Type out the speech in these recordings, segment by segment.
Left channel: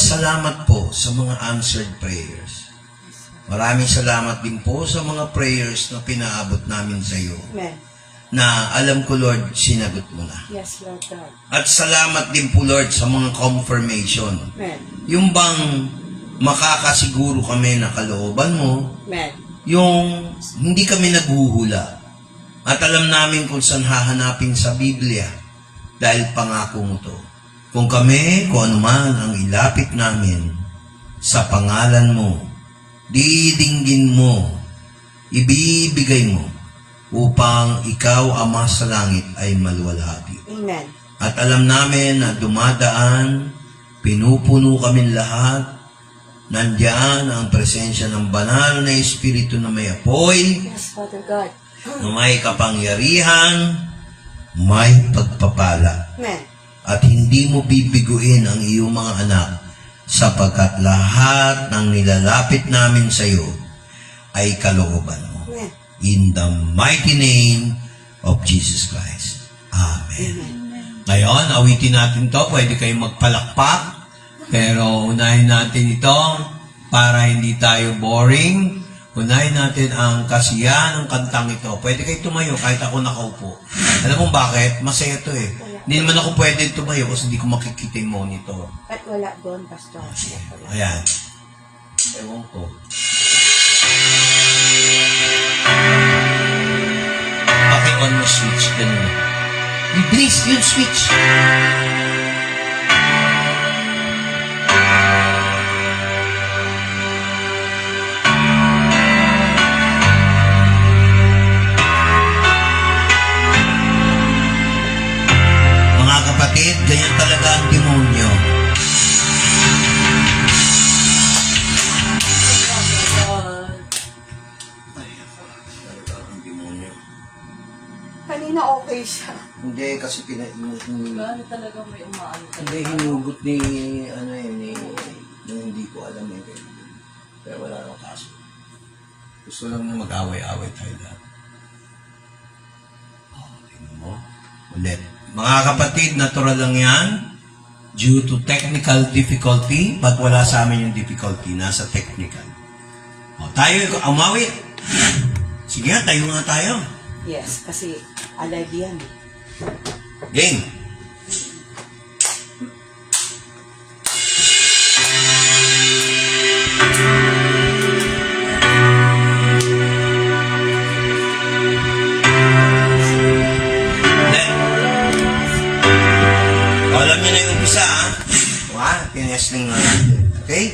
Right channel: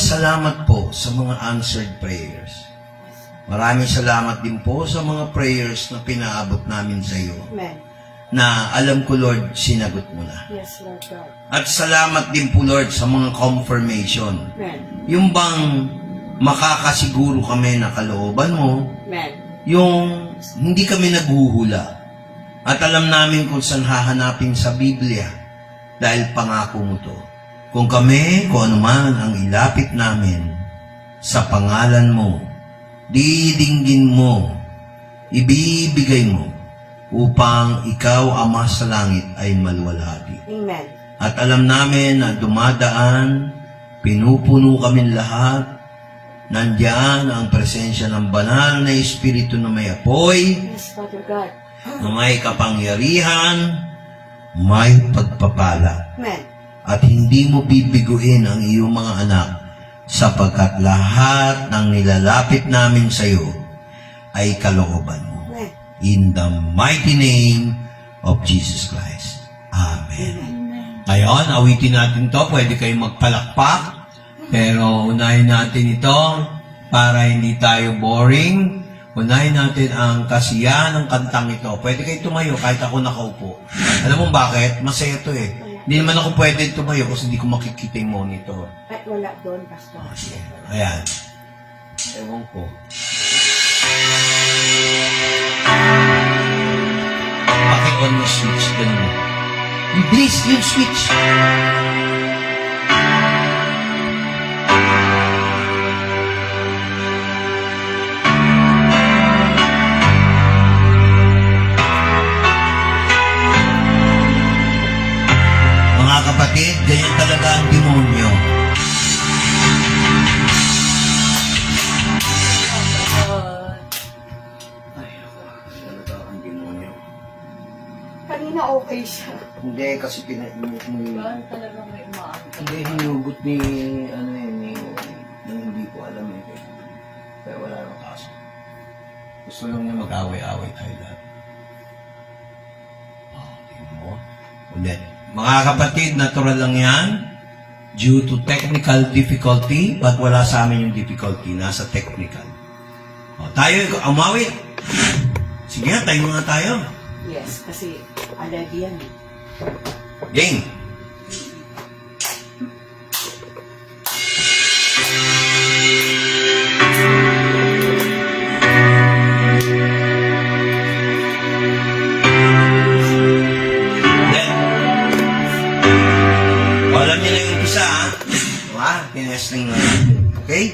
salamat po sa mga answered prayers. Maraming salamat din po sa mga prayers na pinaabot namin sa iyo. Amen. Na alam ko, Lord, sinagot mo na. Yes, Lord God. At salamat din po, Lord, sa mga confirmation. Amen. Yung bang makakasiguro kami na kalooban mo, Amen. yung hindi kami naghuhula. At alam namin kung saan hahanapin sa Biblia dahil pangako mo to. Kung kami, kung anuman ang ilapit namin sa pangalan mo, didinggin mo, ibibigay mo, upang ikaw, Ama sa langit, ay maluwalhati. Amen. At alam namin na dumadaan, pinupuno kami lahat, nandiyan ang presensya ng banal na Espiritu na may apoy, Yes, Father God. na may kapangyarihan, may pagpapala. Amen. At hindi mo bibiguin ang iyong mga anak sapagkat lahat ng nilalapit namin sa iyo ay kalooban mo. Amen. In the mighty name of Jesus Christ. Amen. Ngayon, awitin natin to. Pwede kayong magpalakpak. Pero unahin natin ito para hindi tayo boring. Unahin natin ang kasiyahan ng kantang ito. Pwede kayo tumayo kahit ako nakaupo. Alam mo bakit? Masaya ito eh. Hindi naman ako pwede tumayo kasi hindi ko makikita yung monitor. Ba't wala doon, Pastor? Sige. Ayan. Ewan ko. Paki-on yung switch. Ganun. Bilis yung switch. Mga kapatid, ganyan talaga ang demonyo. Talaga ang demonyo. Kanina okay siya. Hindi, kasi pinainit mo yung... Ano talaga may umaano ka? Hindi, hinugot ni... Ano yun, ni hindi ko alam eh. Pero wala namang kaso. Gusto lang niya mag-away-away tayo lahat. Tingnan mo. Ulit. Mga kapatid, natural lang yan. Due to technical difficulty, but wala sa amin yung difficulty. Nasa technical. Tayo, umawit. Sige nga, tayo nga tayo. Yes, kasi alive yan. Game. Alam niyo na yung umpisa, ha? Tinesting na. Okay?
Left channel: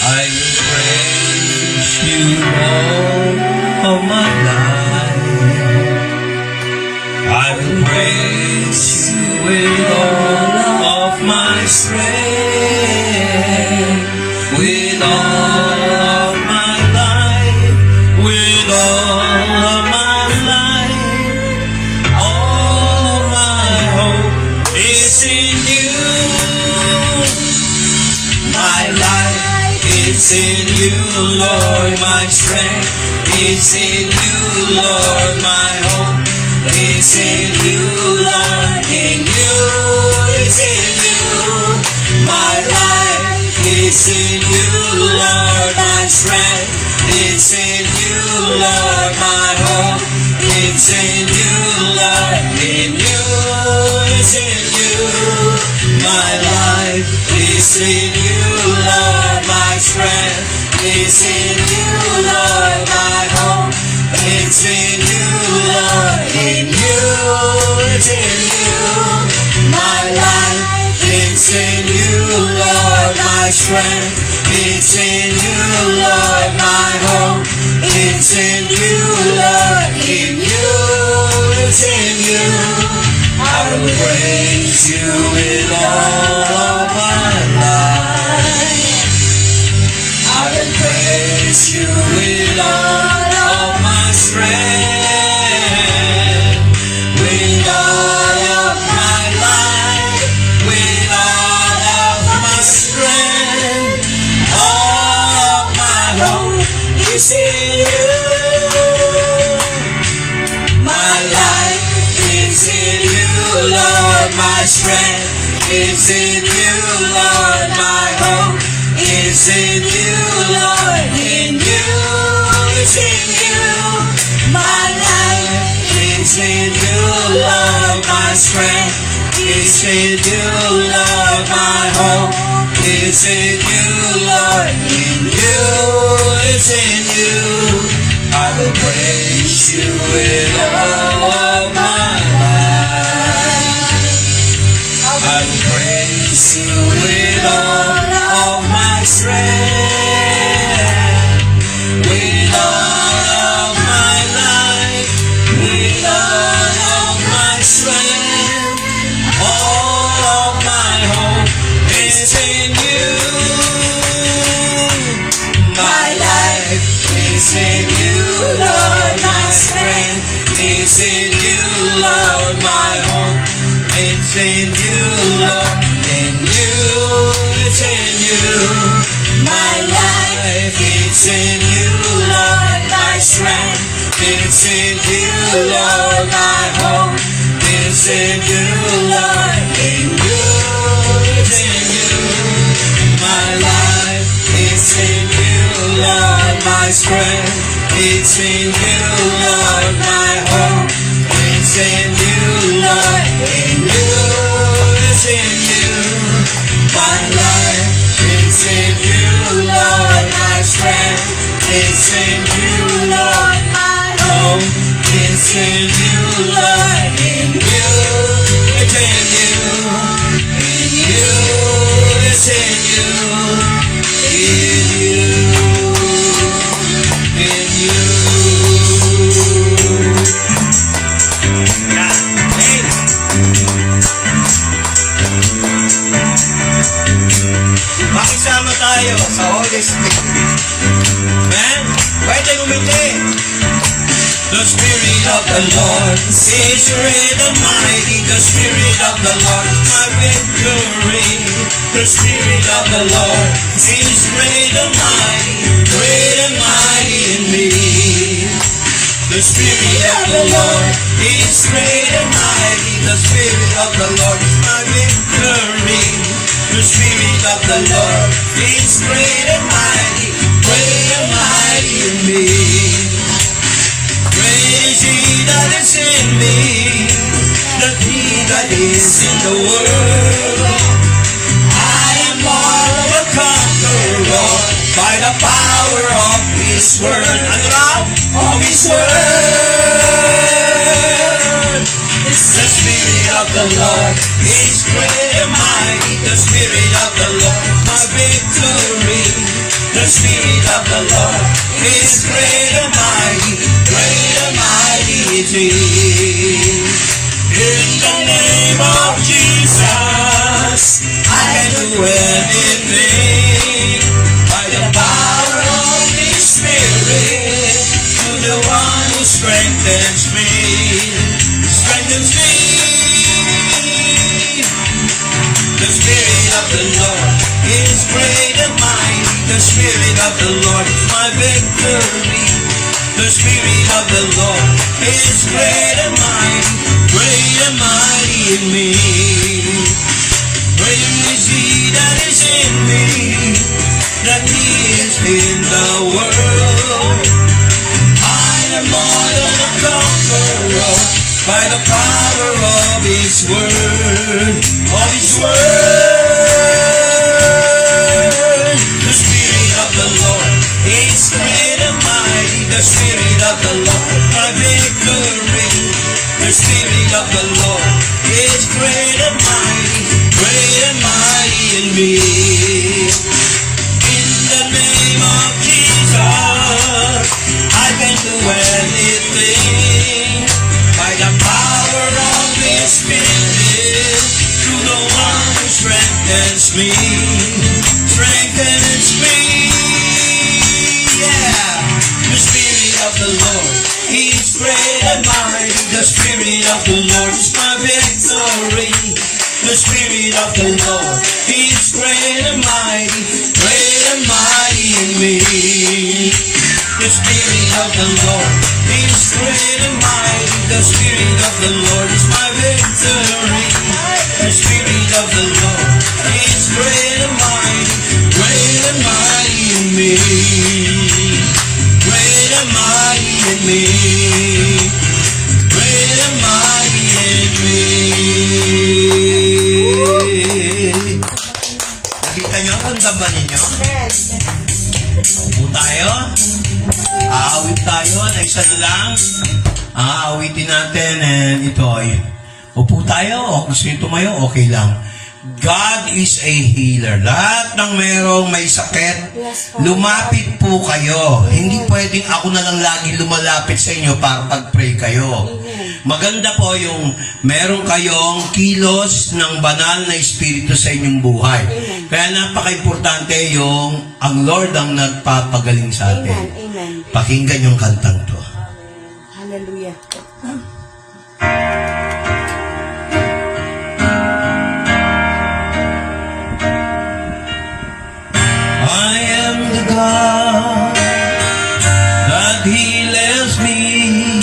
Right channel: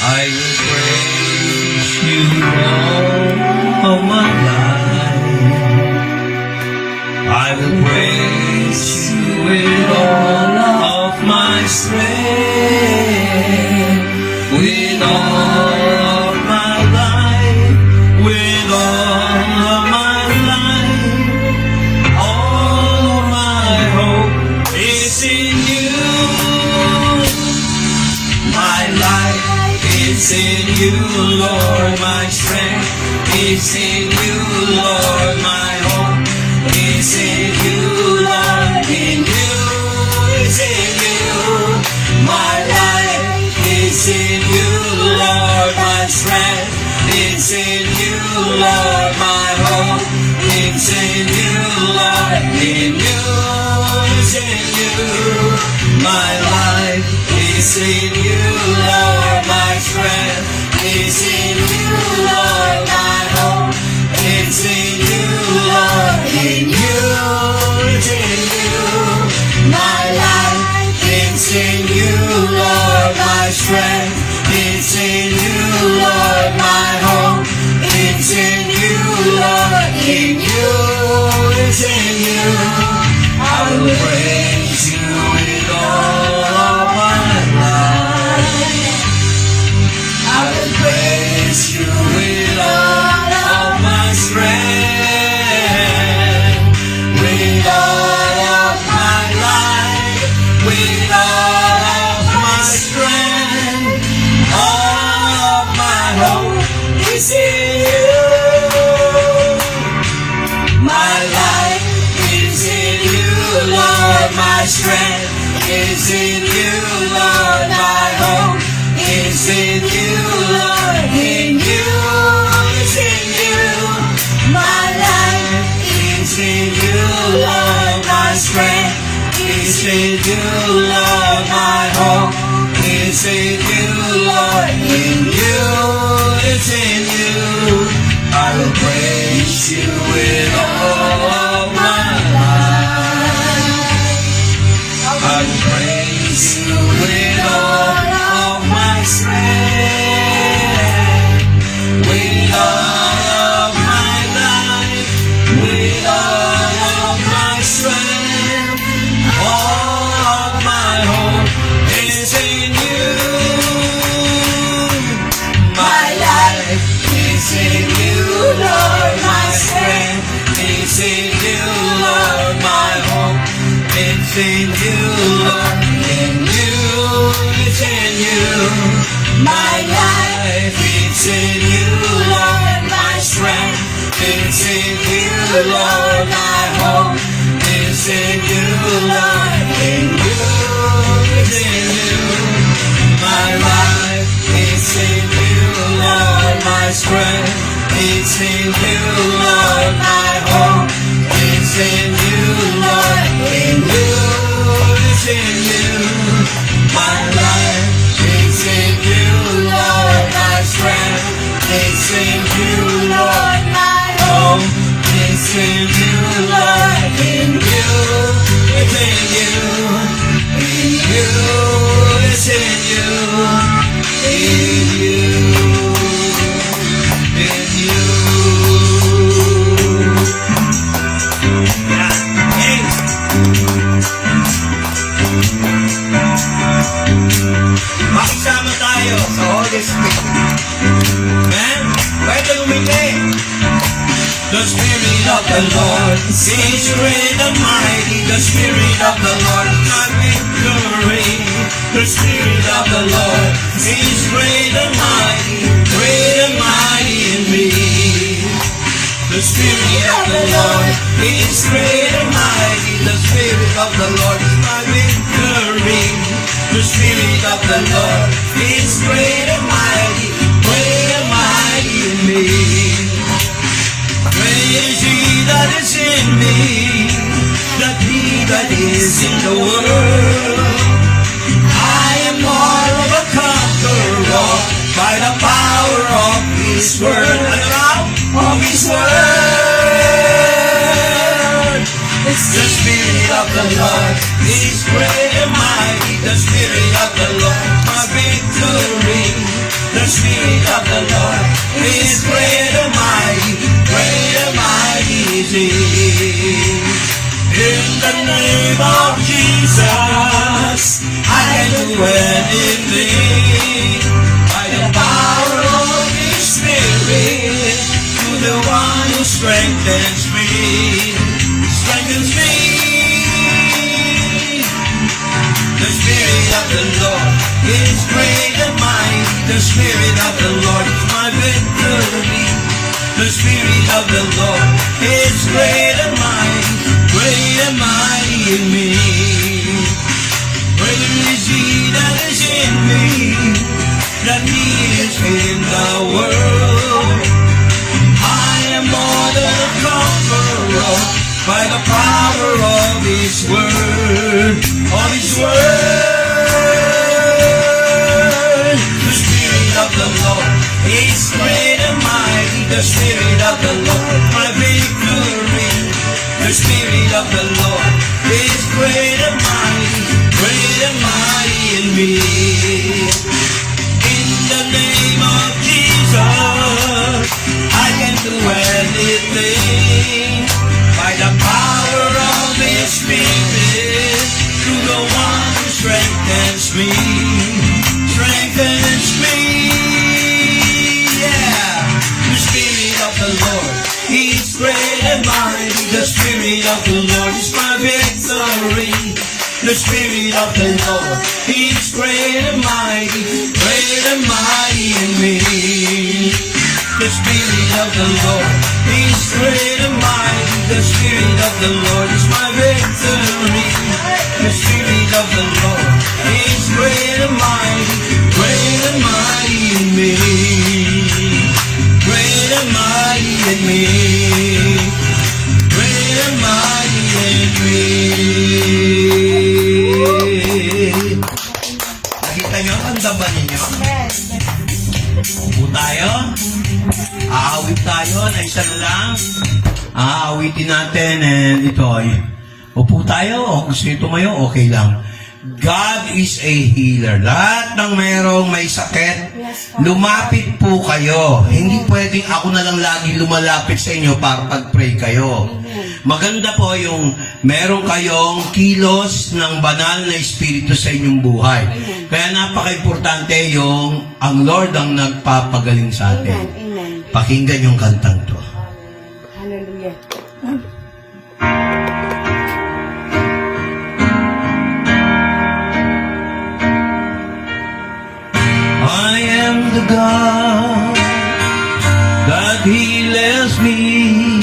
I will praise you all of my life. I will praise you with all of my strength, with all of my life, with all of my life. All my hope is in you. My life is in you, Lord. My strength is in you, Lord. My hope is in you, Lord. In you, it's in you. My life is in you, Lord. My strength is in you, Lord. My hope is in you, Lord. In you, it's in you. My life is in you, Lord. My strength is in you, Lord. My hope is in you, Lord. In you, it's in you. My life is in you, Lord. My strength is in you, Lord. My hope is in you, Lord. In you, it's in you. I will praise you with all of my life. My life is in you, Lord. My strength is in you, Lord. My hope is in you, Lord. In you, it's in you. My life is in you, Lord. My strength is in you, Lord. My hope is in you, Lord. In you, it's in you. I will praise you with all of my life. I will praise you with all of my strength, with all of my life, with all of my strength. All of my hope is in you. My life is in you, Lord. My strength is in you, Lord. My hope is in you, Lord. In you, it's in you. My life is in you, Lord. My strength is in you, Lord. My hope is in you, Lord. In you, it's in you. My life is in you, Lord. My strength is in you, Lord. My hope is in you, Lord. In you, it's in you. My life is in you, Lord. My strength is in you, Lord. My hope is in you, Lord. In you, it's in you. In you, it's in you. In you, in you. Yeah. Hey. Makisama tayo sa Holy Spirit. Amen? Pwede lumiti. The Spirit of the Lord is great and mighty. The Spirit of the Lord is my victory. The Spirit of the Lord is great and mighty in me. The Spirit of the Lord is great and mighty. The Spirit of the Lord is my victory. The Spirit of the Lord is great and mighty in me. Praise ye that is in me, that he that is in the world. I am more than a conqueror by the power of His word. Of His word. It's the Spirit of the Lord. He's great and mighty. The Spirit of the Lord, my victory. The Spirit of the Lord is great and mighty is He. In the name of Jesus, I can do anything by the power of His Spirit, through the one who strengthens me. The Spirit of the Lord is great and mighty. The Spirit of the Lord is my victory. The Spirit of the Lord is great and mighty in me. Praise ye that is in me, that He is in the world. I am more than a conqueror by the power of His word. Of His word. The Spirit of the Lord is great and mighty. The Spirit of the Lord, my victory. The Spirit of the Lord is great and mighty in me. In the name of Jesus, I can do anything by the power of His Spirit, through the one who strengthens me. The Spirit of the Lord is great and mighty. The Spirit of the Lord is my victory. The Spirit of the Lord is great and mighty in me. The Spirit of the Lord is great and mighty. The Aawitin natin and ito ay upo tayo o gusto nyo tumayo, okay lang. God is a healer. Lahat ng merong may sakit, lumapit po kayo. Hindi pwedeng ako na lang lagi lumalapit sa inyo para pag-pray kayo. Maganda po yung meron kayong kilos ng banal na espiritu sa inyong buhay. Kaya napaka-importante yung ang Lord ang nagpapagaling sa Amen. atin. Amen. Pakinggan yung kantang to. Hallelujah. I am the God that heals me.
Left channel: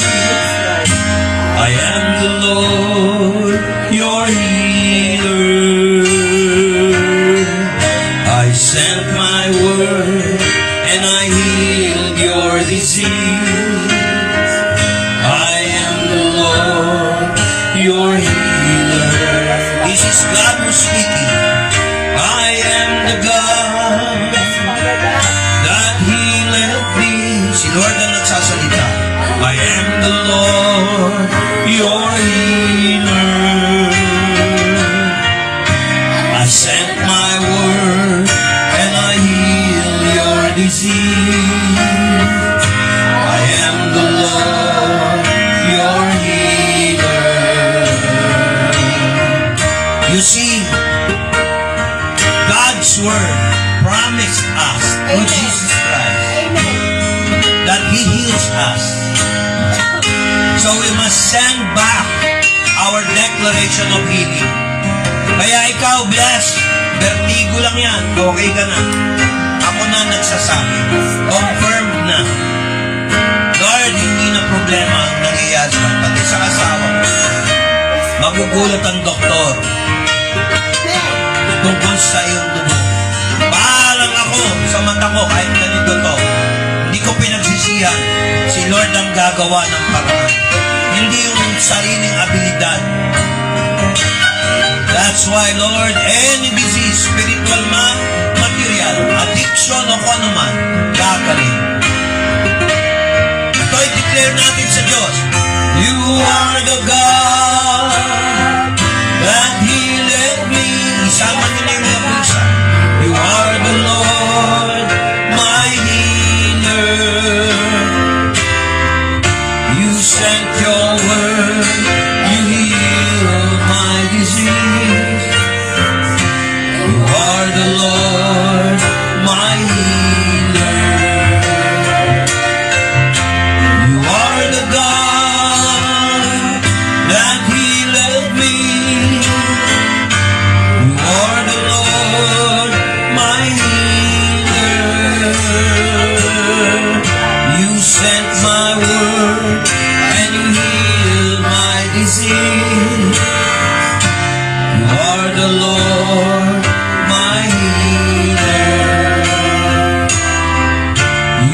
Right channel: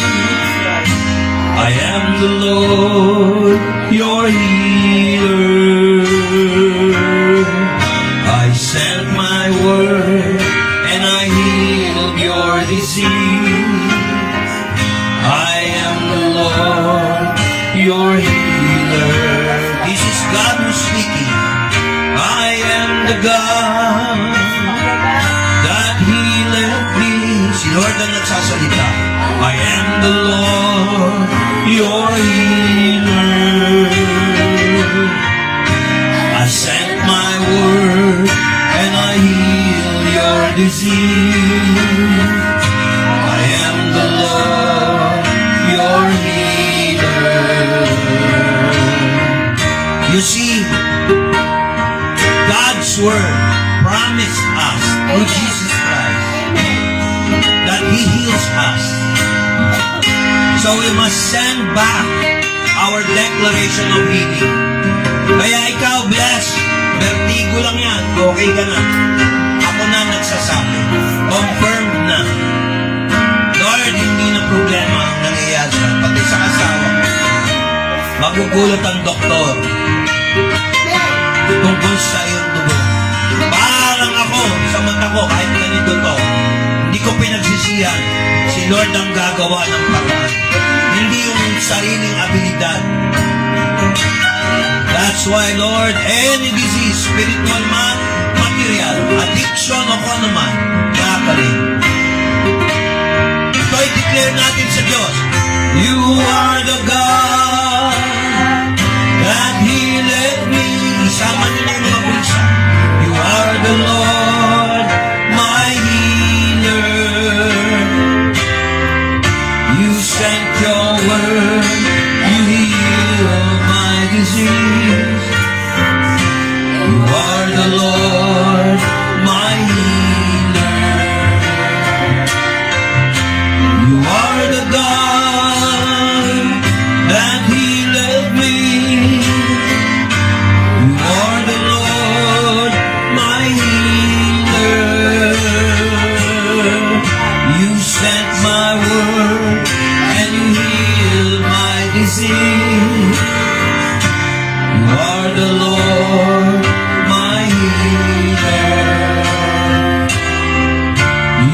I am the Lord, your healer. I sent my word and I healed your disease. I am the Lord, your healer. This is God who's speaking. I am the God that healeth thee. Si Lord ang nagsasalita. I am the Lord, your healer. I sent my word and I heal your disease. I am the Lord, your healer. You see, God's word promised us through Jesus Christ Amen. that He heals us. So we must send back our declaration of healing. Kaya ikaw, bless. Vertigo lang yan. Okay ka na. Ako na nagsasabi. Confirm na. Lord, hindi na problema ang nangyayari sa akin. Pati sa asawa ko. Magugulat ang doktor tungkol sa iyong dugo. Bahalang ako sa mata ko kahit ganito to. Hindi ko pinagsisihan. Si Lord ang gagawa ng paraan. Hindi yung sariling abilidad. That's why, Lord, any disease, spiritual man, material, addiction o kung ano man, kakaling. Ito ay declare natin sa Diyos. You are the God that healeth me. Isama niyo na yung mga pusa. You are the Lord, my healer. You sent your word, you healed my disease. You are the Lord, my healer. You are the God that healeth me. You are the Lord, my healer. You sent my word and you healed my disease. You are the Lord, my healer.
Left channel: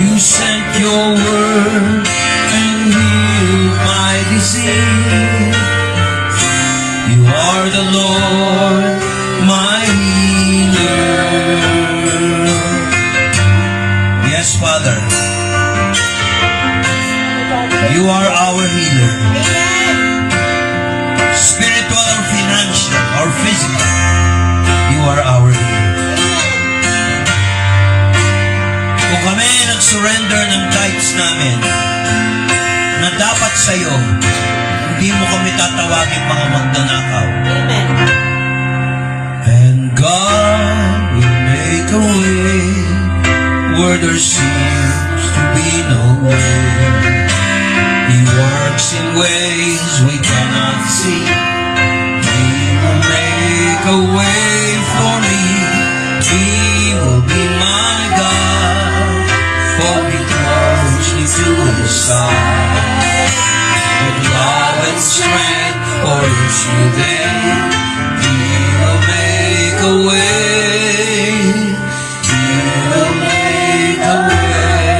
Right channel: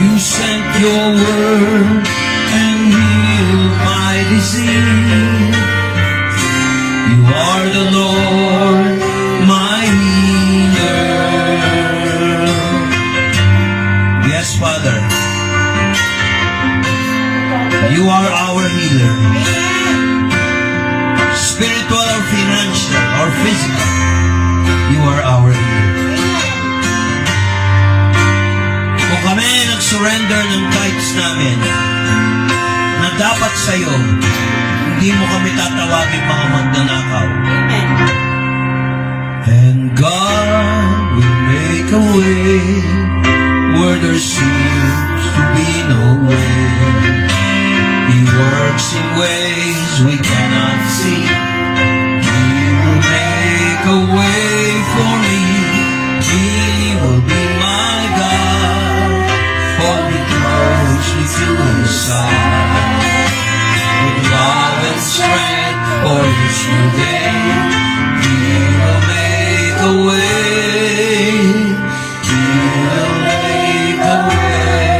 You sent your word and healed my disease. You are the Lord, my healer. Yes, Father. You are our healer. Spiritual or financial or physical. You are our healer. Kung kami nag-surrender ng tithes namin na dapat sa'yo, hindi mo kami tatawagin mga magnanakaw. Amen. And God will make a way where there seems to be no way. He works in ways we cannot see. He will make a way for me. He will be my God. Hold me closely to His side. With love and strength for His new day. He will make a way. He will make a way.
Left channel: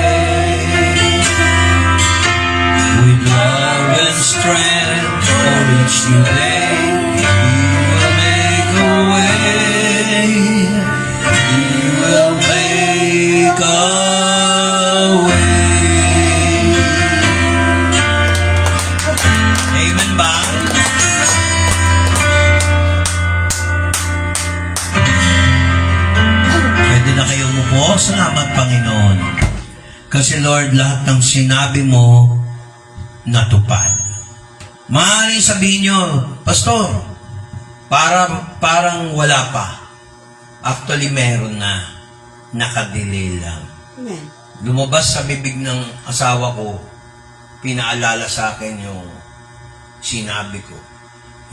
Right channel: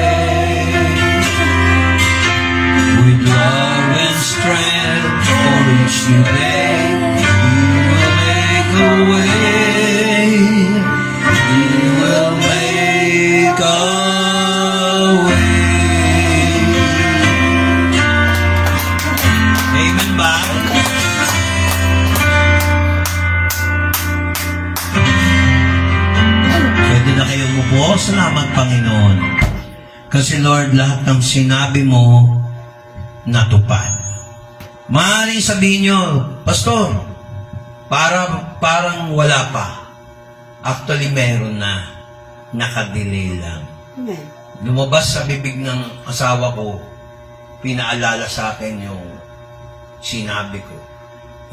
With love and strength for each new day, He will make a way. He will make a way. Kasi Lord, lahat ng sinabi mo, natupad. Maaaring sabihin nyo, Pastor, parang wala pa. Actually, meron na. Nakadelay lang. Amen. Lumabas sa bibig ng asawa ko, pinaalala sa akin yung sinabi ko.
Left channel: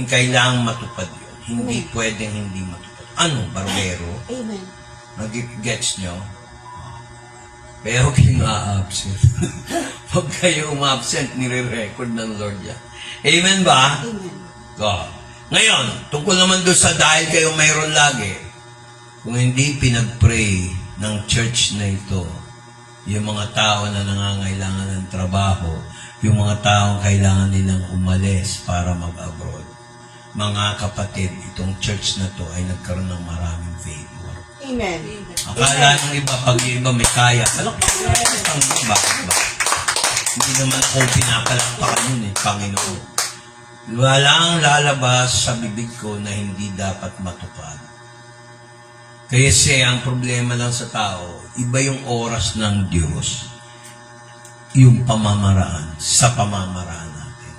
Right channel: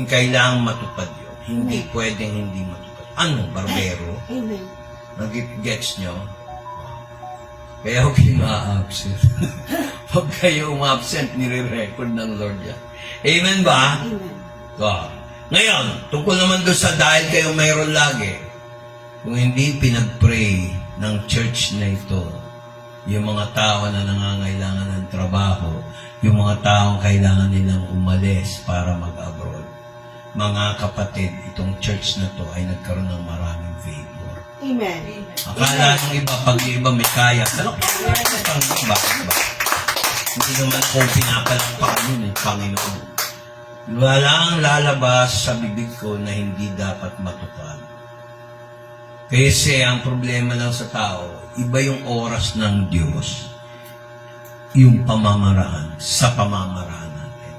Kailangang matupad yun. Hindi pwedeng hindi matupad. Ano, barbero? Amen. Nag-gets nyo? Kaya huwag kayo ma-absent. Huwag kayo ma-absent, nire-record ng Lord yan. Amen ba? Amen. Ngayon, tungkol naman doon sa dahil kayo mayroon lagi, kung hindi pinag-pray ng church na ito, yung mga tao na nangangailangan ng trabaho, yung mga taong kailangan nilang umalis para mag-abroad, mga kapatid, itong church na to ay nagkaroon ng maraming favor. Amen. Akala ng iba, pag yung iba may kaya, palakpakan ng iba. Hindi naman po pinapalakpakan yun Panginoon. Walang lalabas sa bibig ko na hindi dapat matupad. Kasi ang problema lang sa tao, iba yung oras ng Diyos, yung pamamaraan, sa pamamaraan natin.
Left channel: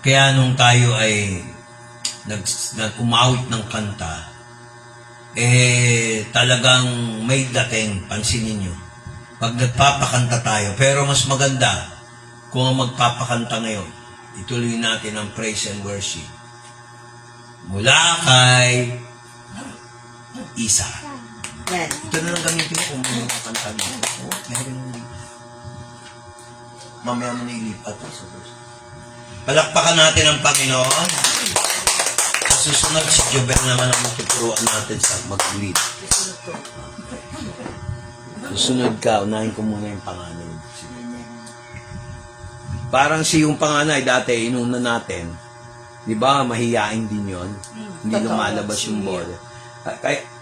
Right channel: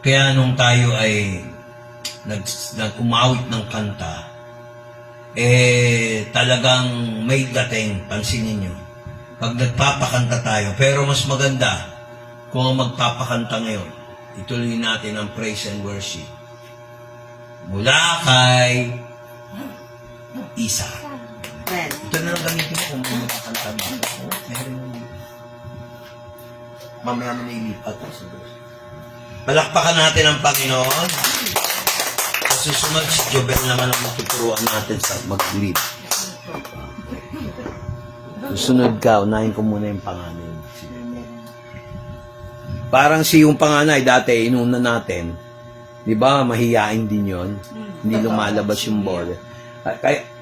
Kaya nung tayo ay nag-umawit ng kanta, talagang may dating, pansinin nyo. Pag nagpapakanta tayo, pero mas maganda kung ang magpapakanta ngayon, ituloy natin ang praise and worship. Mula kay Isa. Amen. Ito na lang gamitin ko kung magpapakanta dito. Mamaya na nailipat sa Diyos. Palakpakan natin ang Panginoon. Kasi sunod si Jobel naman ang matuturuan natin sa mag-lead. Sunod ka, unahin ko muna yung panganay. Parang si yung panganay dati, inuna natin. Di ba, mahiyain din yon. Hindi lumalabas yung ball.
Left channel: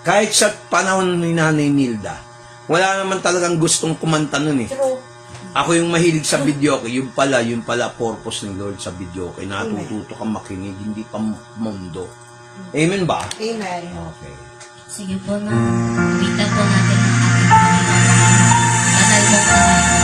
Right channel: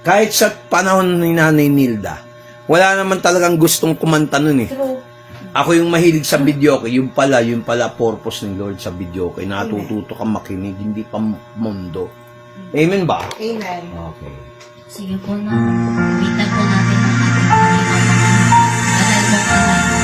Kahit sa panahon ni Nanay Nilda, wala naman talagang gustong kumanta nun eh. True. Ako yung mahilig sa videoke, yung pala purpose ng Lord sa videoke. Natututo kang makinig, hindi pa mundo. Amen ba? Amen. Okay. Sige po na, wita po natin ang ating Panginoon. Banal na pangalan.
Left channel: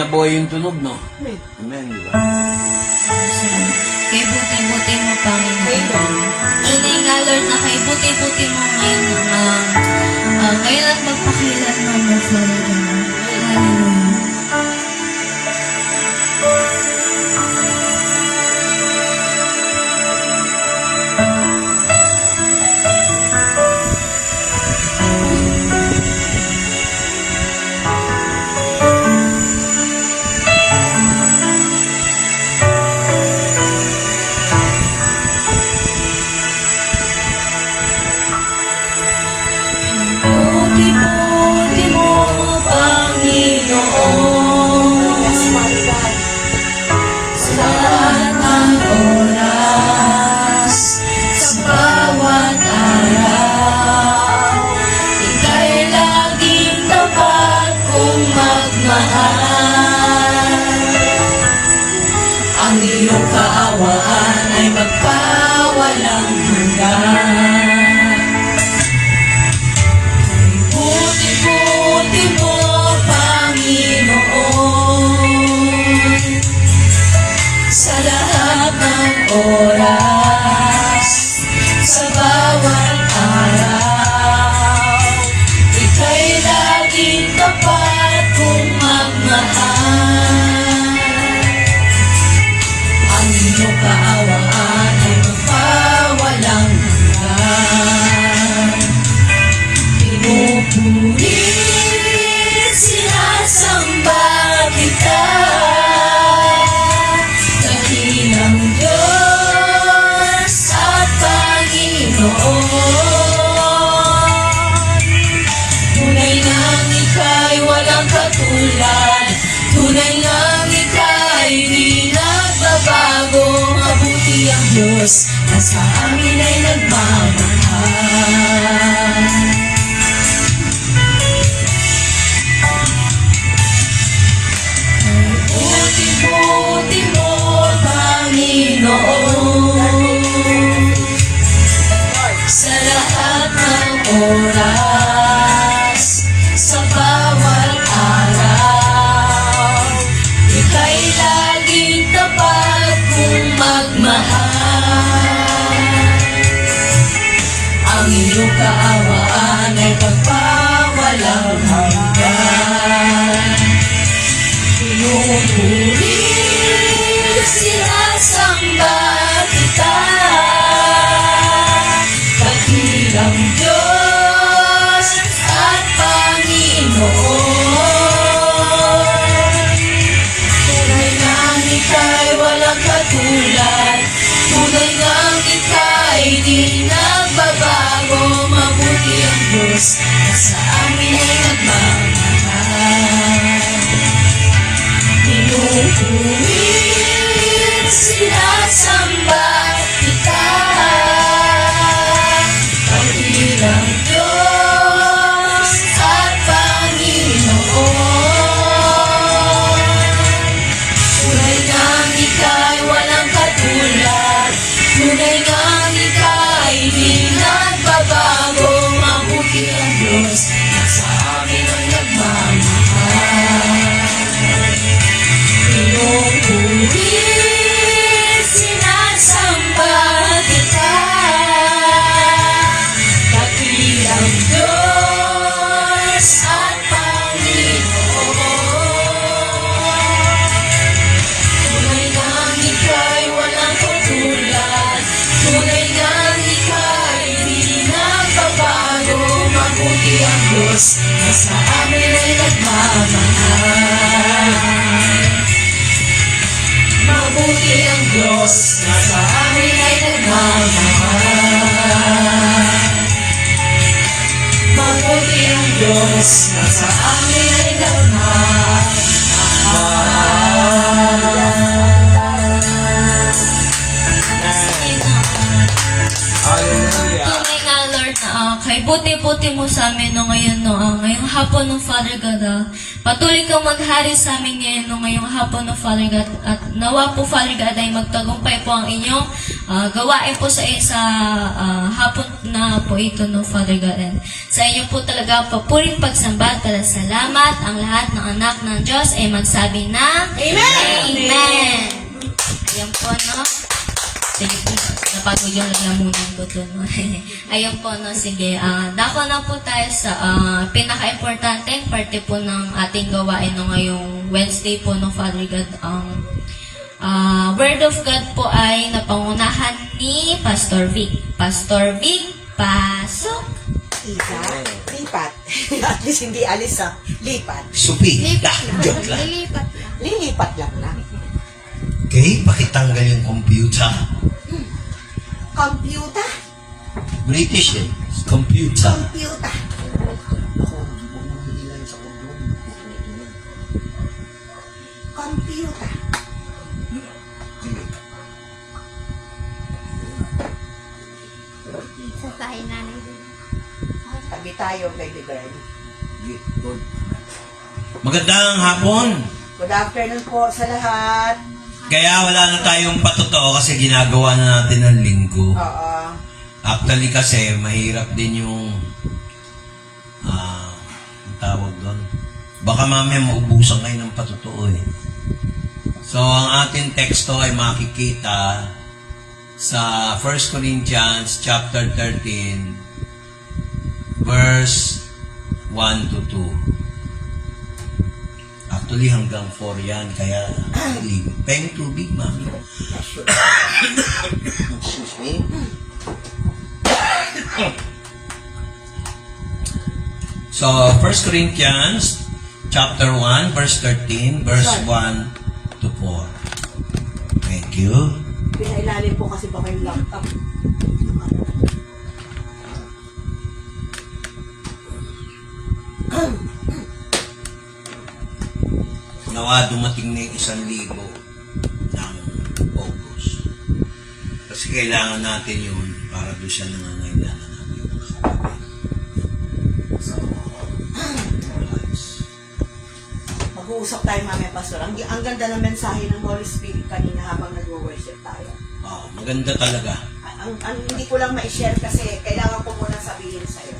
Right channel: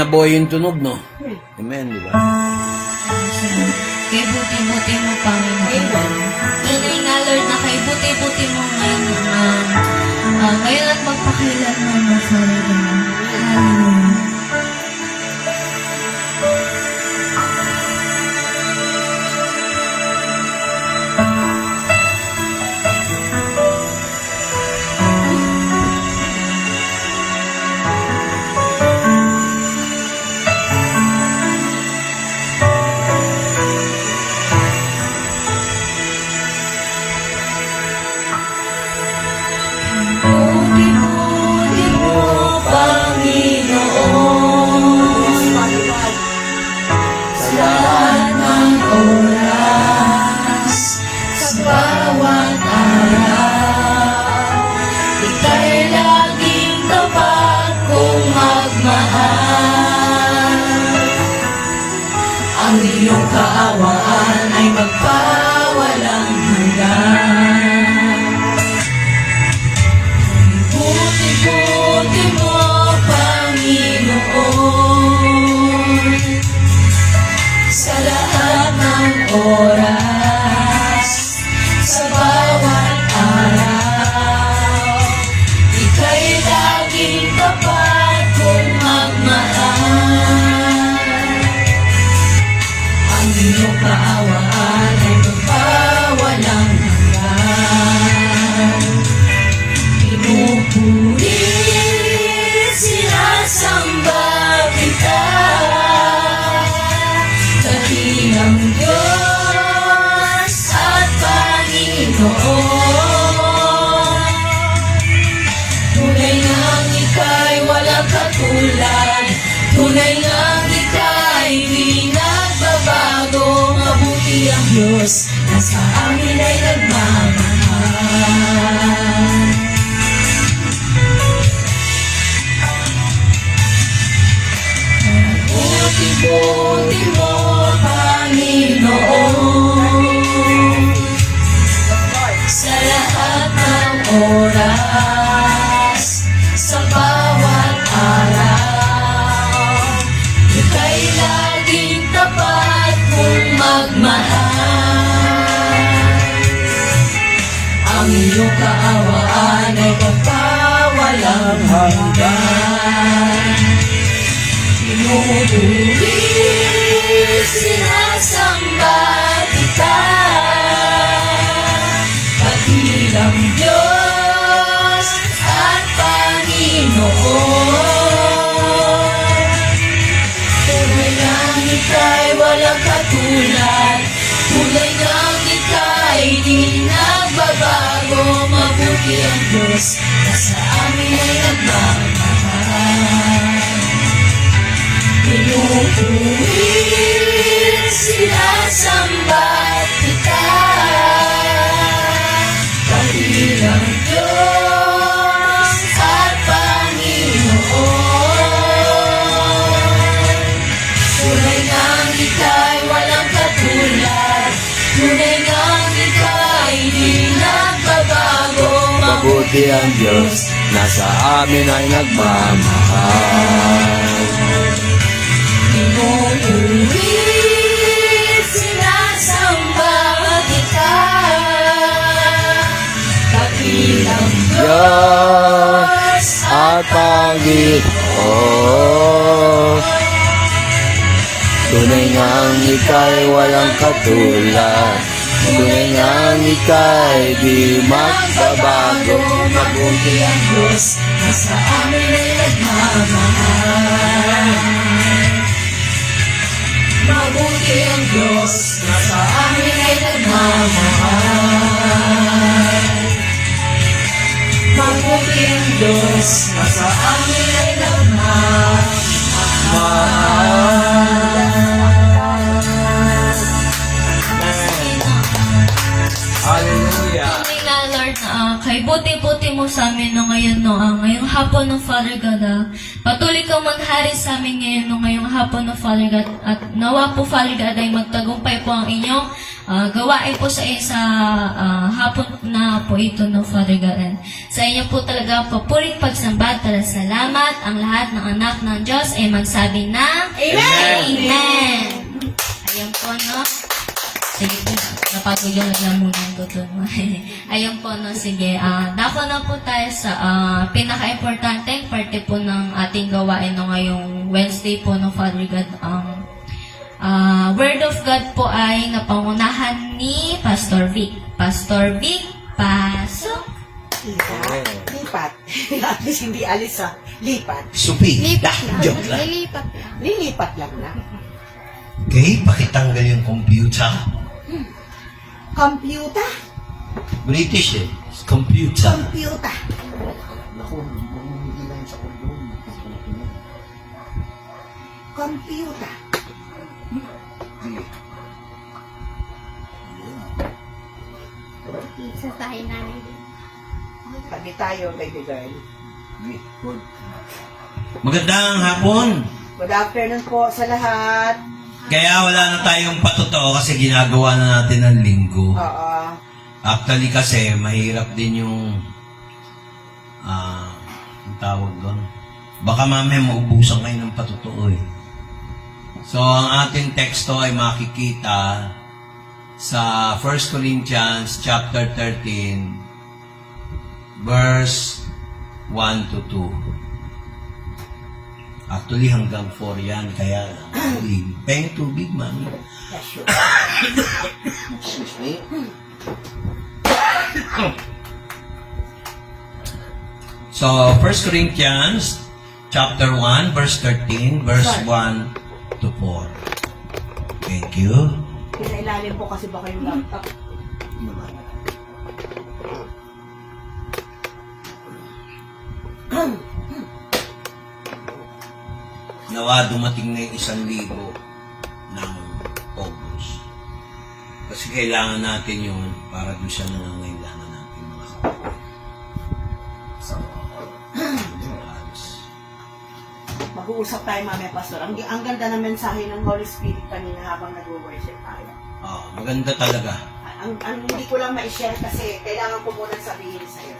nabuhay yung tunog, no? Amen. Amen, di ba? Kay buti-buti mo, Panginoon. Tunay nga, Lord, na kay buti-buti mo ngayon, ngayon at magpakilanman mo, Panginoon. Hallelujah. Buti-buti mo, Panginoon. Yes, Father God. Sa lahat ng oras, sa bawat araw, ika'y laging tapat kong magmahal. Ang iyong kaawaan ay magpawalang hanggan. Buti-buti mo, Panginoon. Sa lahat ng oras, sa bawat araw, ika'y laging tapat kong magmahal. Ang iyong kaawaan ay magpawalang hanggan. Pinupulit, sinasamba kita, dakilang Diyos at Panginoon. Tunay lang ika'y walang katulad, tunay lang ika'y di nagbabago. Mabuti ang Diyos na sa amin ay nagmamahal. Buti-buti mo, Panginoon. Sa lahat ng oras, sa bawat araw, ika'y laging tapat kong magmahal. Ang iyong kaawaan ay magpawalang hanggan. Pinupulit, sinasamba kita, dakilang Diyos at Panginoon. Tunay lang ika'y walang katulad, tunay lang ika'y di nagbabago. Mabuti ang Diyos na sa amin ay nagmamahal. Pinupulit, sinasamba kita, dakilang Diyos at Panginoon. Tunay ngang ika'y walang katulad, tunay ngang ika'y di nagbabago. Mabuti ang Diyos na sa amin ay nagmamahal. Pinupulit, sinasamba kita, dakilang Diyos at Panginoon. Tunay ngang ika'y walang katulad, tunay ngang ika'y di magbabago. Mabuti ang Diyos na sa amin ay nagmamahal. Mabuti ang Diyos na sa amin ay nagmamahal. Mabuti ang Diyos na sa amin ay Hallelujah. Tunay nga, Lord, kay buti-buti mo sa amin no, ngayon, no, ngayong hapon no, Father God, patuloy kang maghari sa amin ngayon no, ngayong hapon no, Father God, at nawa po, Father God, ay magtagumpay po ang inyong gawain po sa hapon na po way to know Father God. And sa inyo po talaga ang papuring pagsamba at salamat. Ang lahat ng anak ng Diyos ay magsabi ng Amen! Amen! Ayan po, no? Sige po, napagwagyan lang muna ito doon. Ayun po, no? Sige, dako na po tayo sa pinaka-importanteng parte po ng ating gawain no, ngayong Wednesday po, no, Father God. Word of God po ay napangunahan ni Pastor Vic. Pastor Vic, pasok! Isa, lipat. At least hindi alis sa lipat. Supi. Joke lang. Lilipat lang na. Okay, pakitanggal yung computer. Computer? British eh. Computer. Computer. Computer. Tabi tayo, baby girl. Magandang hapon. Good afternoon po sa lahat. Kaya wala na tayong patotoo kasi ginagawa na natin ng linggo. Oo. Actually kasi mahirap din yung ang tawag doon. Baka mamaya maubusan kayo ng patotoo eh. So ang ating teksto ay makikita sa 1 Corinthians chapter 13 verse 1 to 2. Actually hanggang 4 yan kaya peng tubig mami. Excuse me. So, 1 Corinthians chapter 1, verse 13, verse 1 to 4. Thank you. Sa ilalim po kasi baka yung laptop. Nawa dumating na yung 1,000 ng August. Kasi kailangan natin yun para doon siya nangangailangan namin yung mga kapatid. So, Mag-uusap tayo mamaya, Pastor. Ang ganda ng mensahe ng Holy Spirit kanina habang nag-worship tayo. maganda talaga. Ang hindi ko lang ma-share kasi kailangan ko muna sabihin sa'yo.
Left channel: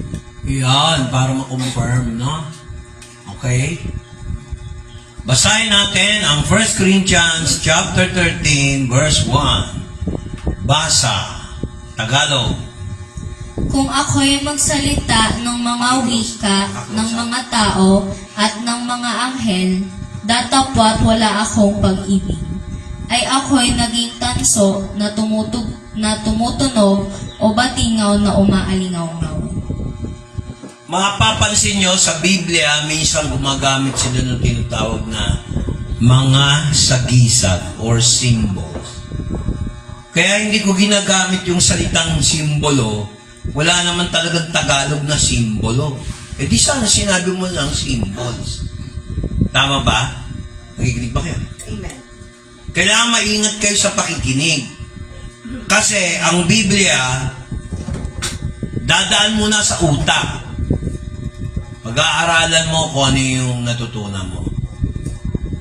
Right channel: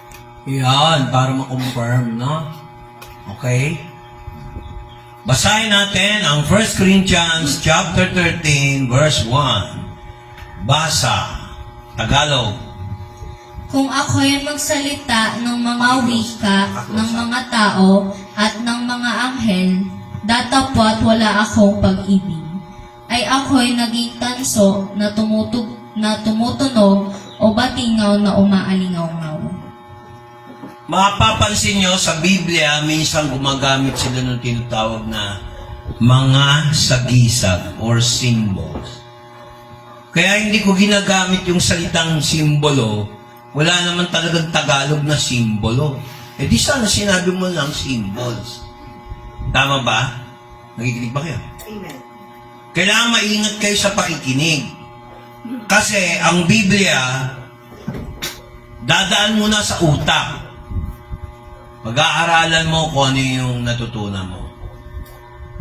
Yan, para ma-confirm, no? Okay? Basahin natin ang 1 Corinthians chapter 13, verse 1. Basa, Tagalog. Kung ako'y magsalita ng mga wika ng mga tao at ng mga anghel, datapwat wala akong pag-ibig, ay ako'y naging tanso na tumutunog o batingaw na umaalingaw-ngaw. Mapapansin nyo sa Biblia, minsan gumagamit sila ng tinatawag na mga sagisag or symbols. Kaya hindi ko ginagamit yung salitang simbolo. Wala naman talagang Tagalog na simbolo. Eh di sana sinabi mo lang symbols. Tama ba? Nakikinig ba kayo? Amen. Kailangan maingat kayo sa pakikinig. Kasi ang Biblia, dadaan mo na sa utak. Pag-aaralan mo kung ano yung natutunan mo.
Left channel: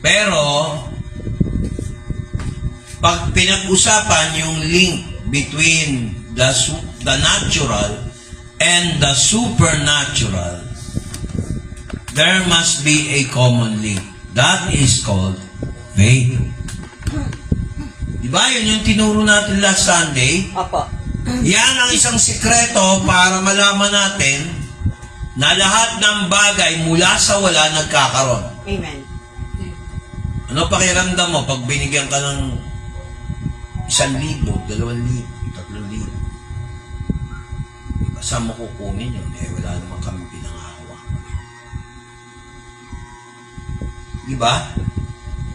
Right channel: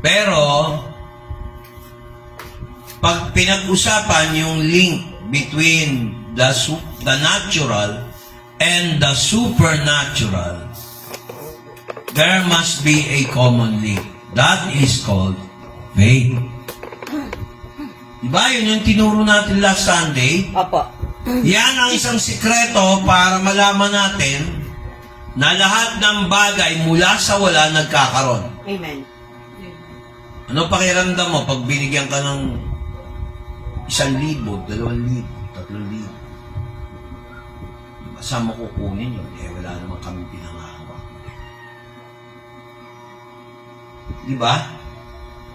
Pero, pag pinag-usapan yung link between the natural and the supernatural, there must be a common link. That is called faith. Diba? Yun yung tinuro natin last Sunday. Opo. Yan ang isang sikreto para malaman natin na lahat ng bagay mula sa wala nagkakaroon. Amen. Ano pakiramdam mo pag binigyan ka ng 1,000, 2,000, 3,000? Diba, saan mo kukunin yun? Eh, wala naman kami pinangahawak. Diba?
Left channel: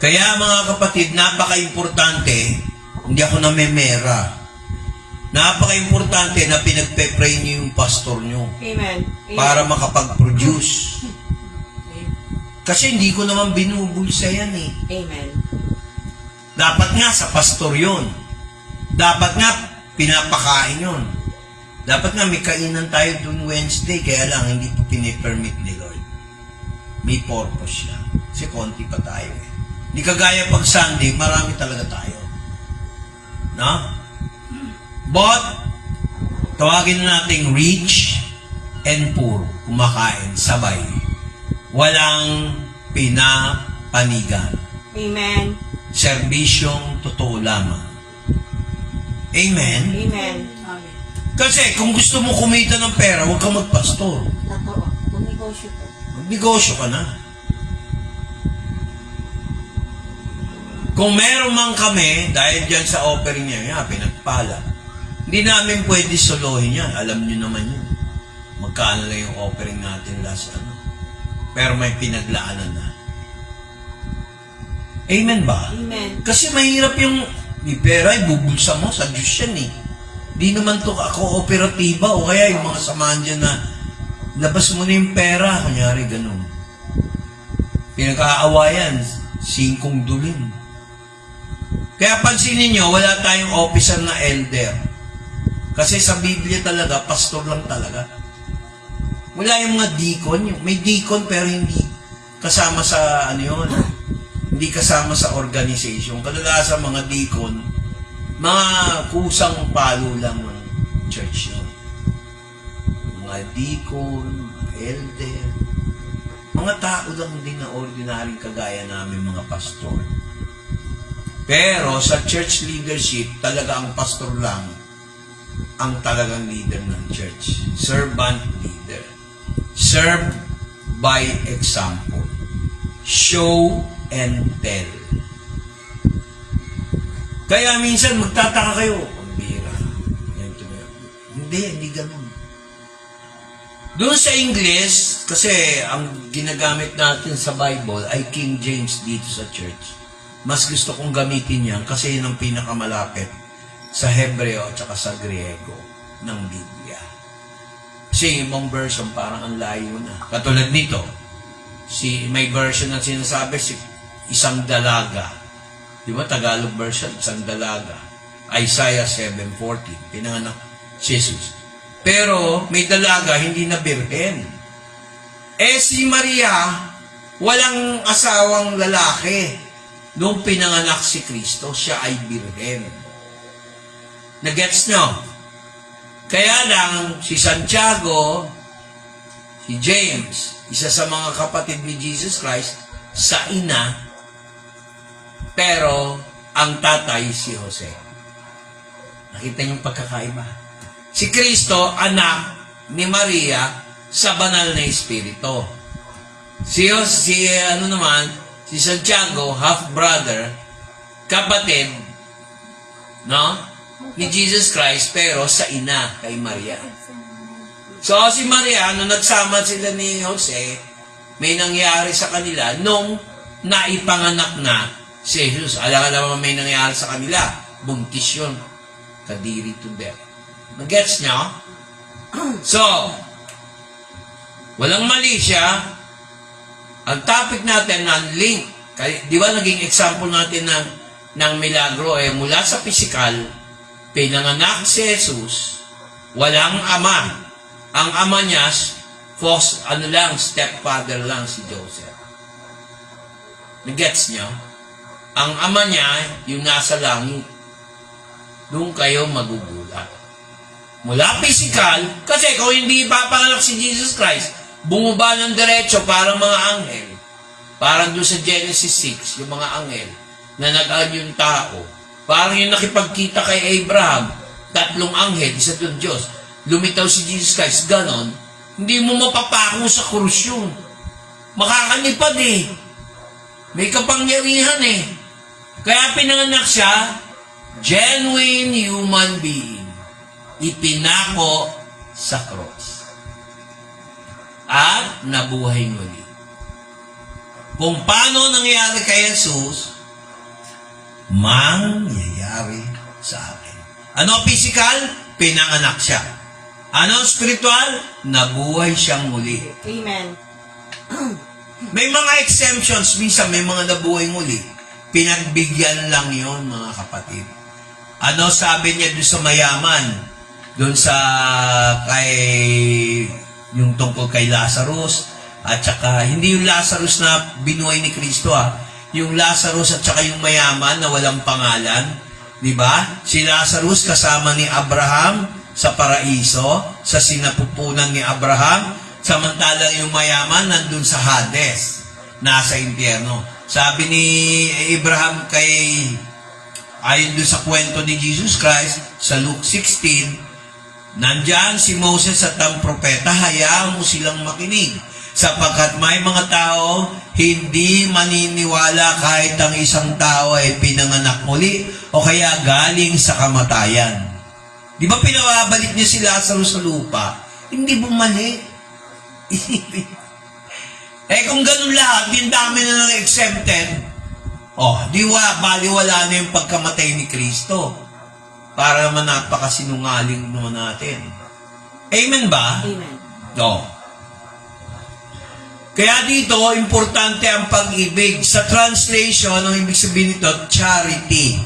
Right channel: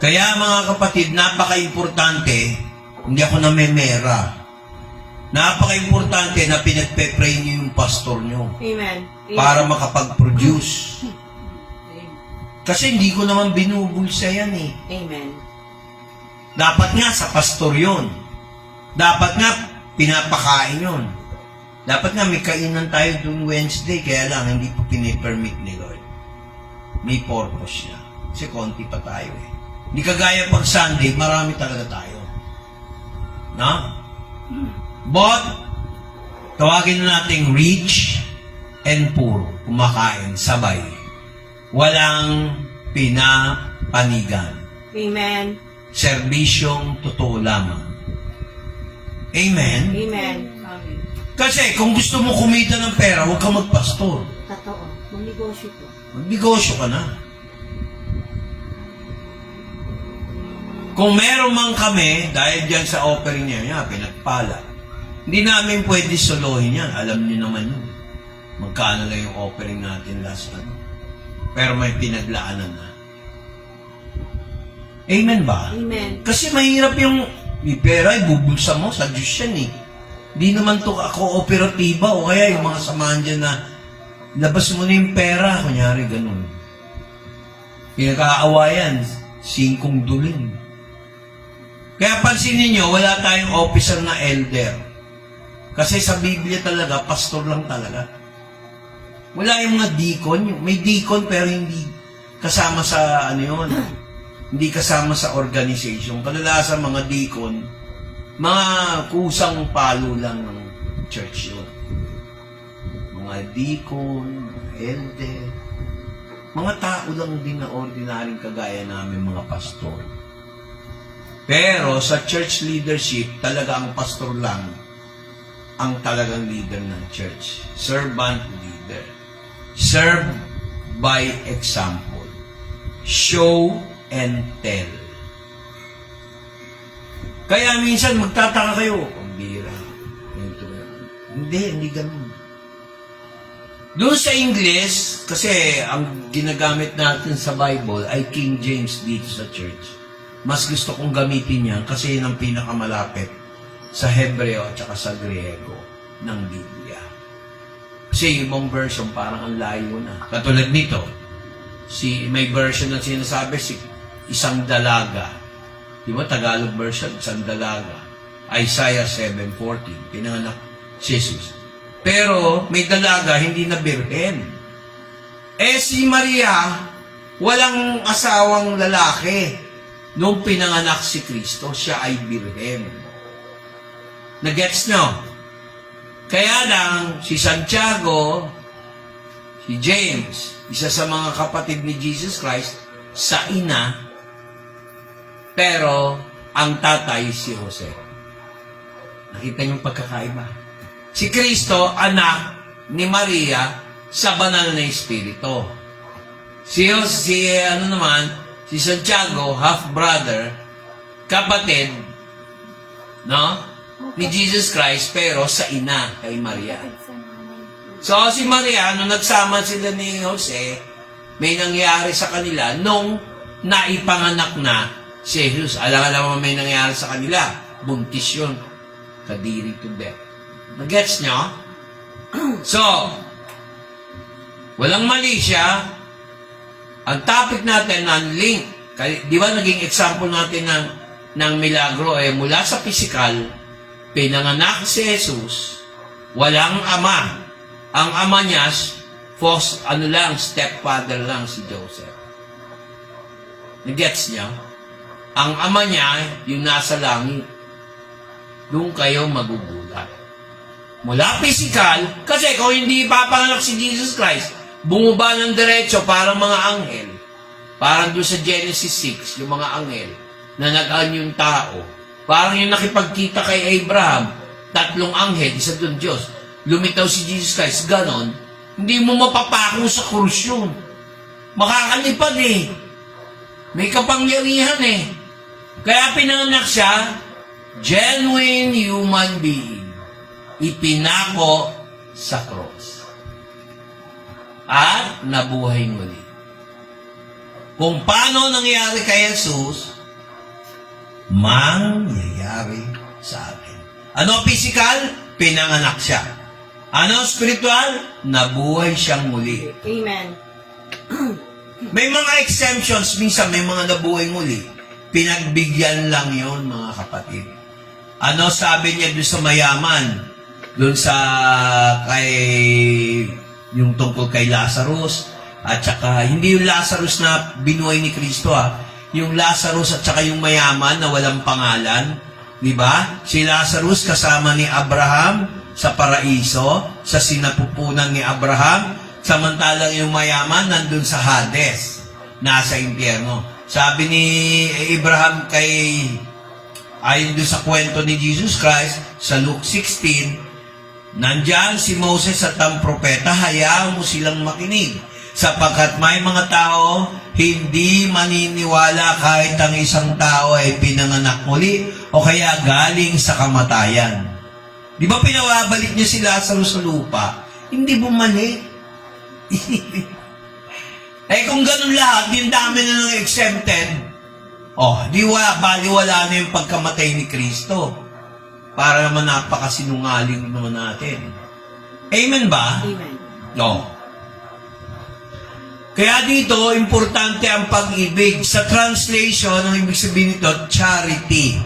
Kaya mga kapatid, napaka-importante, hindi ako namemera. Napaka-importante na pinagpe-pray niyo yung pastor niyo Amen. para makapag-produce. Kasi hindi ko naman binubulsa yan eh. Amen. Dapat nga sa pastor yun. Dapat nga pinapakain yun. Dapat nga may kainan tayo dun Wednesday, kaya lang hindi po pinipermit ni Lord. May purpose siya. Kasi konti pa tayo eh. Hindi kagaya pag Sunday, marami talaga tayo. No? But, Tawagin na nating rich and poor, kumakain, sabay. Walang pinapanigan. Amen. Serbisyong totoo lamang. Amen? Amen. Amen. Kasi kung gusto mo kumita ng pera, huwag kang magpastor. Totoo. Magnegosyo po. Magnegosyo ka na. Kung meron man kami, dahil dyan sa offering niya, pinagpala, hindi namin pwede solohin yan. Alam niyo naman yun. Magkano na yung offering natin last ano. Pero may pinaglaanan na. Amen ba? Amen. Kasi mahirap yung may pera, ibubulsa mo sa Diyos yan eh. Di naman to kooperatiba o kaya yung mga samahan dyan na labas mo na yung pera, kunyari ganun. Pinagkaawayan, 5 dulin. Kaya pansinin nyo, wala tayong officer na elder. Kasi sa Biblia talaga, pastor lang talaga. Wala yung mga deacon. May deacon pero hindi kasama sa ano yun. Hindi kasama sa organization. Kadalasan mga deacon, mga kusang palo lang ng church yun. Mga deacon, mga elder, mga tao lang din na ordinaryong kagaya namin mga pastor. Pero sa church leadership, talaga ang pastor lang ang talagang leader ng church. Servant leader. Serve by example. Show and tell. Kaya minsan magtataka kayo, ang bira. Hindi ganun. Doon sa English, kasi ang ginagamit natin sa Bible ay King James dito sa church. Mas gusto kong gamitin yan kasi yun ang pinakamalapit sa Hebreo at saka sa Griego ng Biblia. Kasi yung ibang version parang ang layo na. Katulad nito, may version na sinasabi, isang dalaga. Di ba? Tagalog version, isang dalaga. Isaiah 7:14, pinanganak si Jesus. Pero may dalaga, hindi na birhen. Si Maria, walang asawang lalaki. Nung pinanganak si Kristo, siya ay birhen. Nagets nyo? Kaya lang, si Santiago, si James, isa sa mga kapatid ni Jesus Christ, sa ina, pero ang tatay si Jose. Nakita yung pagkakaiba. Si Kristo, anak ni Maria, sa banal na Espiritu. Si Santiago, half-brother, kapatid, no? Ni Jesus Christ, pero sa ina, kay Maria. So, si Maria, nung nagsama sila ni Jose, may nangyari sa kanila nung naipanganak na si Jesus. Alam mo may nangyari sa kanila. Buntis yun. Kadiri to death. Nagets nyo? So, walang mali siya. Ang topic natin ng link, di ba naging example natin ng milagro ay mula sa physical, pinanganak si Jesus, walang ama. Ang ama niya, stepfather lang si Joseph. Nagets niya? Ang ama niya, yung nasa langit. Doon kayo magugulat. Mula physical, kasi kung hindi ipapanganak si Jesus Christ, bumaba ng diretso parang mga anghel. Parang doon sa Genesis 6, yung mga anghel na nag-an yung tao. Parang yung nakipagkita kay Abraham, 3 anghel, isa doon Diyos. Lumitaw si Jesus Christ, ganon. Hindi mo mapapako sa krus yun. Makakalipad eh. May kapangyarihan eh. Kaya pinanganak siya, genuine human being. Ipinako sa cross. At nabuhay muli. Kung paano nangyari kay Jesus, mangyayari sa akin. Ano physical? Pinanganak siya. Ano spiritual? Nabuhay siyang muli. Amen. May mga exemptions, minsan may mga nabuhay muli. Pinagbigyan lang yon mga kapatid. Ano sabi niya doon sa mayaman? Doon sa yung tungkol kay Lazarus, at saka hindi yung Lazarus na binuhay ni Kristo yung Lazarus at saka yung mayaman na walang pangalan, di ba? Si Lazarus kasama ni Abraham, sa paraiso, sa sinapupunan ni Abraham, samantalang yung mayaman nandun sa Hades, nasa impyerno. Sabi ni Abraham ayon dun sa kwento ni Jesus Christ, sa Luke 16, nandyan si Moses at ang propeta, hayaan mo silang makinig, sapagkat may mga tao hindi maniniwala kahit ang isang tao ay pinanganak muli o kaya galing sa kamatayan. Di ba pinawabalik niya si Lazarus sa lupa? Hindi bumalik. Kung ganun lahat, din dami na lang exempted. Baliwala na yung pagkamatay ni Kristo. Para naman napakasinungaling naman natin. Amen ba? Amen. No. Kaya dito, importante ang pag-ibig. Sa translation, ang ibig sabihin nito, charity.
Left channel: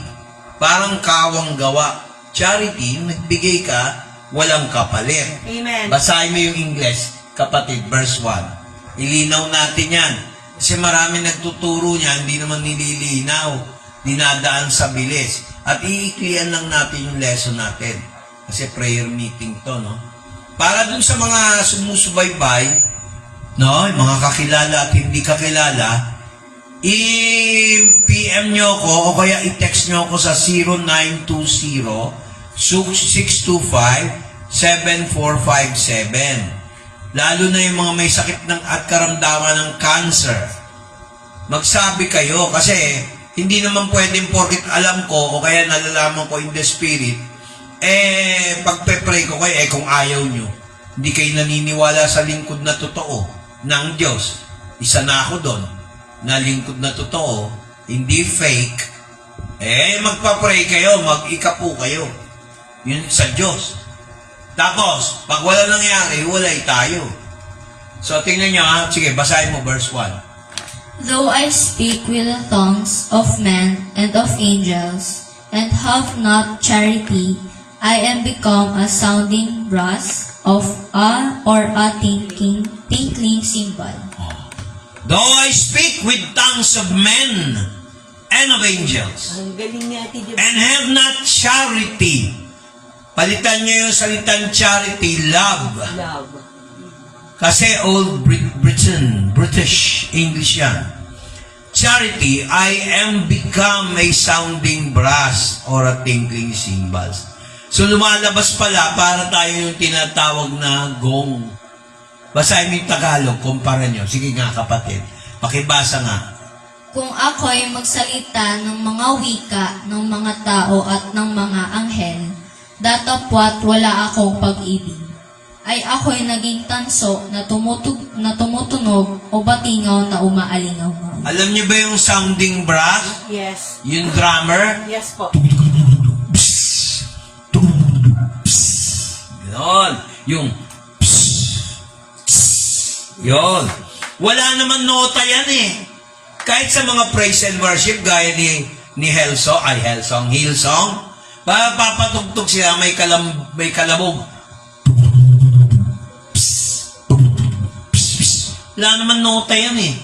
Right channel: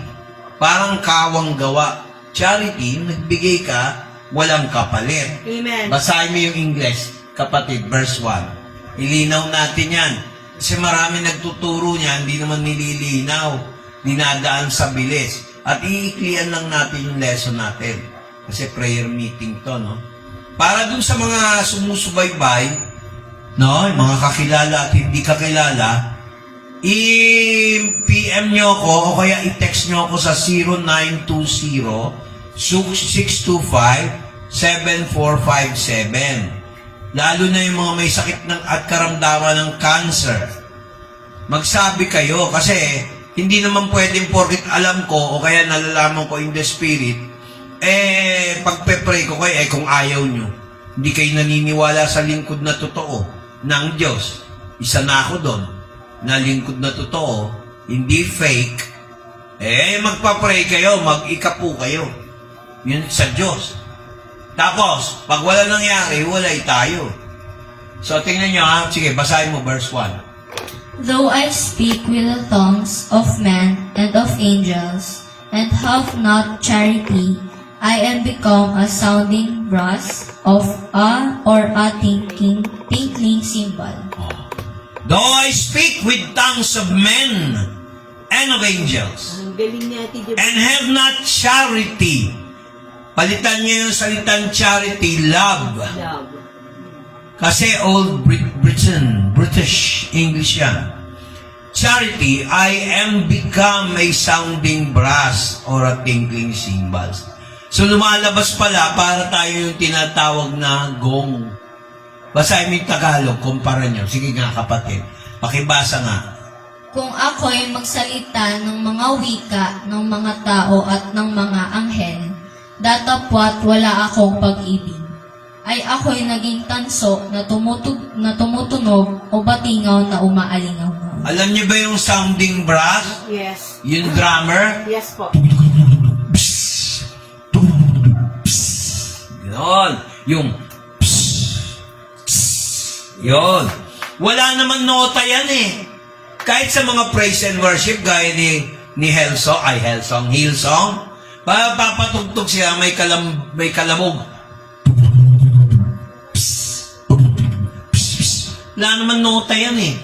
Parang kawang gawa. Charity, yung nagbigay ka, walang kapalit. Amen. Basahin mo yung English, kapatid, verse 1. Ilinaw natin yan. Kasi marami nagtuturo niya, hindi naman nililinaw. Dinadaan sa bilis. At iiklian lang natin yung lesson natin. Kasi prayer meeting to, no? Para dun sa mga sumusubaybay, no? Mga kakilala at hindi kakilala, i-PM nyo ko o kaya i-text nyo ako sa 0920-625-7457. Lalo na yung mga may sakit at karamdaman ng cancer. Magsabi kayo kasi hindi naman pwedeng porket alam ko o kaya nalalaman ko in the spirit, pagpe-pray ko kayo, kung ayaw nyo, hindi kayo naniniwala sa lingkod na totoo ng Diyos. Isa na ako doon, na lingkod na totoo, hindi fake, magpa-pray kayo, mag-ikapo kayo. Yun sa Diyos. Tapos, pag wala nangyari, walay tayo. So, tingnan nyo ha. Sige, basahin mo verse 1. Though I speak with the tongues of men and of angels, and have not charity, I am become a sounding brass or a tinkling cymbal. Though I speak with tongues of men and of angels, Ang galing niya, Tito. and have not charity. Palitan niyo yung salitang charity, love. Love. Kasi old British English yan. Charity, I am become a sounding brass or a tinkling cymbals. So lumalabas pala para tayo yung tinatawag na gong. Basahin mo yung Tagalog, kumpara nyo. Sige nga kapatid, pakibasa nga. Kung ako'y magsalita ng mga wika ng mga tao at ng mga anghel, datapwat wala akong pag-ibig, ay ako'y naging tanso na tumutunog o batingaw na umaalingaw. Alam niyo ba yung sounding brass? Yes. Yung drummer? Yes po. Ganon. Yung yun. Wala naman nota yan eh. Kahit sa mga praise and worship, gaya ni Hillsong, papatugtog siya, may kalabog. Wala naman nota yan eh.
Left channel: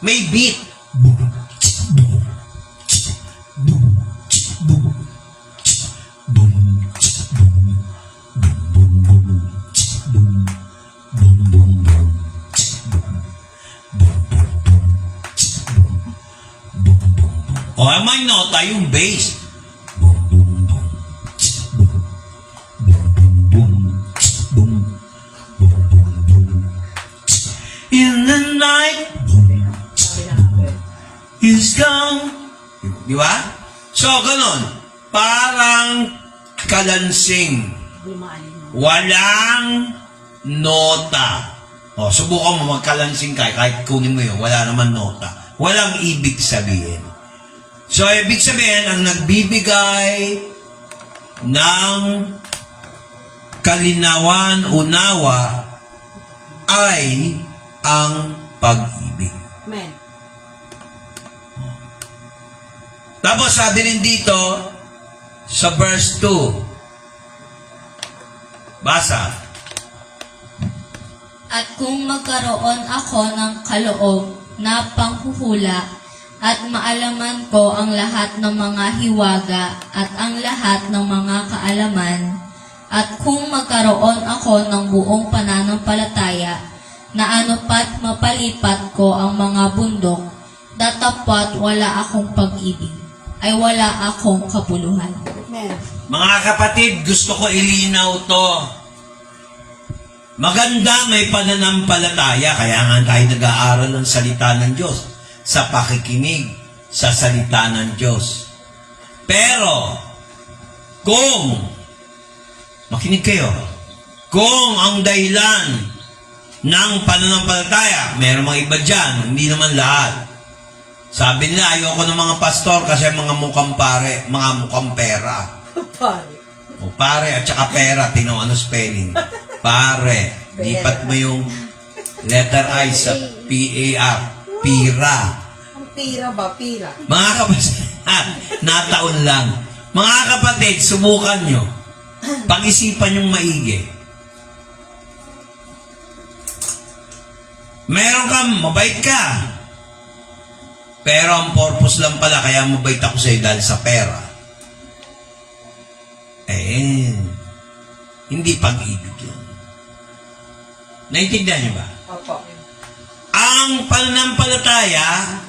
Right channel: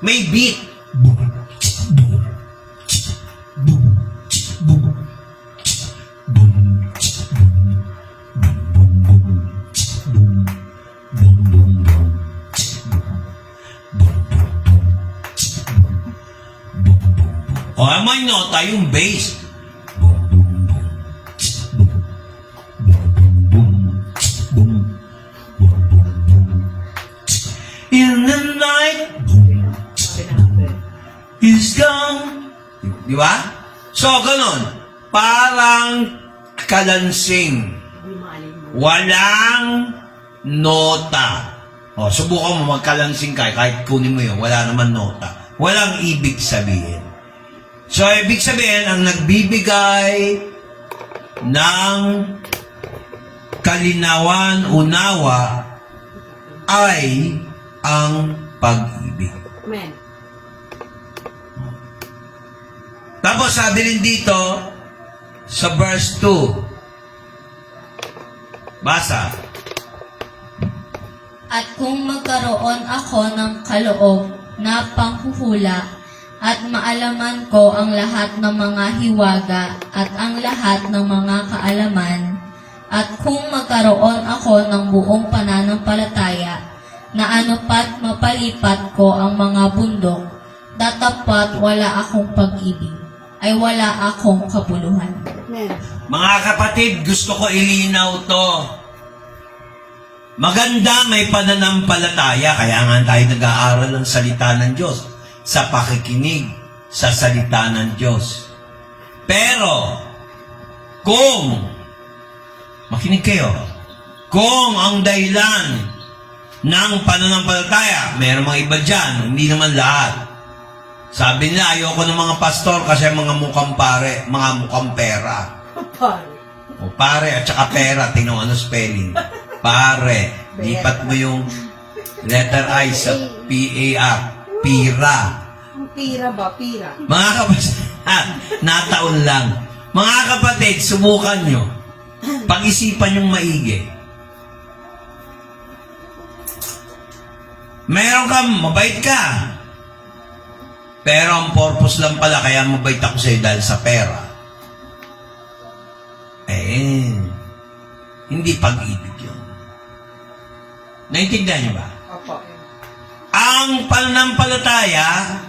May beat. May nota yung bass. In the night is gone. Di ba? So, ganun. Parang kalansing. Walang nota. Subukan mo magkalansing kahit kunin mo yun. Wala naman nota. Walang ibig sabihin. So, ibig sabihin, ang nagbibigay ng kalinawan, unawa, ay ang pag-ibig. Amen. Tapos, sabi rin dito, sa verse 2, basa. At kung magkaroon ako ng kaloob na panghuhula, at maalaman ko ang lahat ng mga hiwaga at ang lahat ng mga kaalaman, At kung magkaroon ako ng buong pananampalataya na anupat mapalipat ko ang mga bundok, datapwat wala akong pag-ibig, ay wala akong kabuluhan. Amen. Mga kapatid, gusto ko ilinaw to. Maganda may pananampalataya, kaya nga tayo nag-aaral ng salita ng Diyos sa pakikinig sa salita ng Diyos. Pero, kung, makinig kayo, kung ang dahilan ng pananampalataya, mayroong mga iba dyan, hindi naman lahat. Sabi nila, ayoko ng mga pastor kasi mga mukhang pare, mga mukhang pera. Pare. O pare at saka pera, ano spelling? Pare. Lipat mo yung letter I sa P-A-R. Pira. Ang pira ba? Pira. Mga kapatid, nataon lang. Mga kapatid, subukan nyo. Pag-isipan yung maigi. Meron kang, mabait ka. Pero ang purpose lang pala, kaya mabait ako sa'yo dahil sa pera. Hindi pag-ibig yun. Naintindihan niyo ba? Opo. Ang pananampalataya,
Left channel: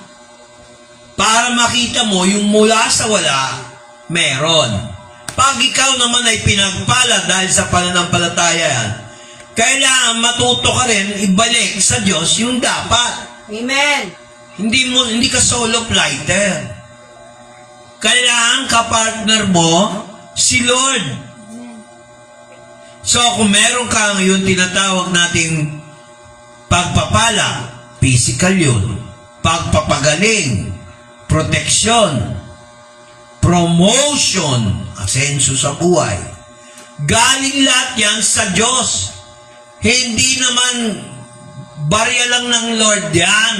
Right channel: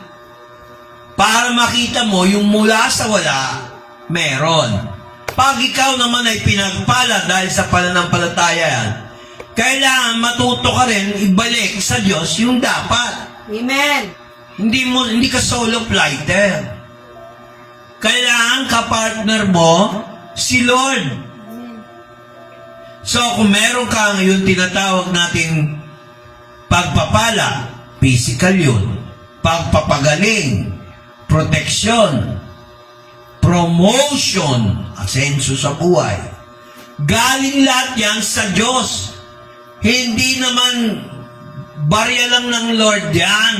para makita mo yung mula sa wala, meron. Pag ikaw naman ay pinagpala dahil sa pananampalataya, kailangan matuto ka rin ibalik sa Diyos yung dapat. Amen. Hindi ka solo flighter. Kailangan kapartner mo si Lord. So, kung meron ka ngayon tinatawag nating pagpapala, physical yun, pagpapagaling, proteksyon, promotion, asenso sa buhay. Galing lahat yan sa Diyos. Hindi naman barya lang ng Lord yan.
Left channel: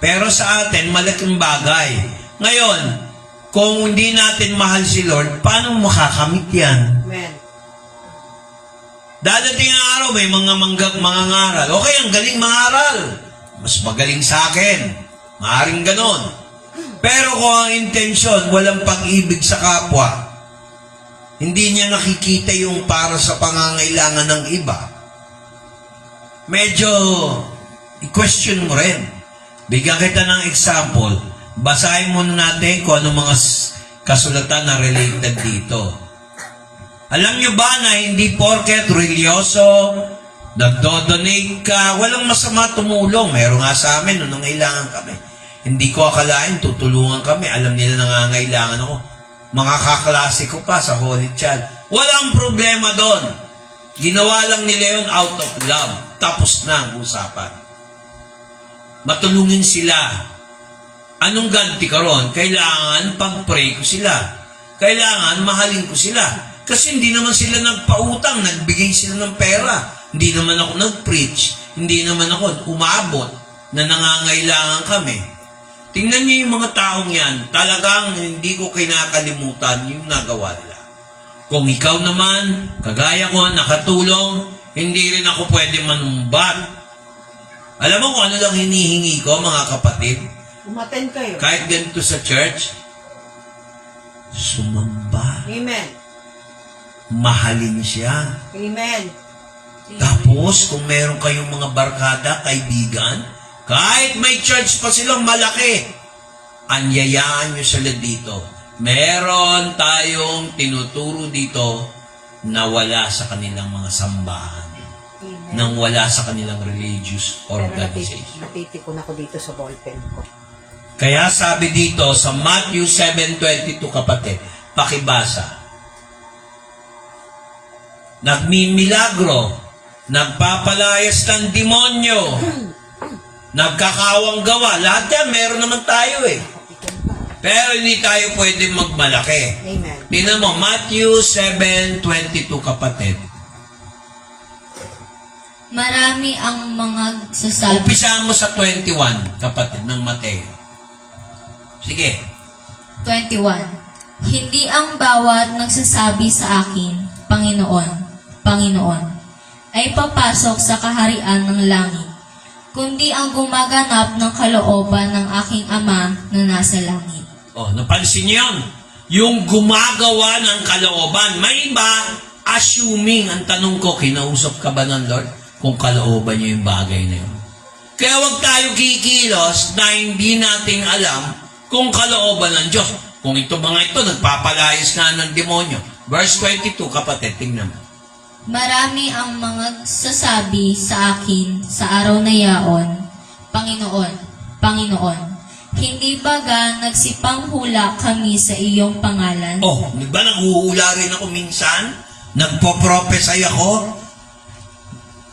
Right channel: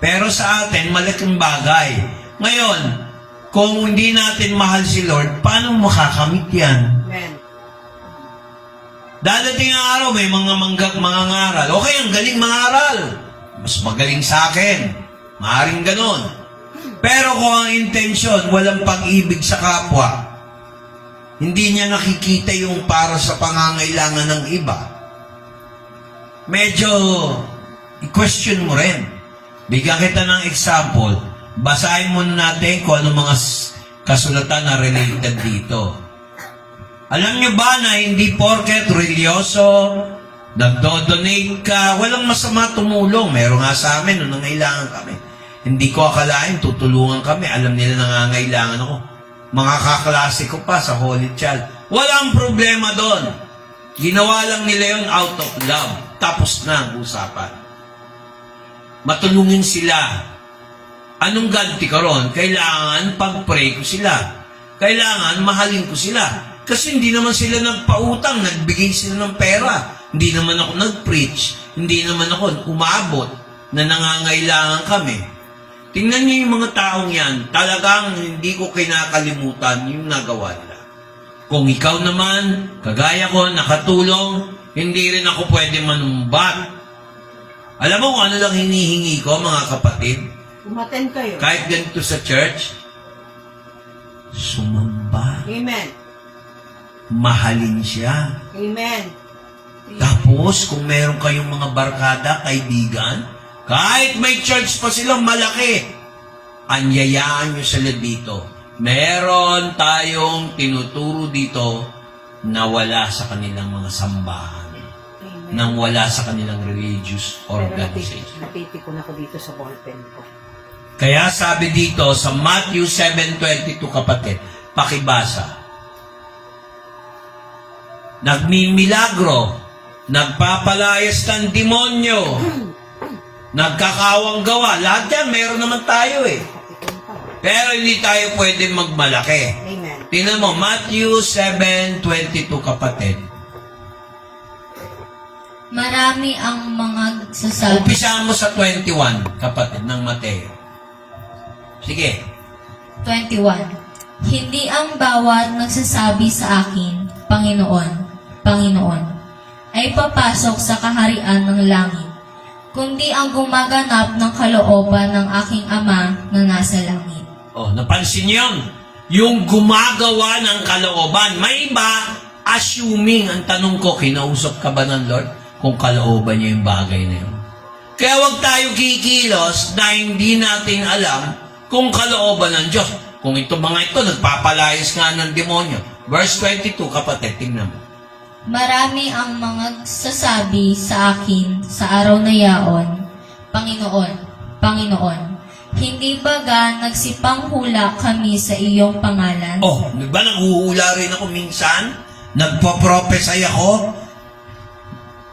Pero sa atin, malaking bagay. Ngayon, kung hindi natin mahal si Lord, paano makakamit yan? Amen. Dadating ang araw, may mga mangangaral. Okay, ang galing mangaral. Mas magaling sa akin. Maaring ganon. Pero kung ang intensyon, walang pag-ibig sa kapwa, hindi niya nakikita yung para sa pangangailangan ng iba, medyo i-question mo rin. Bigyan kita ng example. Basahin muna natin kung ano mga kasulatan na related dito. Alam niyo ba na hindi porket religyoso, nagdo-donate ka, walang masama tumulong. Meron nga sa amin, nung nangailangan kami. Hindi ko akalain, tutulungan kami. Alam nila nangangailangan ako. Mga kaklase ko pa sa Holy Child. Walang problema doon. Ginawa lang nila yun out of love. Tapos na ang usapan. Matulungin sila. Anong ganti ka ron? Kailangan pag-pray ko sila. Kailangan mahalin ko sila. Kasi hindi naman sila nagpautang, nagbigay sila ng pera. Hindi naman ako nag-preach. Hindi naman ako umabot na nangangailangan kami. Tingnan niyo yung mga taong yan. Talagang hindi ko kinakalimutan yung nagawa nila. Kung ikaw naman, kagaya ko, nakatulong, hindi rin ako pwede manumbat. Alam mo kung ano lang hinihingi ko, mga kapatid? Umaten kayo. Kahit ganito sa church, sumamba. Amen. Mahalin siya. Amen. Tapos, kung meron kayong mga barkada, kaibigan, kahit may church pa silang malaki, anyayaan nyo sila dito. Meron tayong tinuturo dito na wala sa kanilang mga sambahan. Amen. Nang wala sa kanilang religious Pero organization. napipikon ako dito sa ballpen ko. Kaya sabi dito sa Matthew 7:22, kapatid, pakibasa. Nagmimilagro, nagpapalayas ng demonyo, nagkakawang gawa. Lahat yan, meron naman tayo eh. Pero hindi tayo pwede magmalaki. Amen. Tingnan mo, Matthew 7:22, kapatid. Marami ang mga sasabi. Umpisahan mo sa 21, kapatid, ng Mateo. Sige. 21. Hindi ang bawat nagsasabi sa akin, Panginoon, Panginoon, ay papasok sa kaharian ng langit, kundi ang gumaganap ng kalooban ng aking Ama na nasa langit. Oh, napansin niyo yun? Yung gumagawa ng kalooban. May iba, assuming, ang tanong ko, kinausap ka ba ng Lord kung kalooban niya yung bagay na yun? Kaya huwag tayo kikilos na hindi natin alam kung kalooban ng Diyos. Kung ito mga ito, nagpapalayas nga ng demonyo. Verse 22, kapatid, tingnan mo. Marami ang mga sasabi sa akin sa araw na yaon, Panginoon, Panginoon, hindi baga nagsipanghula kami sa iyong pangalan? Oh, di ba nanghuhula rin ako minsan? Nagpo-prophesy ako?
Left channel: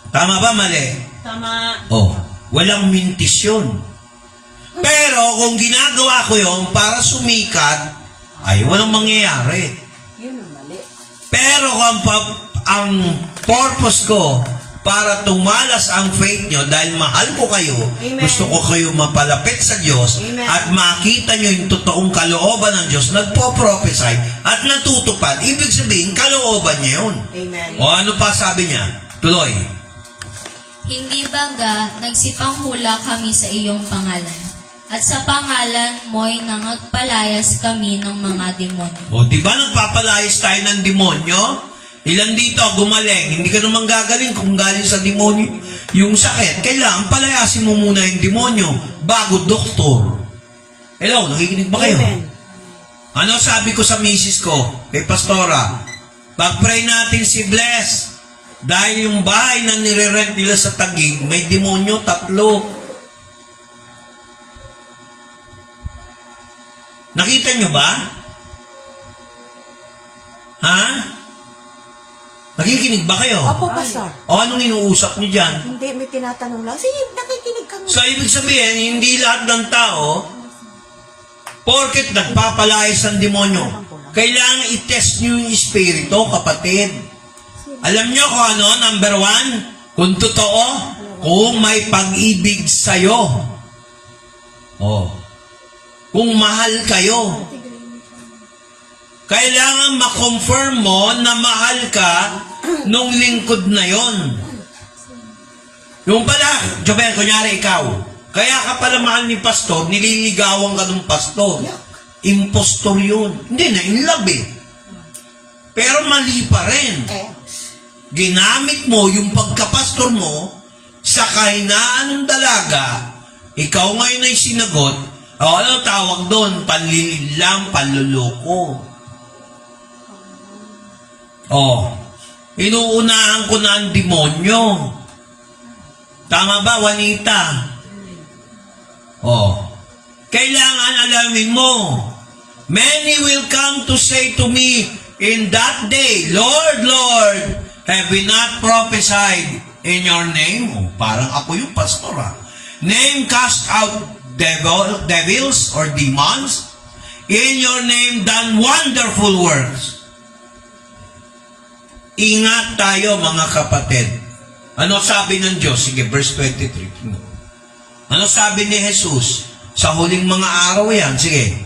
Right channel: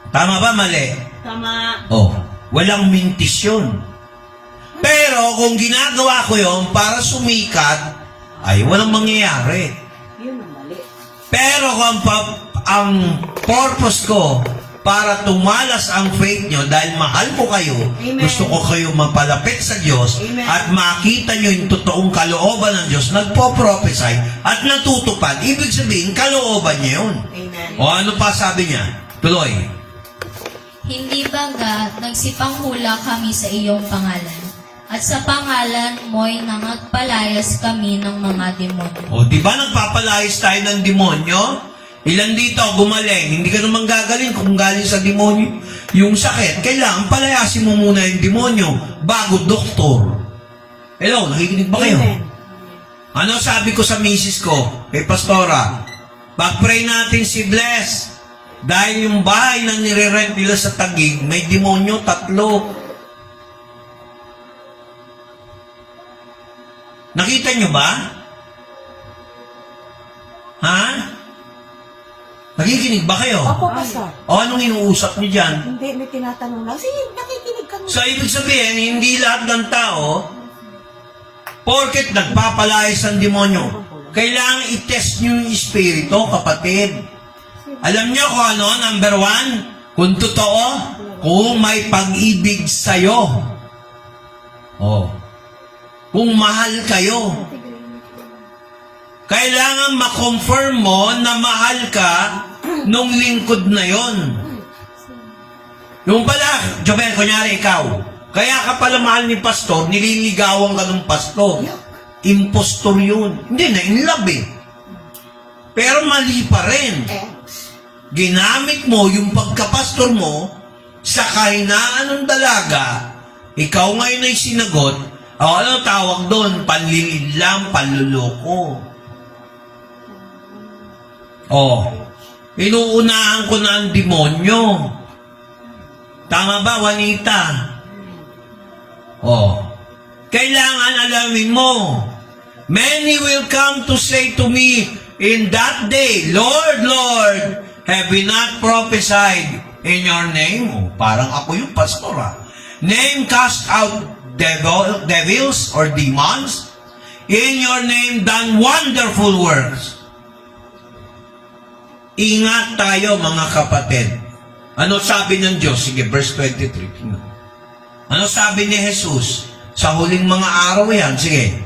Tama ba, mali? Tama. Oh, walang mintis yun. Pero kung ginagawa ko yun para sumikat, ay walang mangyayari. Yun ang mali. Pero kung ang purpose ko para tumalas ang faith nyo dahil mahal ko kayo, Amen. gusto ko kayo mapalapit sa Diyos, Amen. at makita nyo yung totoong kalooban ng Diyos, nagpo-prophesy at natutupad, ibig sabihin, kalooban niya yun. Amen. O ano pa sabi niya? Tuloy. Hindi baga nagsipanghula kami sa iyong pangalan? At sa pangalan mo'y nangagpalayas kami ng mga demonyo. O, di ba nagpapalayas tayo ng demonyo? Ilan dito gumaling? Hindi ka naman gagaling kung galing sa demonyo. Yung sakit, kailangan palayasin mo muna yung demonyo bago doktor. Hello, nakikinig ba kayo? Amen. Ano sabi ko sa misis ko, kay Pastora? Pag-pray natin si Bless. Dahil yung bahay na nire-rent nila sa Taguig, may demonyo 3. Nakita nyo ba? Ha? Nakikinig ba kayo? Opo, Pastor. O anong inuusap nyo dyan? Hindi, may tinatanong lang. Sige, nakikinig kami. So, ibig sabihin, hindi lahat ng tao, porket nagpapalayas ng demonyo, kailangan i-test nyo yung espiritu, kapatid. Alam nyo kung ano, number 1, kung totoo, kung may pag-ibig sa'yo. Oh. Kung mahal kayo. Kailangan ma-confirm mo na mahal ka nung lingkod na yon. Yung pala, Jovel, kunyari ikaw, kaya ka pala mahal ni pastor, nililigawan ka ng pastor. Impostor yun. Hindi na, in love eh. Pero mali pa rin. Ginamit mo yung pagkapastor mo sa kahinaan ng dalaga, ikaw ngayon ay sinagot, o ano tawag doon? Panlilid lang, panluloko. Oh, inuunahan ko na ang demonyo. Tama ba, Juanita? Oh, kailangan alamin mo. Many will come to say to me in that day, Lord, Lord, have we not prophesied in your name? Oh, parang ako yung pastor Name cast out devils or demons? In your name done wonderful works. Ingat tayo mga kapatid. Ano sabi ng Diyos? Sige, verse 23. Ano sabi ni Jesus? Sa huling mga araw yan. Sige.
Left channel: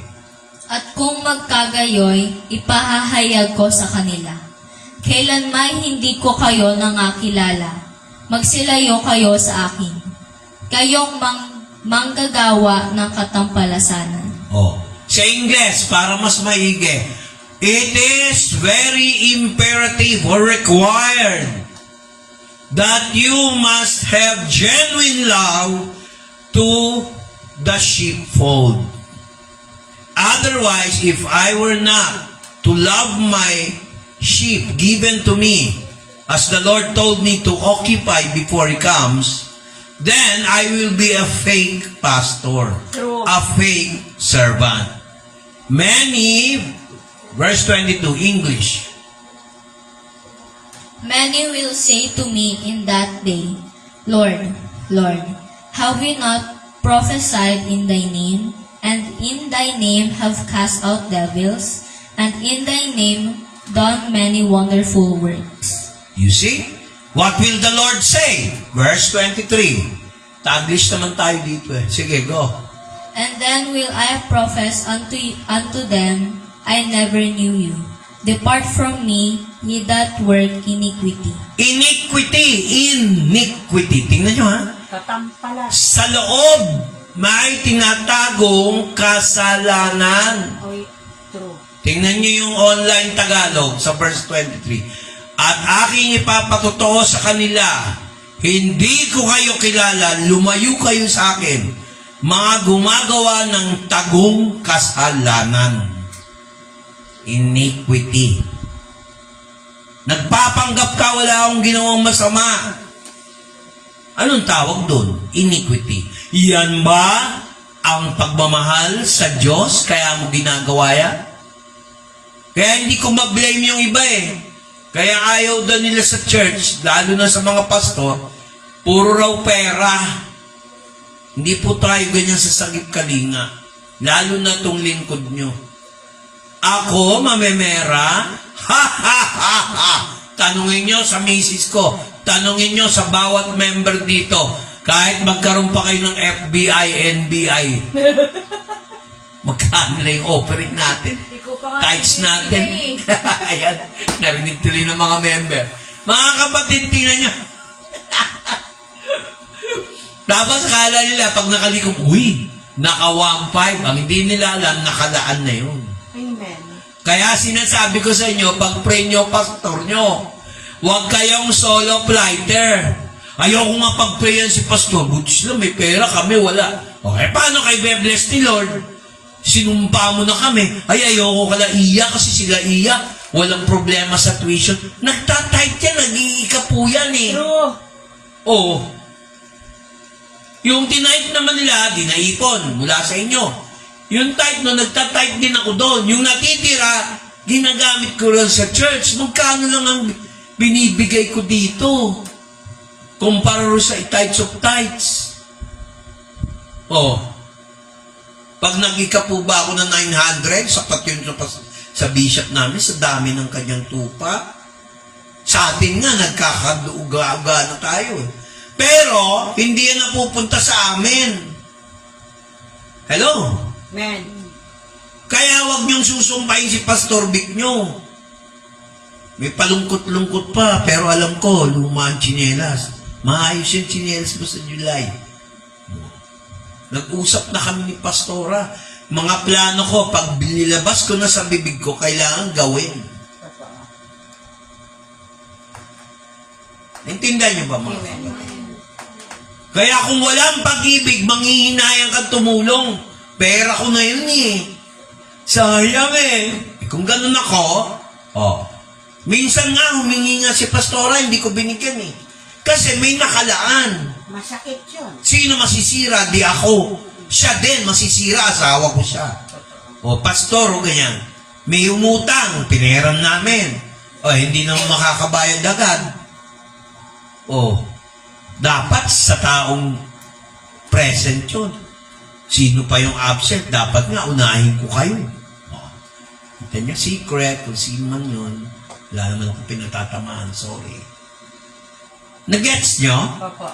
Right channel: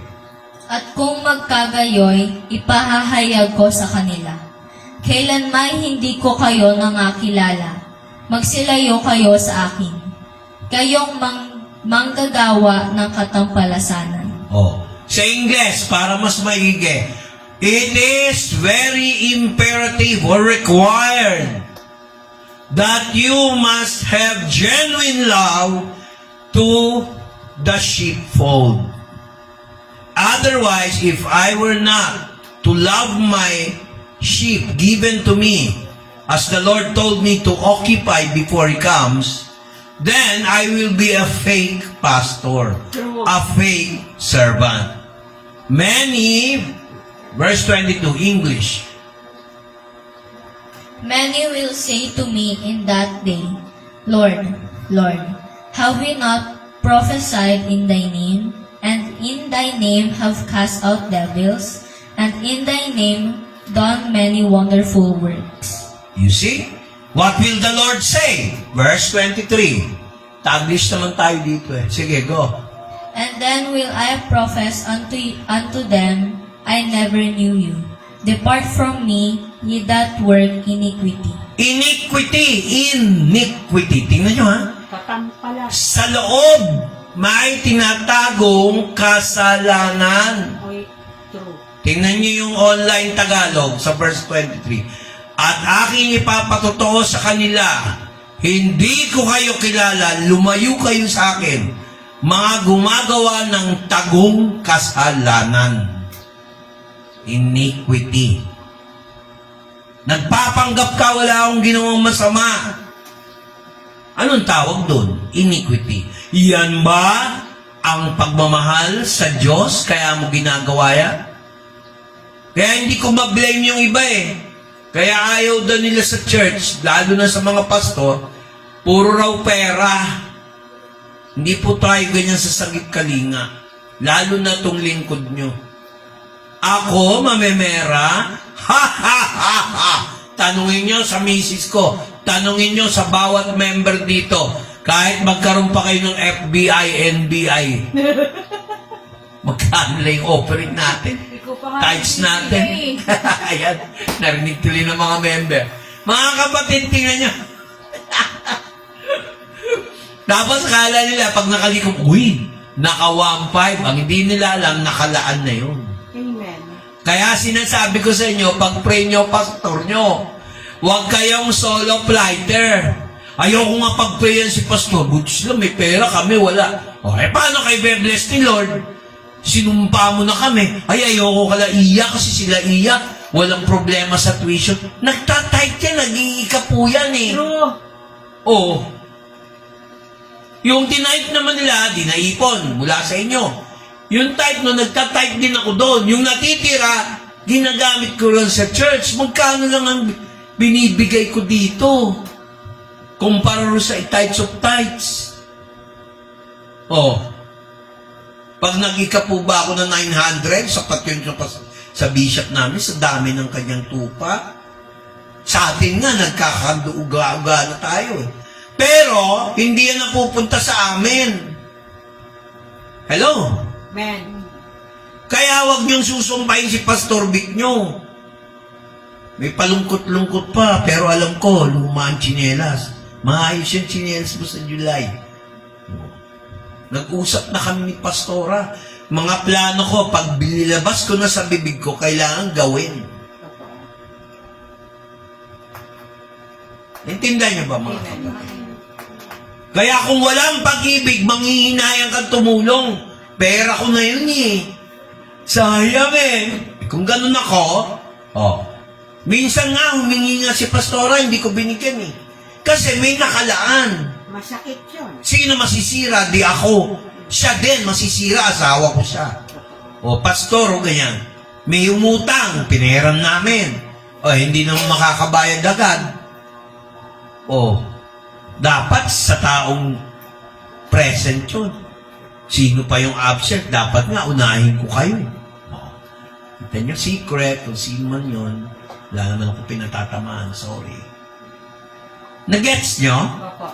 At kung magkagayoy, ipahahayag ko sa kanila. Kailanman hindi ko kayo nangakilala. Magsilayo kayo sa akin. Kayong manggagawa ng katampalasanan. Oh. Sa Ingles, para mas maigi. It is very imperative or required that you must have genuine love to the sheepfold. Otherwise, if I were not to love my sheep given to me, as the Lord told me to occupy before He comes, then I will be a fake pastor, True. a fake servant. Many, verse 22, English. Many will say to me in that day, Lord, Lord, have we not prophesied in thy name, and in thy name have cast out devils, and in thy name done many wonderful works? You see? What will the Lord say? Verse 23. Taglish naman tayo dito eh. Sige, go. And then will I profess unto them, I never knew you. Depart from me, ye that work iniquity. Iniquity. Tingnan nyo ha. Katampala. Sa loob, may tinatagong kasalanan. Oy, true. Tingnan nyo yung online Tagalog sa verse 23. at aking ipapatotoo sa kanila, hindi ko kayo kilala, lumayo kayo sa akin, mga gumagawa ng tagong kasalanan. Iniquity. Nagpapanggap ka, wala akong ginawang masama. Anong tawag doon? Iniquity. Yan ba ang pagmamahal sa Diyos? Kaya mo ginagawa yan? Kaya hindi ko ma-blame yung iba eh. Kaya ayaw daw nila sa church, lalo na sa mga pastor, puro raw pera. Hindi po tayo ganyan sa sagip kalinga. Lalo na itong lingkod nyo. Ako, mamemera? Ha ha ha ha! Tanungin nyo sa misis ko. Tanungin nyo sa bawat member dito. Kahit magkaroon pa kayo ng FBI, NBI. Magkano lang yung offering natin? Tithes natin. Ayan, narinig tuloy ng mga member. Mga kapatid, tingnan nyo. Tapos kala nila, pag nakalikom, uy, naka 1.5. Ang hindi nila alam, nakalaan na yun. Amen. Kaya sinasabi ko sa inyo, pag-pray nyo, pastor nyo, huwag kayong solo flighter. Ayoko nga pag-prayan si pastor, butis lang, may pera kami, wala. Okay, paano kayo be-bless ni Lord? Sinumpa mo na kami. Ay, ayoko ka na iyak kasi sila iyak. Walang problema sa tuition. Nagtatight yan, nag-iika po yan eh. True. Oo. Yung tinight naman nila, dinaipon mula sa inyo. Yung type no, nagtatight din ako doon. Yung natitira, ginagamit ko lang sa church. Magkano lang ang binibigay ko dito? Kumpara sa tithes of tithes. Oh. Pag nag-ika po ba ako na 900, sapat yun sa bishop namin, sa dami ng kanyang tupa. Sa atin nga, nagkakaduga-uga na tayo. Pero, hindi yan napupunta sa amin. Hello? Amen. Kaya wag niyong susumbahin si Pastor Vic nyo. May palungkot-lungkot pa, pero alam ko, luma ang tsinelas. Maayos yung tsinelas mo sa July. Nag-usap na kami ni Pastora. Mga plano ko, pag binilabas ko na sa bibig ko, kailangan gawin. Intindihan niyo ba mga kapatid? Kaya kung walang pag-ibig, manghihinayang kang tumulong. Pera ko na yun eh. Sayang eh. Kung ganun ako, minsan nga humingi nga si Pastora, hindi ko binigyan eh. Kasi may nakalaan. Masakit yun. Sino masisira? Di ako. Siya din masisira. Asawa ko siya. O, pastor, o ganyan. May umutang. Pinahiram namin. O, hindi naman makakabayad agad. O, dapat sa taong present yun. Sino pa yung absent? Dapat nga, unahin ko kayo. O, kita nyo, secret. Kung sino man yun, wala naman ako pinatatamaan. Sorry. Nagets nyo? Opo.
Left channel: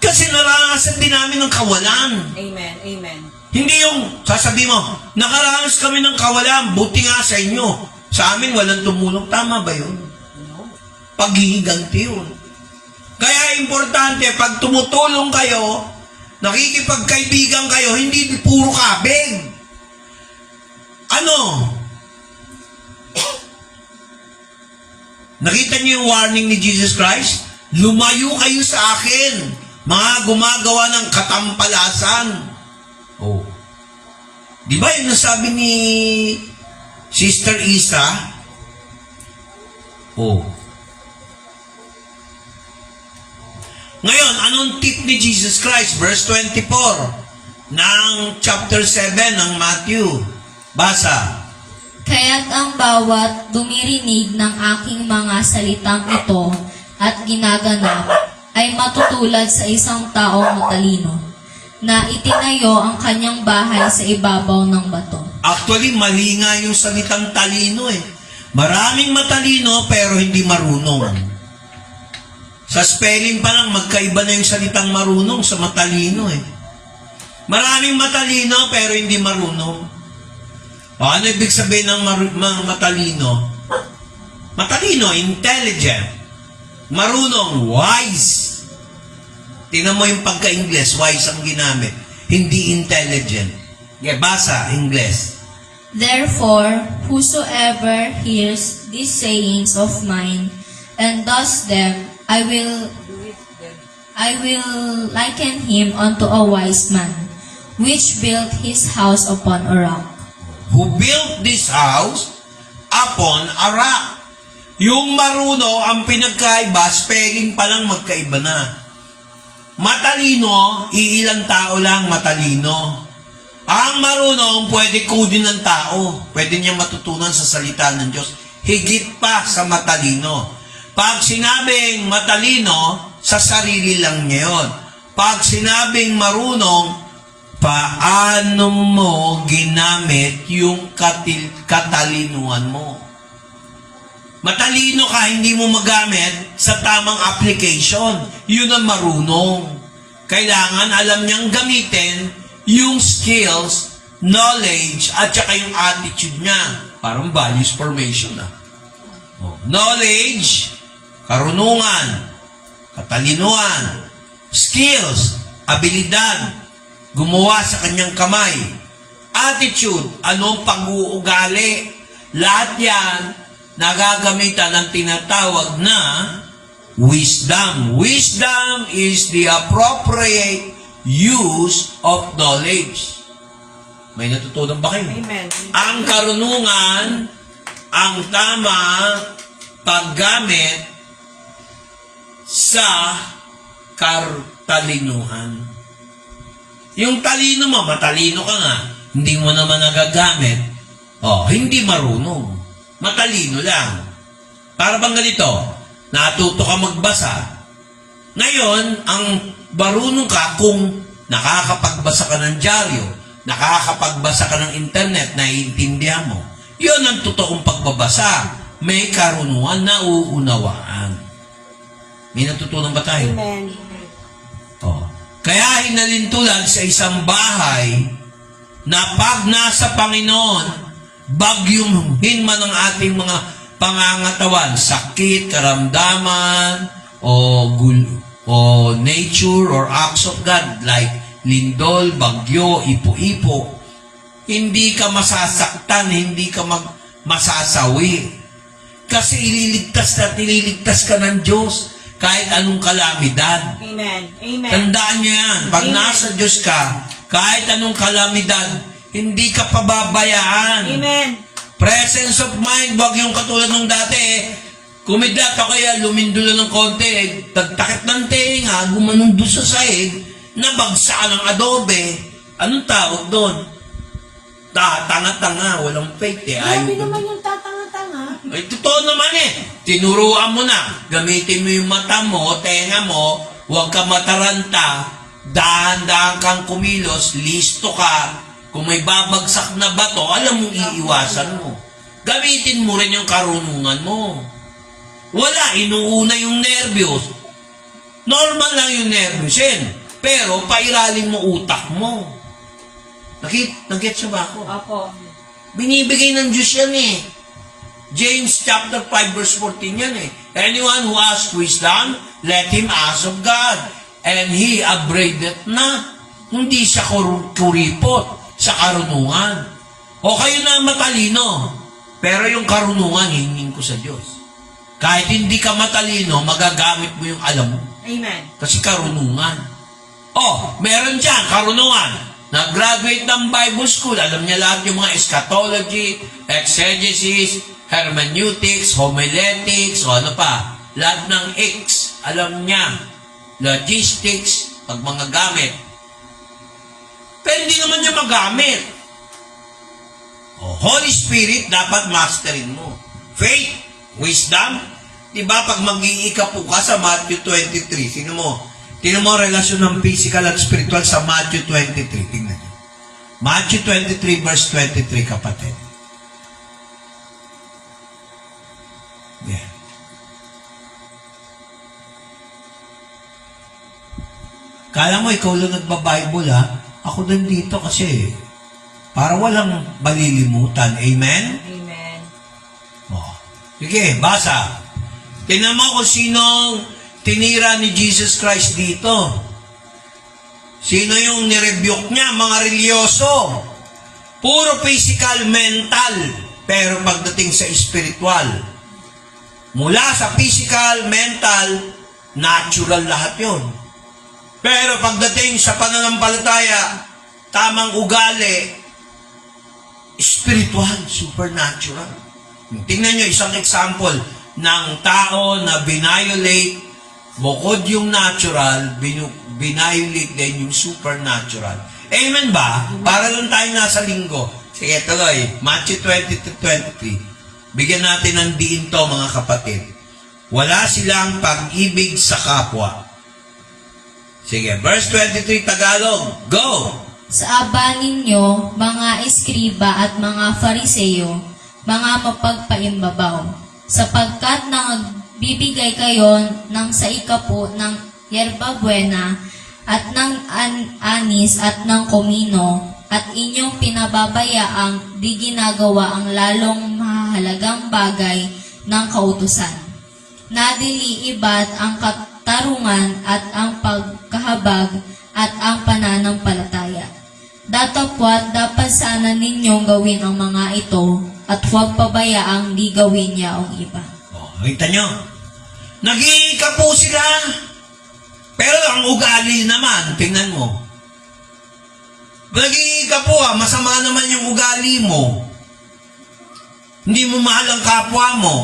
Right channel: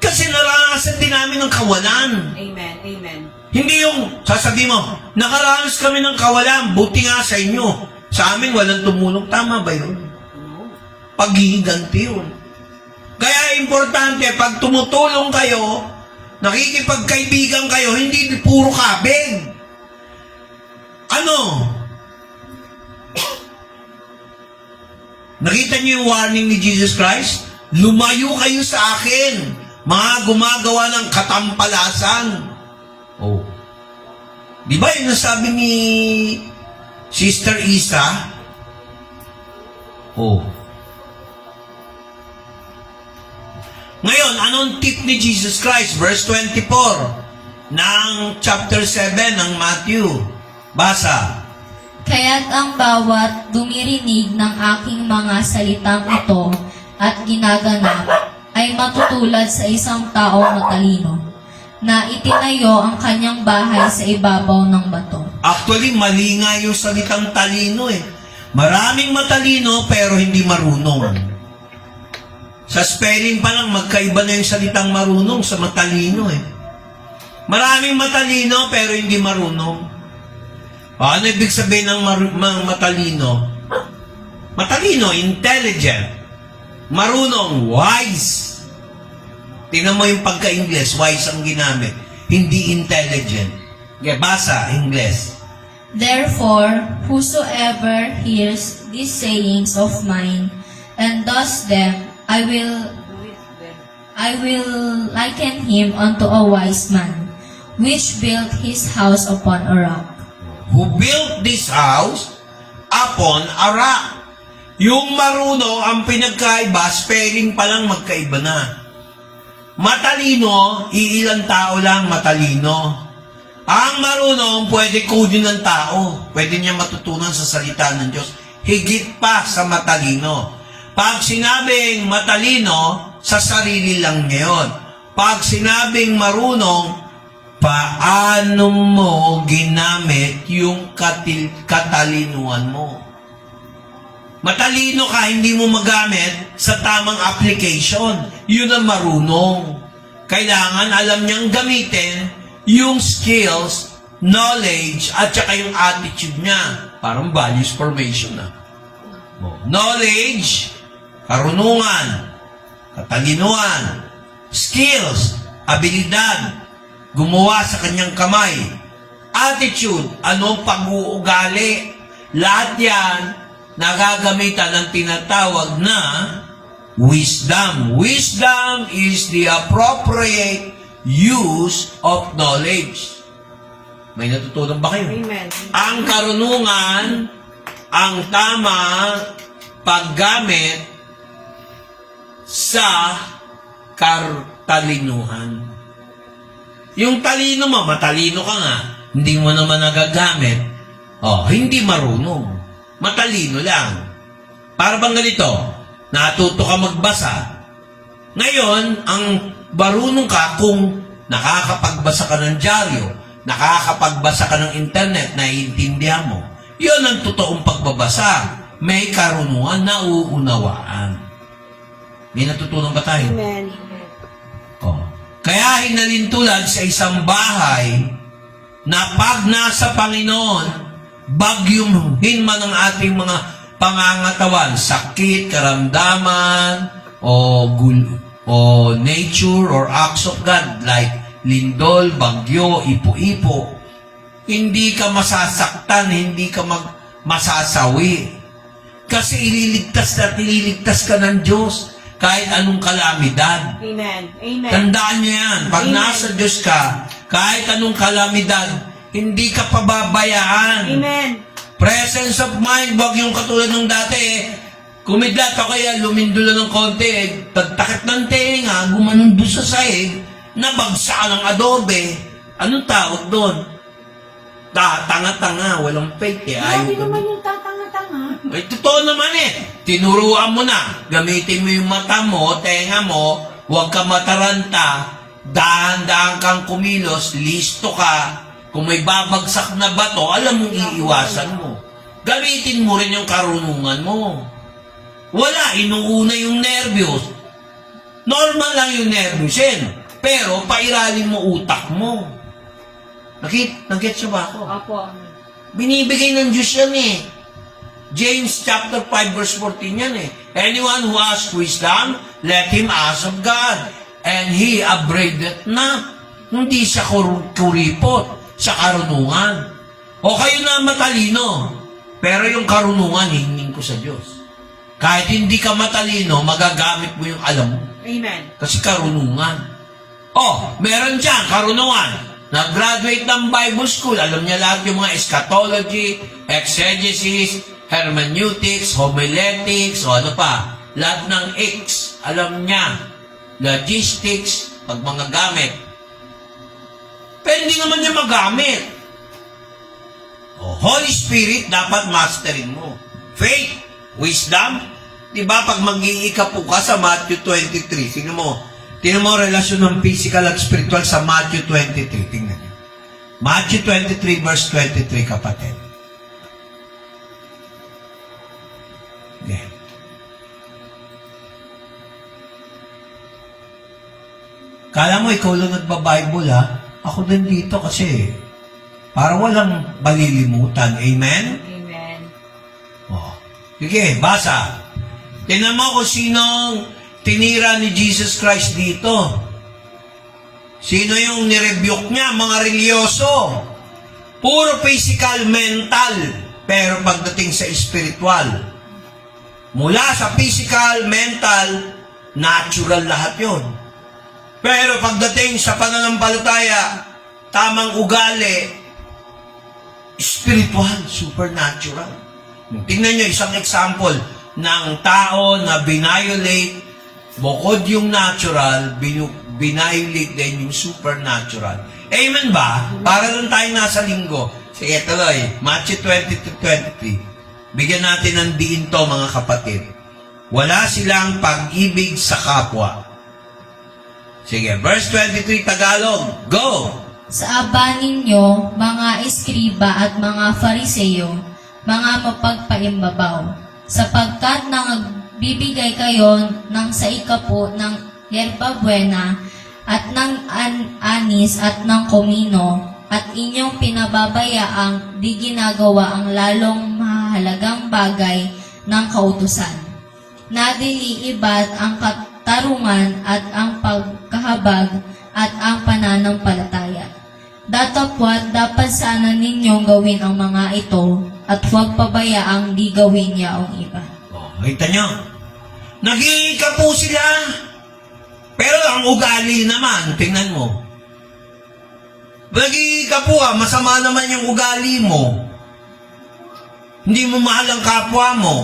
Kasi naranasan din namin ng kawalan. Amen. Amen. Hindi yung, sasabi mo, nakaranas kami ng kawalan, buti nga sa inyo. Sa amin, walang tumulong. Tama ba yun? No. Paghihiganti yun. Kaya importante, pag tumutulong kayo, nakikipagkaibigan kayo, hindi puro kabig. Ano? Nakita niyo yung warning ni Jesus Christ? Lumayo kayo sa akin, mga gumagawa ng katampalasan. Oh. Di ba yun nasabi ni Sister Isa? Oh. Ngayon, anong tip ni Jesus Christ? Verse 24 ng chapter 7 ng Matthew. Basa. Kaya't ang bawat dumirinig ng aking mga salitang ito at ginaganap ay matutulad sa isang taong matalino na itinayo ang kanyang bahay sa ibabaw ng bato. Actually, mali nga yung salitang talino eh. Maraming matalino pero hindi marunong. Sa spelling pa lang, magkaiba na yung salitang marunong sa matalino eh. Maraming matalino pero hindi marunong. O, ano ibig sabihin ng matalino? Matalino, intelligent. Marunong, wise. Tingnan mo yung pagka-Ingles, wise ang ginamit. Hindi intelligent. Basa, Ingles. Therefore, whosoever hears these sayings of mine, and does them, I will liken him unto a wise man, which built his house upon a rock. Who built this house upon a rock. Yung marunong, ang pinagkaiba, spelling pa lang magkaiba na. Matalino, iilang tao lang matalino. Ang marunong, pwede kunin ng tao. Pwede niya matutunan sa salita ng Diyos. Higit pa sa matalino. Pag sinabing matalino, sa sarili lang ngayon. Pag sinabing marunong, paano mo ginamit yung katalinuhan mo? Matalino ka, hindi mo magamit sa tamang application. Yun ang marunong. Kailangan alam niyang gamitin yung skills, knowledge, at saka yung attitude niya. Parang values formation na. Knowledge, karunungan, katalinuhan, skills, abilidad, gumawa sa kanyang kamay, attitude, anong pag-uugali, lahat yan nagagamitan ng tinatawag na wisdom. Wisdom is the appropriate use of knowledge. May natutunan ba kayo? Amen. Ang karunungan, ang tamang paggamit sa katalinuhan. Yung talino mo, matalino ka nga, hindi mo naman nagagamit, hindi marunong. Matalino lang. Para bang ganito, natuto ka magbasa. Ngayon, ang marunong ka kung nakakapagbasa ka ng dyaryo, nakakapagbasa ka ng internet, naiintindihan mo. Yun ang totoong pagbabasa. May karunungan na uunawaan. May natutunan ba tayo? Amen. Kaya hinalintulad sa isang bahay na pag nasa Panginoon, bagyuhin man ang ating mga pangangatawan, sakit, karamdaman, o nature or acts of God like lindol, bagyo, ipo-ipo, hindi ka masasaktan, hindi ka masasawi. Kasi ililigtas ka ng Diyos kahit anong kalamidad. Amen. Amen. Tandaan niyo yan. Pag Amen. nasa Diyos ka, kahit anong kalamidad, hindi ka pababayaan. Amen. Presence of mind, wag yung katulad ng dati. Kumidlat o kaya lumindulo ng konti, tagtakit ng tenga, gumanong doon sa sahig, nabagsa ng adobe. Anong tawag doon? Tanga-tanga, walang faith eh. Grabe naman yung tatanga-tanga. Ay, totoo naman eh. Tinuruan mo na. Gamitin mo yung mata mo, tenga mo, huwag ka mataranta, dahan-dahan kang kumilos, listo ka. Kung may babagsak na bato, alam mong iiwasan mo. Gamitin mo rin yung karunungan mo. Wala, inuuna yung nervyos. Normal lang yung nervyusin. Pero, pairalin mo utak mo. Nag-get siya ba ako? Apo. Binibigay ng Diyos yan eh. James chapter 5 verse 14 yan eh. Anyone who asks wisdom, let him ask of God. And he upbraideth not. Hindi sa kuripot, sa karunungan. O kayo na matalino, pero yung karunungan, hingin ko sa Diyos. Kahit hindi ka matalino, magagamit mo yung alam mo. Amen. Kasi karunungan. Meron dyan, karunungan. Nag-graduate ng Bible School, alam niya lahat yung mga eschatology, exegesis, hermeneutics, homiletics, ano pa. Lahat ng X, alam niya. Logistics, pag mga gamit. Pero hindi naman niya magamit. Holy Spirit, dapat masterin mo. Faith, wisdom. Diba, pag mag-iikapo ka sa Matthew 23, tingnan mo relasyon ng physical at spiritual sa Matthew 23. Tingnan niyo. Matthew 23 verse 23, kapatid. Yeah. Kala mo, ikaw lang nagba-Bible, ha? Ako din dito kasi parang walang balilimutan. Amen? Amen. Sige, basa. Tingnan mo kung sinong tinira ni Jesus Christ dito. Sino yung nirebuke niya? Mga religyoso. Puro physical, mental. Pero pagdating sa spiritual, Mula sa physical, mental, natural lahat yon. Pero pagdating sa pananampalataya, tamang ugali, spiritual, supernatural. Tingnan nyo isang example ng tao na binayolate, bukod yung natural, binayolate din yung supernatural. Amen ba? Para lang tayo nasa linggo. Sige, tuloy. Matthew 20-23. Bigyan natin ng diin to, mga kapatid. Wala silang pag-ibig sa kapwa. Sige, verse 23 Tagalog. Go! Sa aba ninyo, mga eskriba at mga fariseyo, mga mapagpaimbabaw, sapagkat nagbibigay kayo ng sa ikapo ng yerba buena at ng anis at ng komino, at inyong pinababayaang di ginagawa ang lalong mahalagang bagay ng kautusan. Nadiliibat ang katarungan at ang pagkahabag at ang pananampalataya. Datapwat dapat sana ninyong gawin ang mga ito at huwag pabayaang di gawin niya ang iba. Oh, kita nyo? Nag-iika po sila. Pero ang ugali naman, tingnan mo. Nag-iika po masama naman yung ugali mo. Hindi mo mahal ang kapwa mo.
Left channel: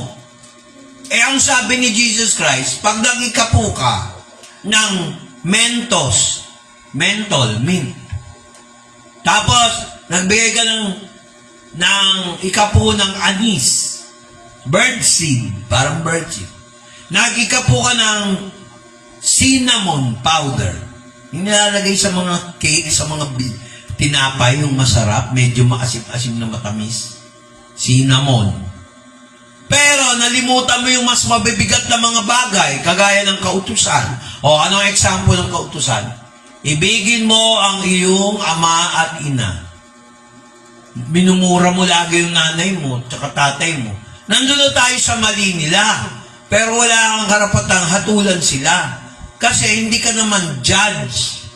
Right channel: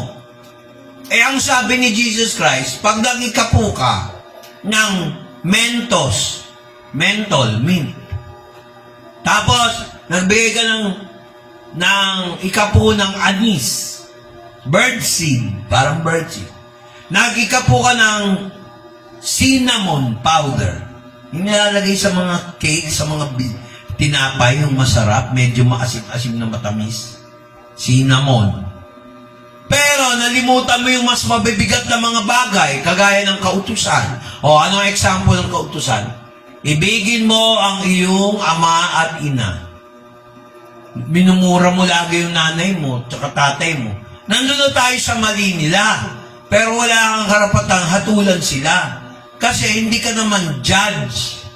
Eh, ang sabi ni Jesus Christ, pag nag-iika po ka ng mint. Tapos, nagbigay ka ng ikapo ng anis. Birdseed, parang birdseed. Nag-ikapo ka ng cinnamon powder. Yung nilalagay sa mga cake, sa mga tinapay, yung masarap, medyo maasim-asim na matamis. Cinnamon. Pero nalimutan mo yung mas mabibigat na mga bagay, kagaya ng kautusan. O, anong example ng kautusan? Ibigin mo ang iyong ama at ina. Minumura mo lagi yung nanay mo, tsaka tatay mo. Nandun na tayo sa mali nila. Pero wala kang karapatang hatulan sila. Kasi hindi ka naman judge.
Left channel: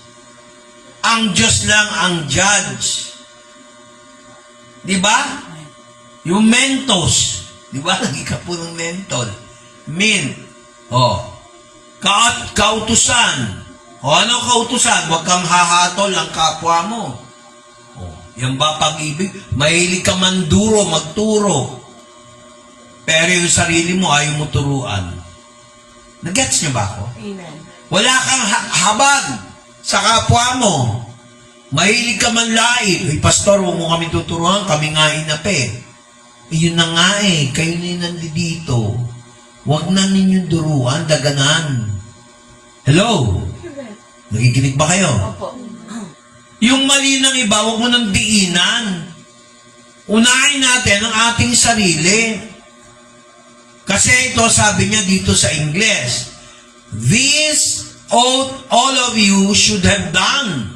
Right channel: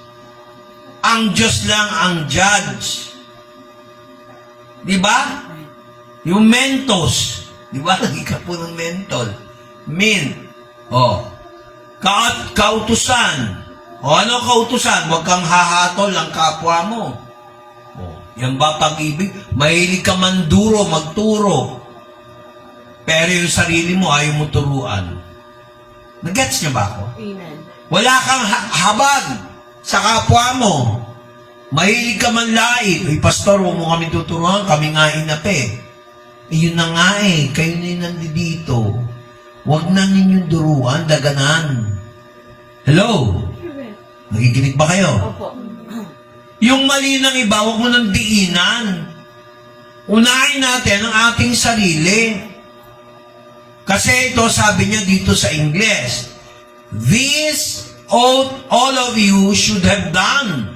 Ang Diyos lang ang judge. Diba? Yung mentos. Diba? Lagi ka po ng mentol. Mint. O. Kautusan. O ano kautusan? Huwag kang hahatol ang kapwa mo. O. Yan ba pag-ibig? Mahilig ka manduro, magturo. Pero yung sarili mo, ayaw mo turuan. Nag-gets niyo ba ako? Amen. Wala kang habag sa kapwa mo. Mahilig ka man lait. Uy, pastor, huwag mo kami tuturuan. Kami nga inape. Yun na nga kayo na yung nandito. Huwag na ninyong duruan, daganan. Hello? Nakikinig ba kayo? Opo. Yung mali ng iba, huwag mo nang diinan. Unahin natin ang ating sarili. Kasi ito, sabi niya dito sa English, this all of you should have done,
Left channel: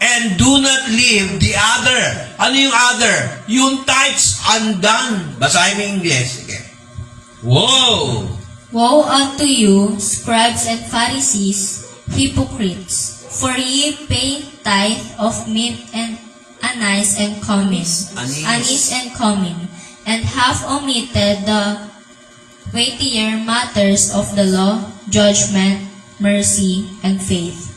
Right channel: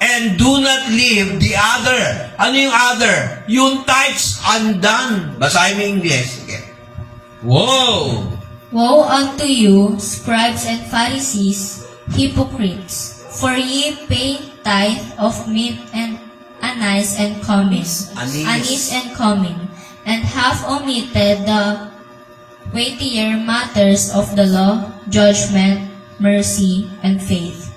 and do not leave the other. Ano yung other? Yung tithes undone. Basahin mo yung English. Okay. Whoa! Woe unto you, scribes and Pharisees, hypocrites! For ye pay tithe of mint and anise and cumin, Anise. and cumin, and have omitted the weightier matters of the law, judgment, mercy, and faith.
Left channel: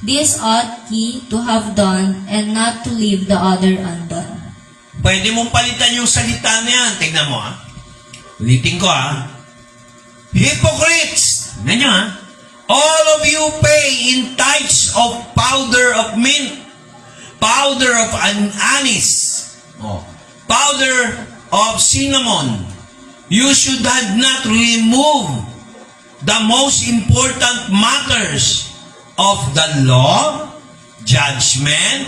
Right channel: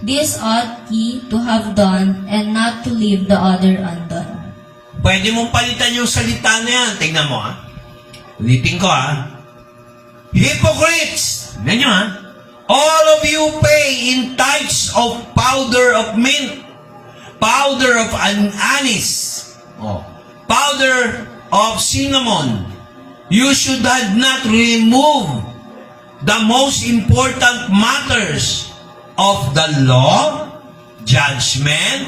This ought ye to have done, and not to leave the other undone. Pwede mong palitan yung salita na yan. Tingnan mo, ulitin ko, Hypocrites! Ganyan, all of you pay in tithes of powder of mint, powder of anise, powder of cinnamon. You should have not removed the most important matters of the law, judgment,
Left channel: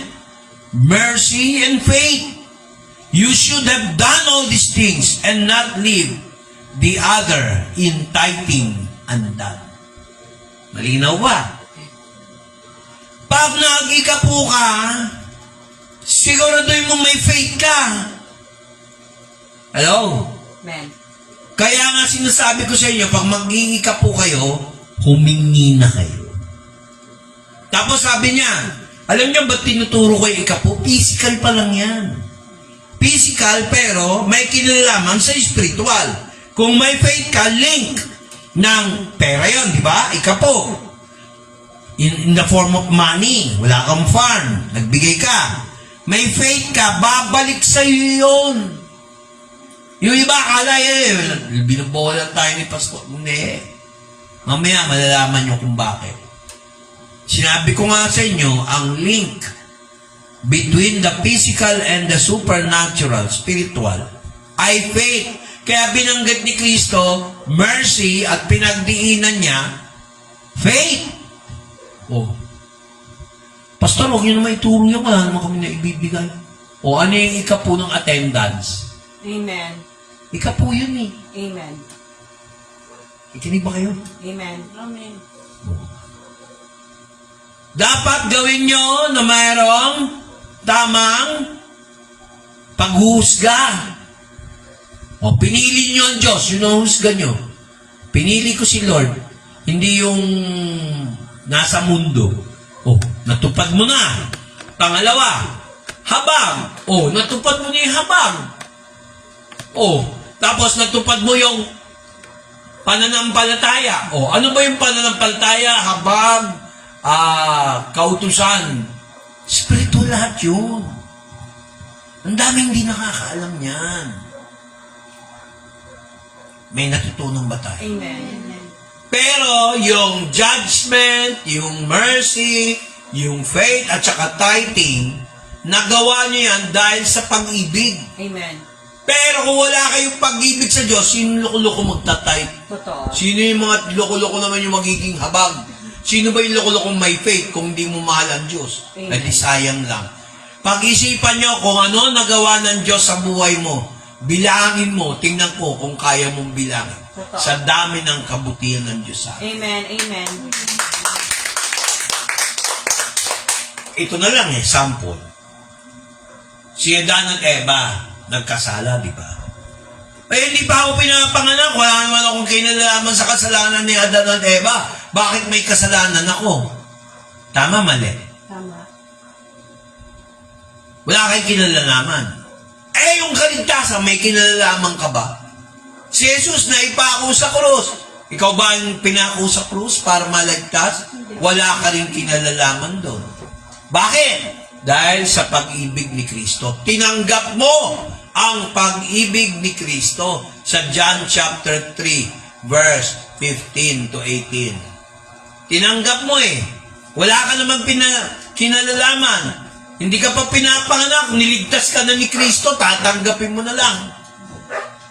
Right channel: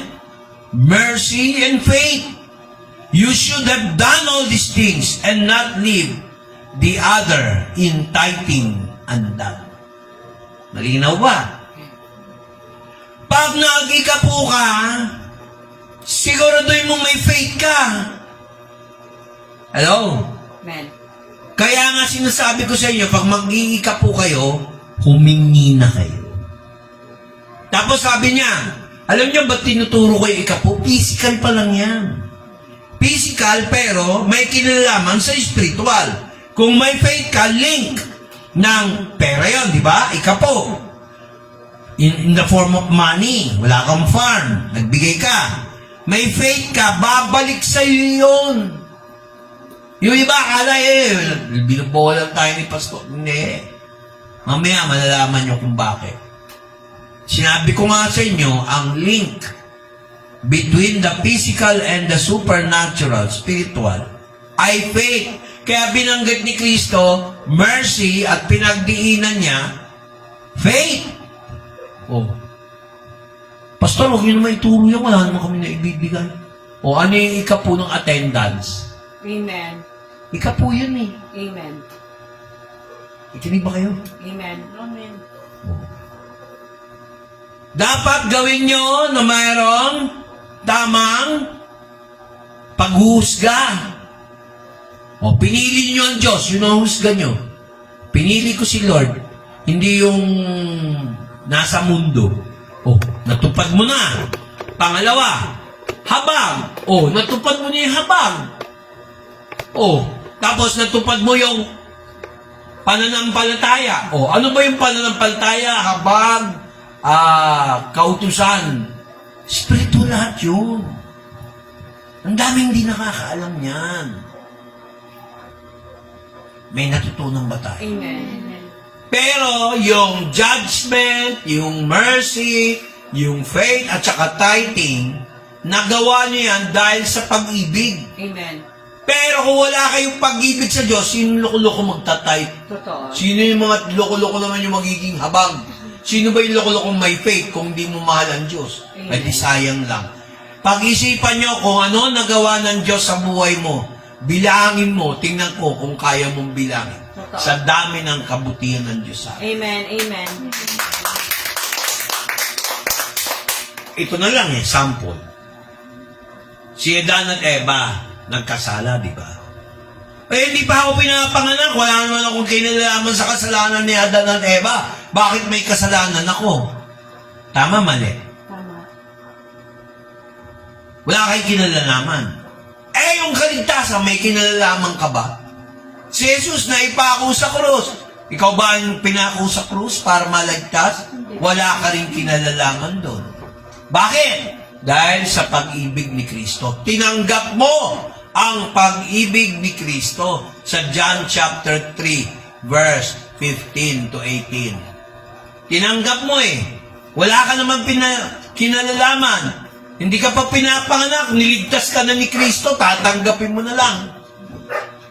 mercy, and faith. You should have done all these things and not leave the other in tithing undone. Malinaw ba? Pag nag-ikapo ka, siguraduhin mo may faith ka. Hello? Amen. Kaya nga sinasabi ko sa inyo, pag mag-iikapo kayo, humingi na kayo. Tapos sabi niya, alam niyo ba't tinuturo ko yung ikapo? Physical pa lang yan. Physical pero may kinalaman sa spiritual. Kung may faith ka, link ng pera yon, di ba? Ikapo. In the form of money. Wala kang farm. Nagbigay ka. May faith ka, babalik sa'yo yun. Yung iba, akala binubolan tayo ni Pastor. Hindi. Mamaya, malalaman nyo kung bakit. Sinabi ko nga sa inyo, ang link between the physical and the supernatural, spiritual, ay faith. Kaya binanggit ni Kristo, mercy, at pinagdiinan niya, faith. Oh. Pastor, huwag nyo naman ituro yung wala naman kami na ibibigay. O ano yung ikapo ng attendance? Amen. Ikapo yun eh. Amen. Ikinig ba kayo? Amen. Amen. Dapat gawin nyo na mayroong tamang paghuhusga. O, pinili nyo ang Diyos, yun ang husga nyo. Pinili ko si Lord, hindi yung nasa mundo. O, natupad mo na. Pangalawa, habang. O, natupad mo niya yung habang. O, tapos natupad mo yung pananampalataya. O, ano ba yung pananampalataya? Habang, kautusan. Spiritual lahat yun. Ang daming hindi nakakaalam yan. May natutunan ba tayo? Amen. Pero yung judgment, yung mercy, yung faith, at saka tithing, nagawa niyo yan dahil sa pag-ibig. Amen. Pero kung wala kayong pag-ibig sa Diyos, sino yung loko-loko magta-tithe? Totoo. Sino yung mga loko-loko naman yung magiging habag? Sino ba yung loko-lokong may faith kung hindi mo mahal ang Diyos? Amen. Ay di sayang lang. Pag-isipan nyo kung ano nagawa ng Diyos sa buhay mo. Bilangin mo, tingnan ko kung kaya mong bilangin. Totoo. Sa dami ng kabutihan ng Diyos sa akin. Amen. Amen. Ito na lang sample. Si Adan at Eva, nagkasala, di ba? Eh, hindi pa ako pinapanganak. Wala naman akong kinalaman sa kasalanan ni Adan at Eva. Bakit may kasalanan ako? Tama, mali. Tama. Wala kayong kinalalaman. Eh, yung kaligtasan, may kinalalaman ka ba? Si Jesus na ipako sa krus. Ikaw ba ang pinako sa krus para maligtas? Wala ka rin kinalalaman doon. Bakit? Dahil sa pag-ibig ni Kristo. Tinanggap mo ang pag-ibig ni Kristo sa John chapter 3, verse 15 to 18. Tinanggap mo eh. Wala ka naman kinalalaman. Hindi ka pa pinapanganak, niligtas ka na ni Kristo, tatanggapin mo na lang.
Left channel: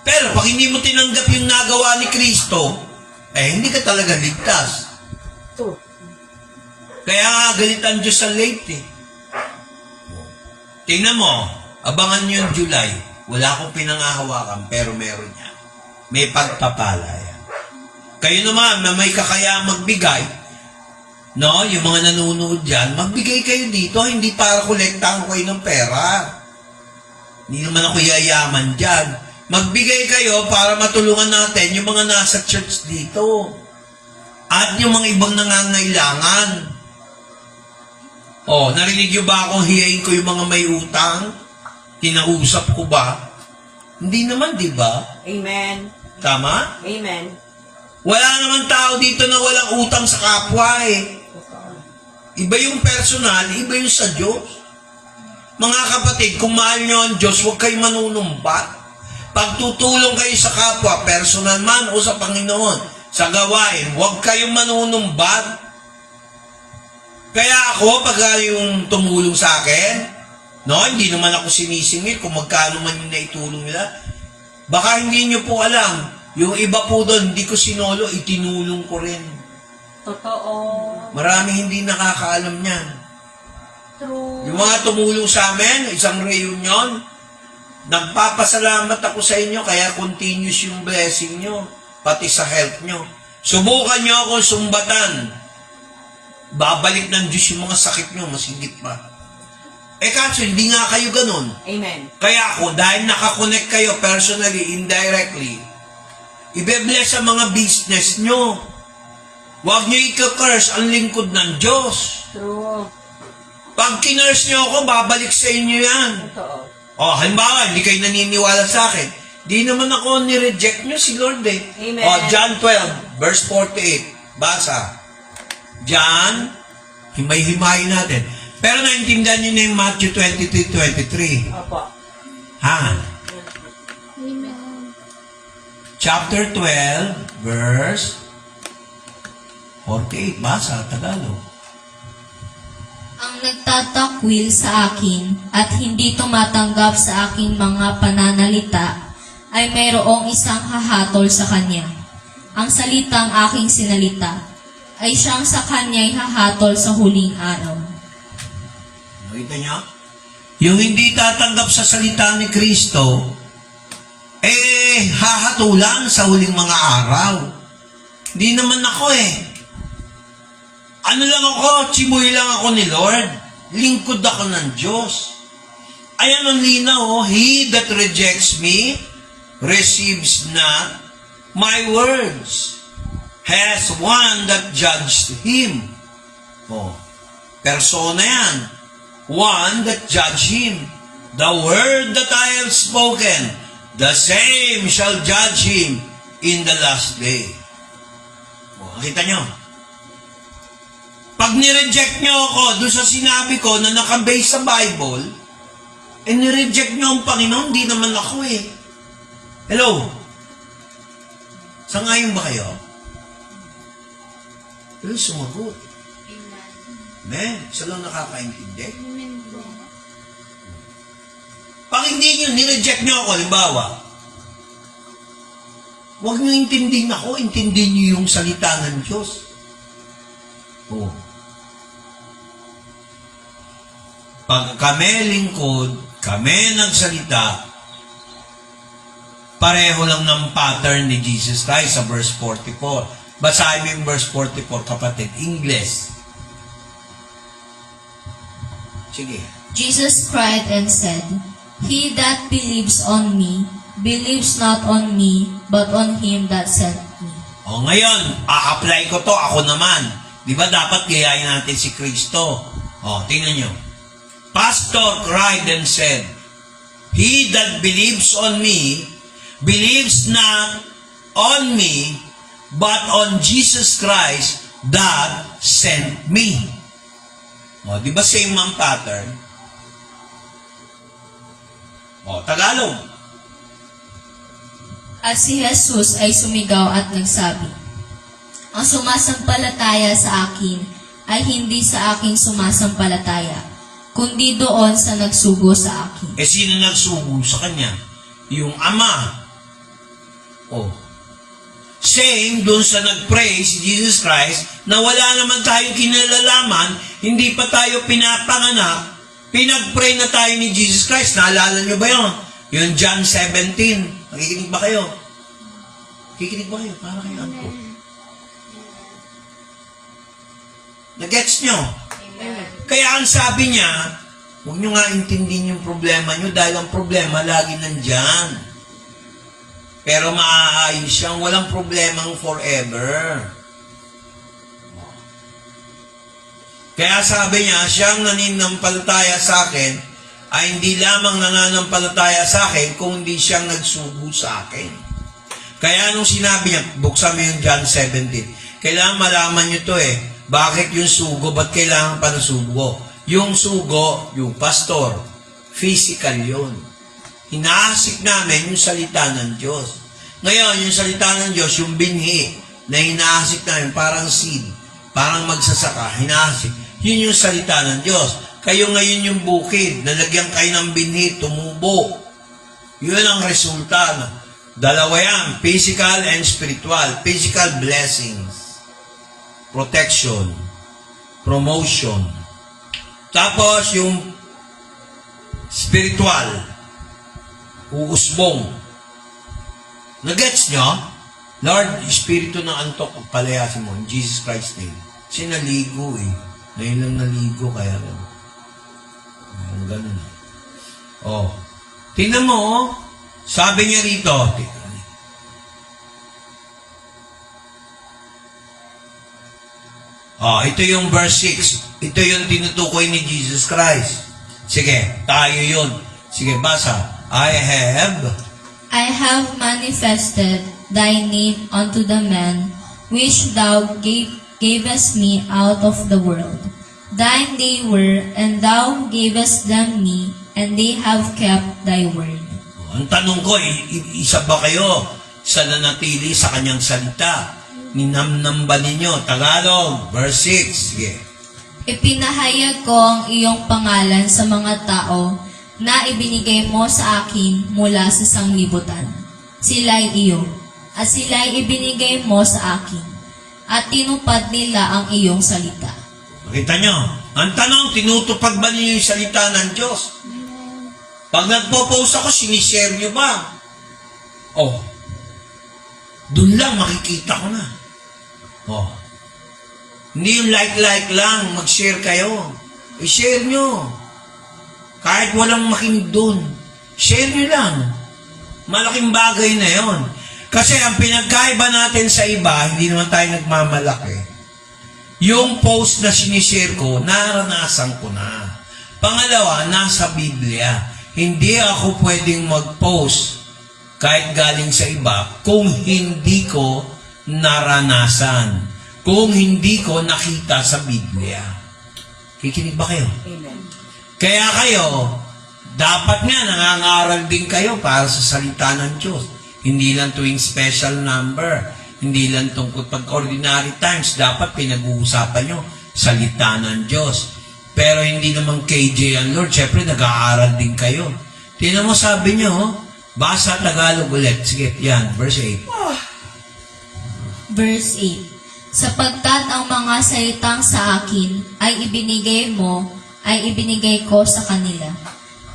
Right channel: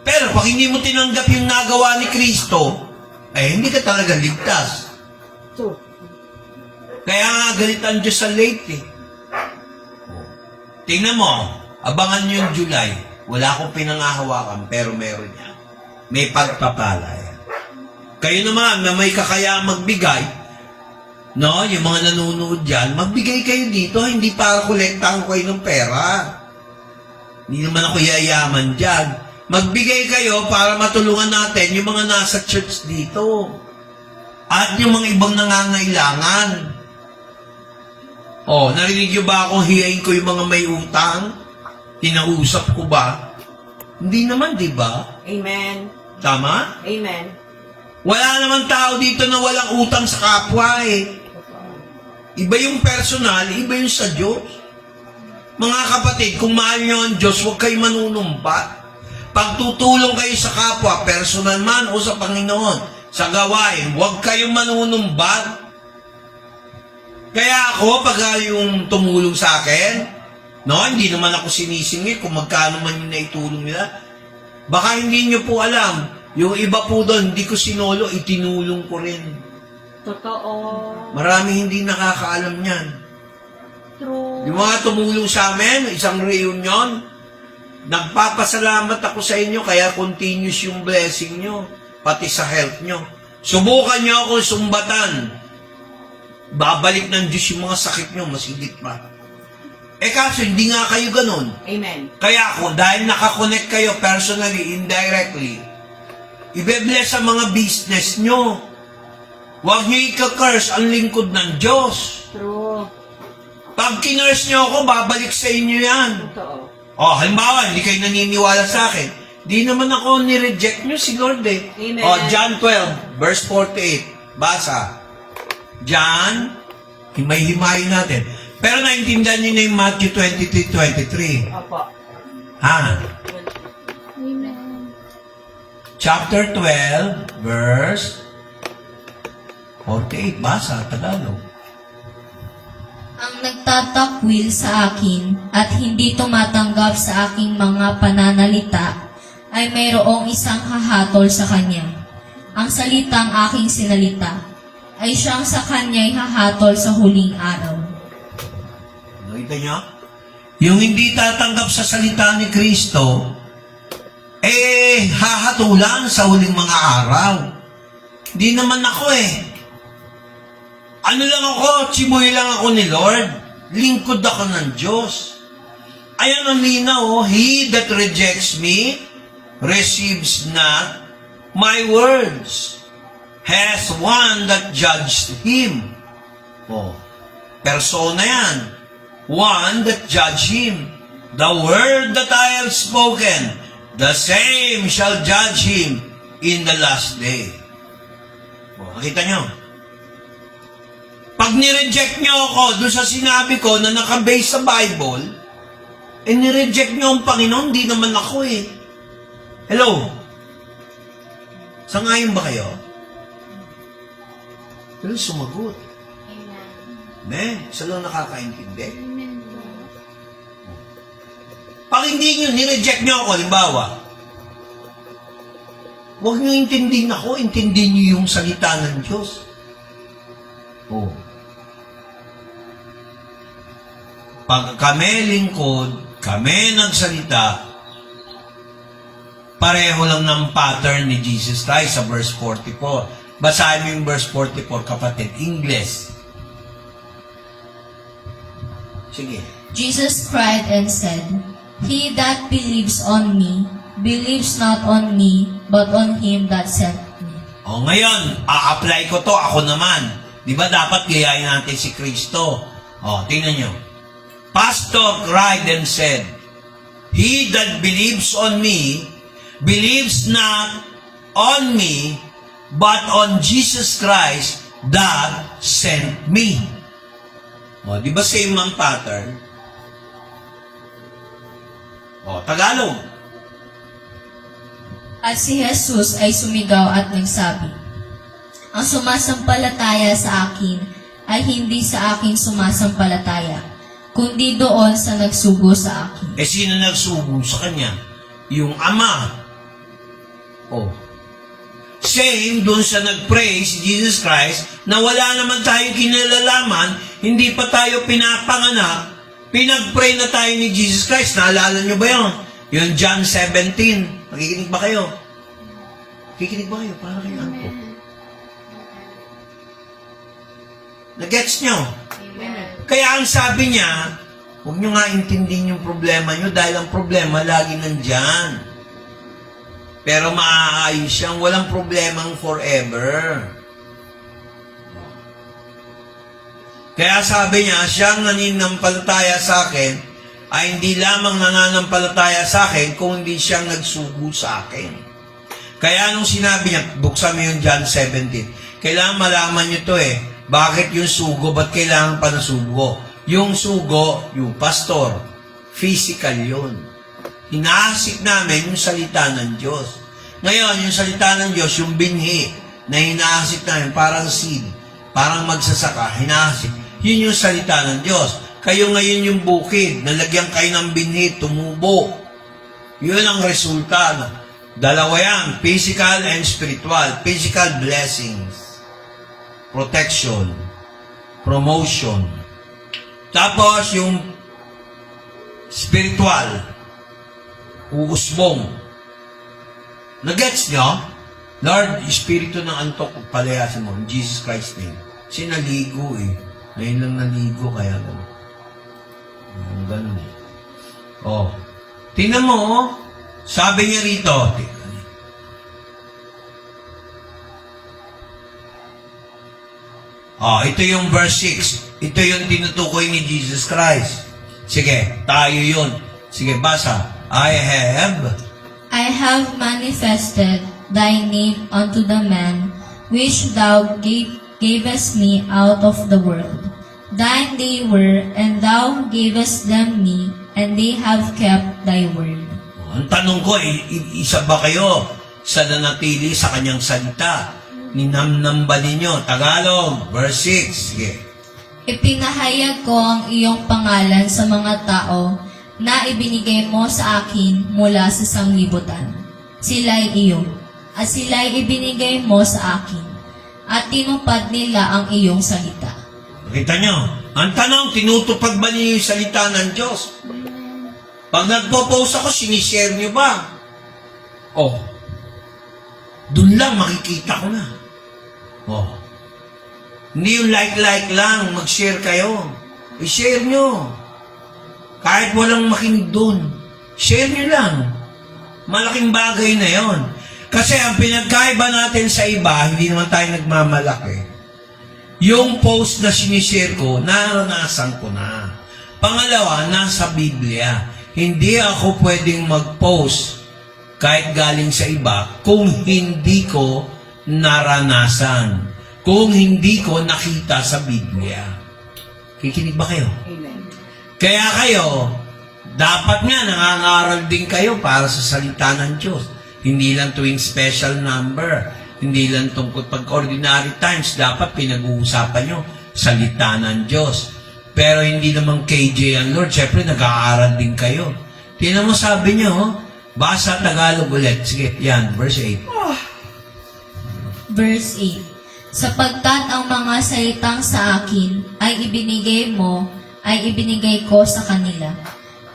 Pero pag hindi mo tinanggap yung nagawa ni Kristo, eh hindi ka talaga ligtas. Ito. Kaya nga galit ang Diyos sa late eh. Tingnan mo, abangan nyo yung July. Wala akong pinangahawakan, pero meron yan. May pagpapala yan. Kayo naman na may kakaya magbigay, no, yung mga nanonood dyan, magbigay kayo dito, hindi para kolektahan ko kayo ng pera. Hindi naman ako yayaman dyan. Magbigay kayo para matulungan natin yung mga nasa church dito. At yung mga ibang nangangailangan. Oh, narinig nyo ba akong hiyain ko yung mga may utang? Kinausap ko ba? Hindi naman, di ba? Amen. Tama? Amen. Wala naman tao dito na walang utang sa kapwa eh. Iba yung personal, iba yung sa Diyos. Mga kapatid, kung mahal nyo ang Diyos, huwag kayo manunumbat. Pagtutulong kayo sa kapwa, personal man o sa Panginoon, sa gawain, huwag kayong manunumbat. Kaya ako, pag yung tumulong sa akin, no, hindi naman ako sinisingit kung magkano man yung naitulong nila. Baka hindi nyo po alam, yung iba po doon, hindi ko sinolo, itinulong ko rin. Totoo. Maraming hindi nakakaalam niyan. True. Yung mga tumulong sa amin, isang reunion, nagpapasalamat ako sa inyo, kaya continuous yung blessing nyo, pati sa health nyo. Subukan nyo ako sumbatan. Babalik ng Diyos yung mga sakit nyo, masigit pa. Eh kaso, hindi nga kayo ganun. Amen. Kaya ako, dahil nakakonect kayo personally, indirectly, ibe-bless sa mga business nyo. Huwag nyo ika-curse ang lingkod ng Diyos. True. Pag kinurse nyo ako, babalik sa inyo yan. Totoo. O, halimbawa, hindi kayo naniniwala sa akin. Di naman ako ni-reject nyo si Lord eh. Amen. John 12, verse 48. Basa. John, himay-himayin natin. Pero naintindihan nyo na yung Matthew 23:23. Opo. Ha? Yan. Chapter 12, verse 48. Basa, Tagalog. Ang nagtatakwil sa akin at hindi tumatanggap sa aking mga pananalita ay mayroong isang hahatol sa kanya. Ang salitang aking sinalita ay siyang sa kanya'y hahatol sa huling araw. Nakita niyo? Yung hindi tatanggap sa salita ni Kristo, hahatulan sa huling mga araw. Hindi naman ako Ano lang ako, chimoy lang ako ni Lord. Lingkod ako ng Diyos. Ayan ang linaw, He that rejects me, receives not my words. Has one that judged him. Persona yan. One that judged him. The word that I have spoken, the same shall judge him in the last day. Nakita nyo? Pag nireject nyo ako doon sa sinabi ko na nakabase sa Bible, nireject nyo ang Panginoon, di naman ako Hello? Sangayon ba kayo? Pero sumagot. Amen. Isa lang nakakaintindi. Pag hindi nyo, nireject nyo ako, halimbawa, huwag nyo intindihin ako, intindihin nyo yung salita ng Diyos. Pag kami lingkod, kami nagsalita, pareho lang ng pattern ni Jesus Christ sa verse 44. Basahin mo yung verse 44, kapatid. English. Sige. Jesus cried and said, He that believes on me, believes not on me, but on him that sent me. Ngayon, a-apply ko to, ako naman. Di ba dapat gayahin natin si Kristo? Tingnan nyo. Pastor cried and said, He that believes on me, believes not on me, but on Jesus Christ that sent me. Di ba same ang pattern? Tagalog. At si Jesus ay sumigaw at nagsabi, Ang sumasampalataya sa akin ay hindi sa akin sumasampalataya, kundi doon sa nagsugo sa akin. Sino nagsugo sa kanya? Yung Ama. Same doon sa nag-pray si Jesus Christ na wala naman tayong kinalalaman, hindi pa tayo pinapanganak, pinag-pray na tayo ni Jesus Christ. Naalala nyo ba yun? Yung John 17. Nakikinig ba kayo? Nakikinig ba kayo? Paano kayo antok? Nagets nyo? Kaya ang sabi niya, huwag nyo nga intindihin yung problema nyo dahil ang problema lagi nandyan. Pero maaayos siyang walang problemang forever. Kaya sabi niya, siyang nananampalataya sa akin ay hindi lamang nananampalataya sa akin kung hindi siyang nagsugo sa akin. Kaya nung sinabi niya, buksan mo yung John 17, kailangan malaman nyo to Bakit yung sugo? Ba't kailangan pa na sugo? Yung sugo, yung pastor, physical yun. Hinaasik namin yung salita ng Diyos. Ngayon, yung salita ng Diyos, yung binhi na hinaasik namin, parang seed, parang magsasaka, hinaasik. Yun yung salita ng Diyos. Kayo ngayon yung bukid, nalagyan kayo ng binhi, tumubo. Yun ang resulta. Dalawa yan, physical and spiritual. Physical blessings. Protection, promotion. Tapos yung spiritual, uusbong. Nagets nyo? Lord, espiritu ng antok, palayasin mo, in Jesus Christ name. Kasi naligo Ngayon lang naligo, kaya ganun. Tingnan mo, sabi niya rito, ito yung verse 6. Ito yung tinutukoy ni Jesus Christ. Sige, tayo yun. Sige, basa. I have I have manifested thy name unto the men which thou gavest me out of the world. Thine they were, and thou gavest them me, and they have kept thy word. Ang tanong ko, isa ba kayo sa nanatili sa kanyang salita? Ninamnam ba ninyo? Tagalog, verse 6. Sige. Ipinahayag ko ang iyong pangalan sa mga tao na ibinigay mo sa akin mula sa sanglibutan. Sila'y iyo, at sila'y ibinigay mo sa akin, at tinupad nila ang iyong salita. Makita nyo, ang tanong, tinutupag ba niyo yung salita ng Diyos? Pag nagpo-post ako, sinishare nyo ba? Oh, dun lang makikita ko na. Oh, hindi yung like lang, mag-share kayo. I-share nyo. Kahit walang makinig dun, share nyo lang. Malaking bagay na yon. Kasi ang pinagkaiba natin sa iba, hindi naman tayo nagmamalaki. Yung post na sinishare ko, naranasan ko na. Pangalawa, nasa Biblia. Hindi ako pwedeng mag-post kahit galing sa iba kung hindi ko naranasan. Kung hindi ko nakita sa Biblia. Kikinig ba kayo? Amen. Kaya kayo, dapat nga nangangaral din kayo para sa salita ng Diyos. Hindi lang tuwing special number. Hindi lang tungkol pag ordinary times. Dapat pinag-uusapan nyo salita ng Diyos. Pero hindi naman KJ ang Lord. Siyempre, nag-aaral din kayo. Tingnan mo sabi nyo, basa Tagalog ulit. Sige, yan, verse 8. Verse 8. Sapagkat ang mga salitang sa akin ay ibinigay ko sa kanila,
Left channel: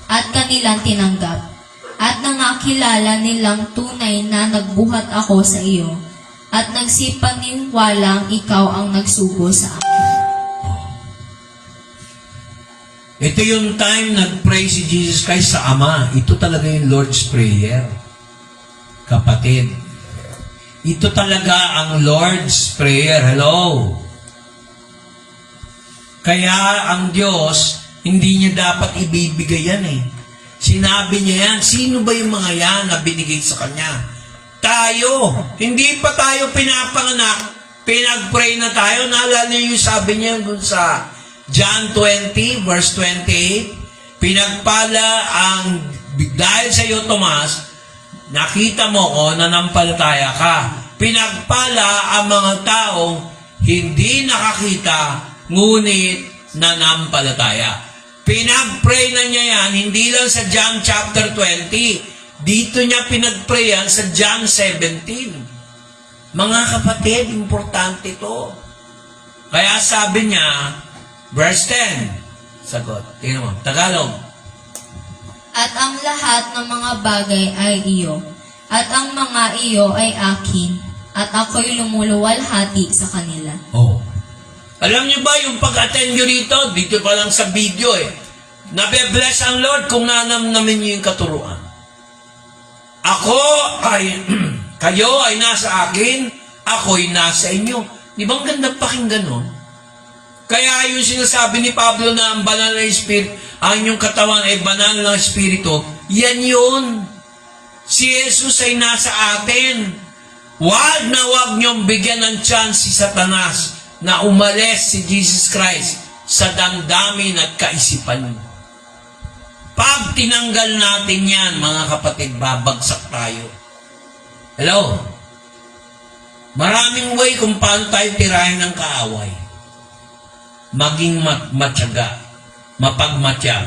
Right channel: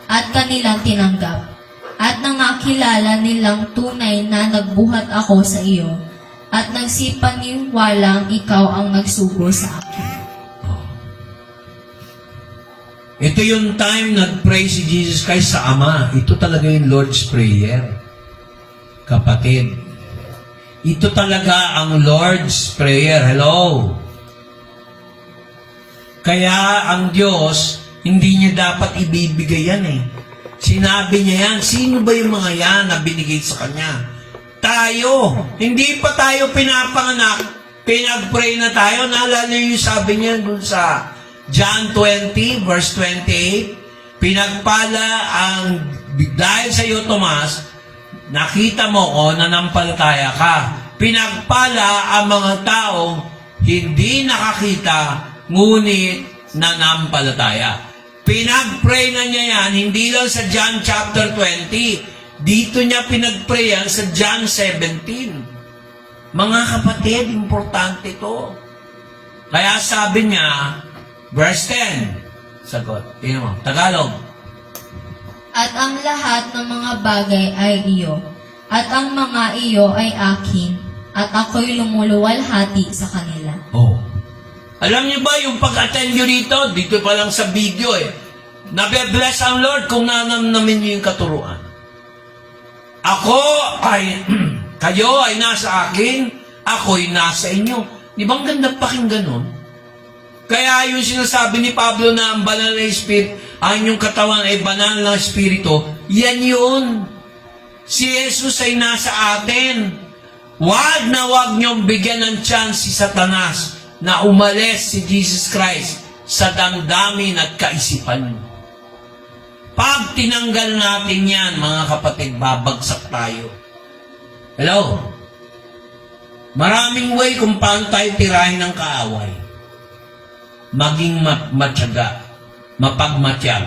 at kanilang tinanggap, at nang nakilala nilang tunay na nagbuhat ako sa iyo, at nagsipaniwalang ikaw ang nagsugo sa akin. Ito yung time nag-pray si Jesus Christ sa Ama. Ito talaga yung Lord's Prayer. Kapatid, ito talaga ang Lord's Prayer. Hello? Kaya ang Diyos, hindi niya dapat ibibigay yan eh. Sinabi niya yan, sino ba yung mga yan na binigay sa Kanya? Tayo. Hindi pa tayo pinapanganak. Pinag-pray na tayo. Naalala yung sabi niya dun sa John 20, verse 28, pinagpala ang, dahil sa iyo, Tomas, nakita mo ko, nanampalataya ka. Pinagpala ang mga tao, hindi nakakita, ngunit nanampalataya. Pinag-pray na niya yan, hindi lang sa John chapter 20, dito niya pinag-pray yan sa John 17. Mga kapatid, importante to. Kaya sabi niya, verse 10, sagot, tingnan mo, Tagalog. At ang lahat ng mga bagay ay iyo, at ang mga iyo ay akin, at ako'y lumuluwalhati sa kanila. Oh. Alam niyo ba yung pag-attend nyo dito pa lang sa video nabe-bless ang Lord kung nanamnamin niyo yung katuruan. Kayo ay nasa akin, ako'y nasa inyo. Di ba ang ganda pakinggan nun? Kaya yung sinasabi ni Pablo na ang banal na Espiritu, ang inyong katawan ay banal na Espiritu, yan yun. Si Jesus ay nasa atin. Wag na wag niyong bigyan ng chance si Satanas na umalis si Jesus Christ sa damdamin at kaisipan niyo. Pag tinanggal natin yan, mga kapatid, babagsak tayo. Hello? Maraming way kung paano tayo tirahin ng kaaway. Maging matyaga, mapagmatyag,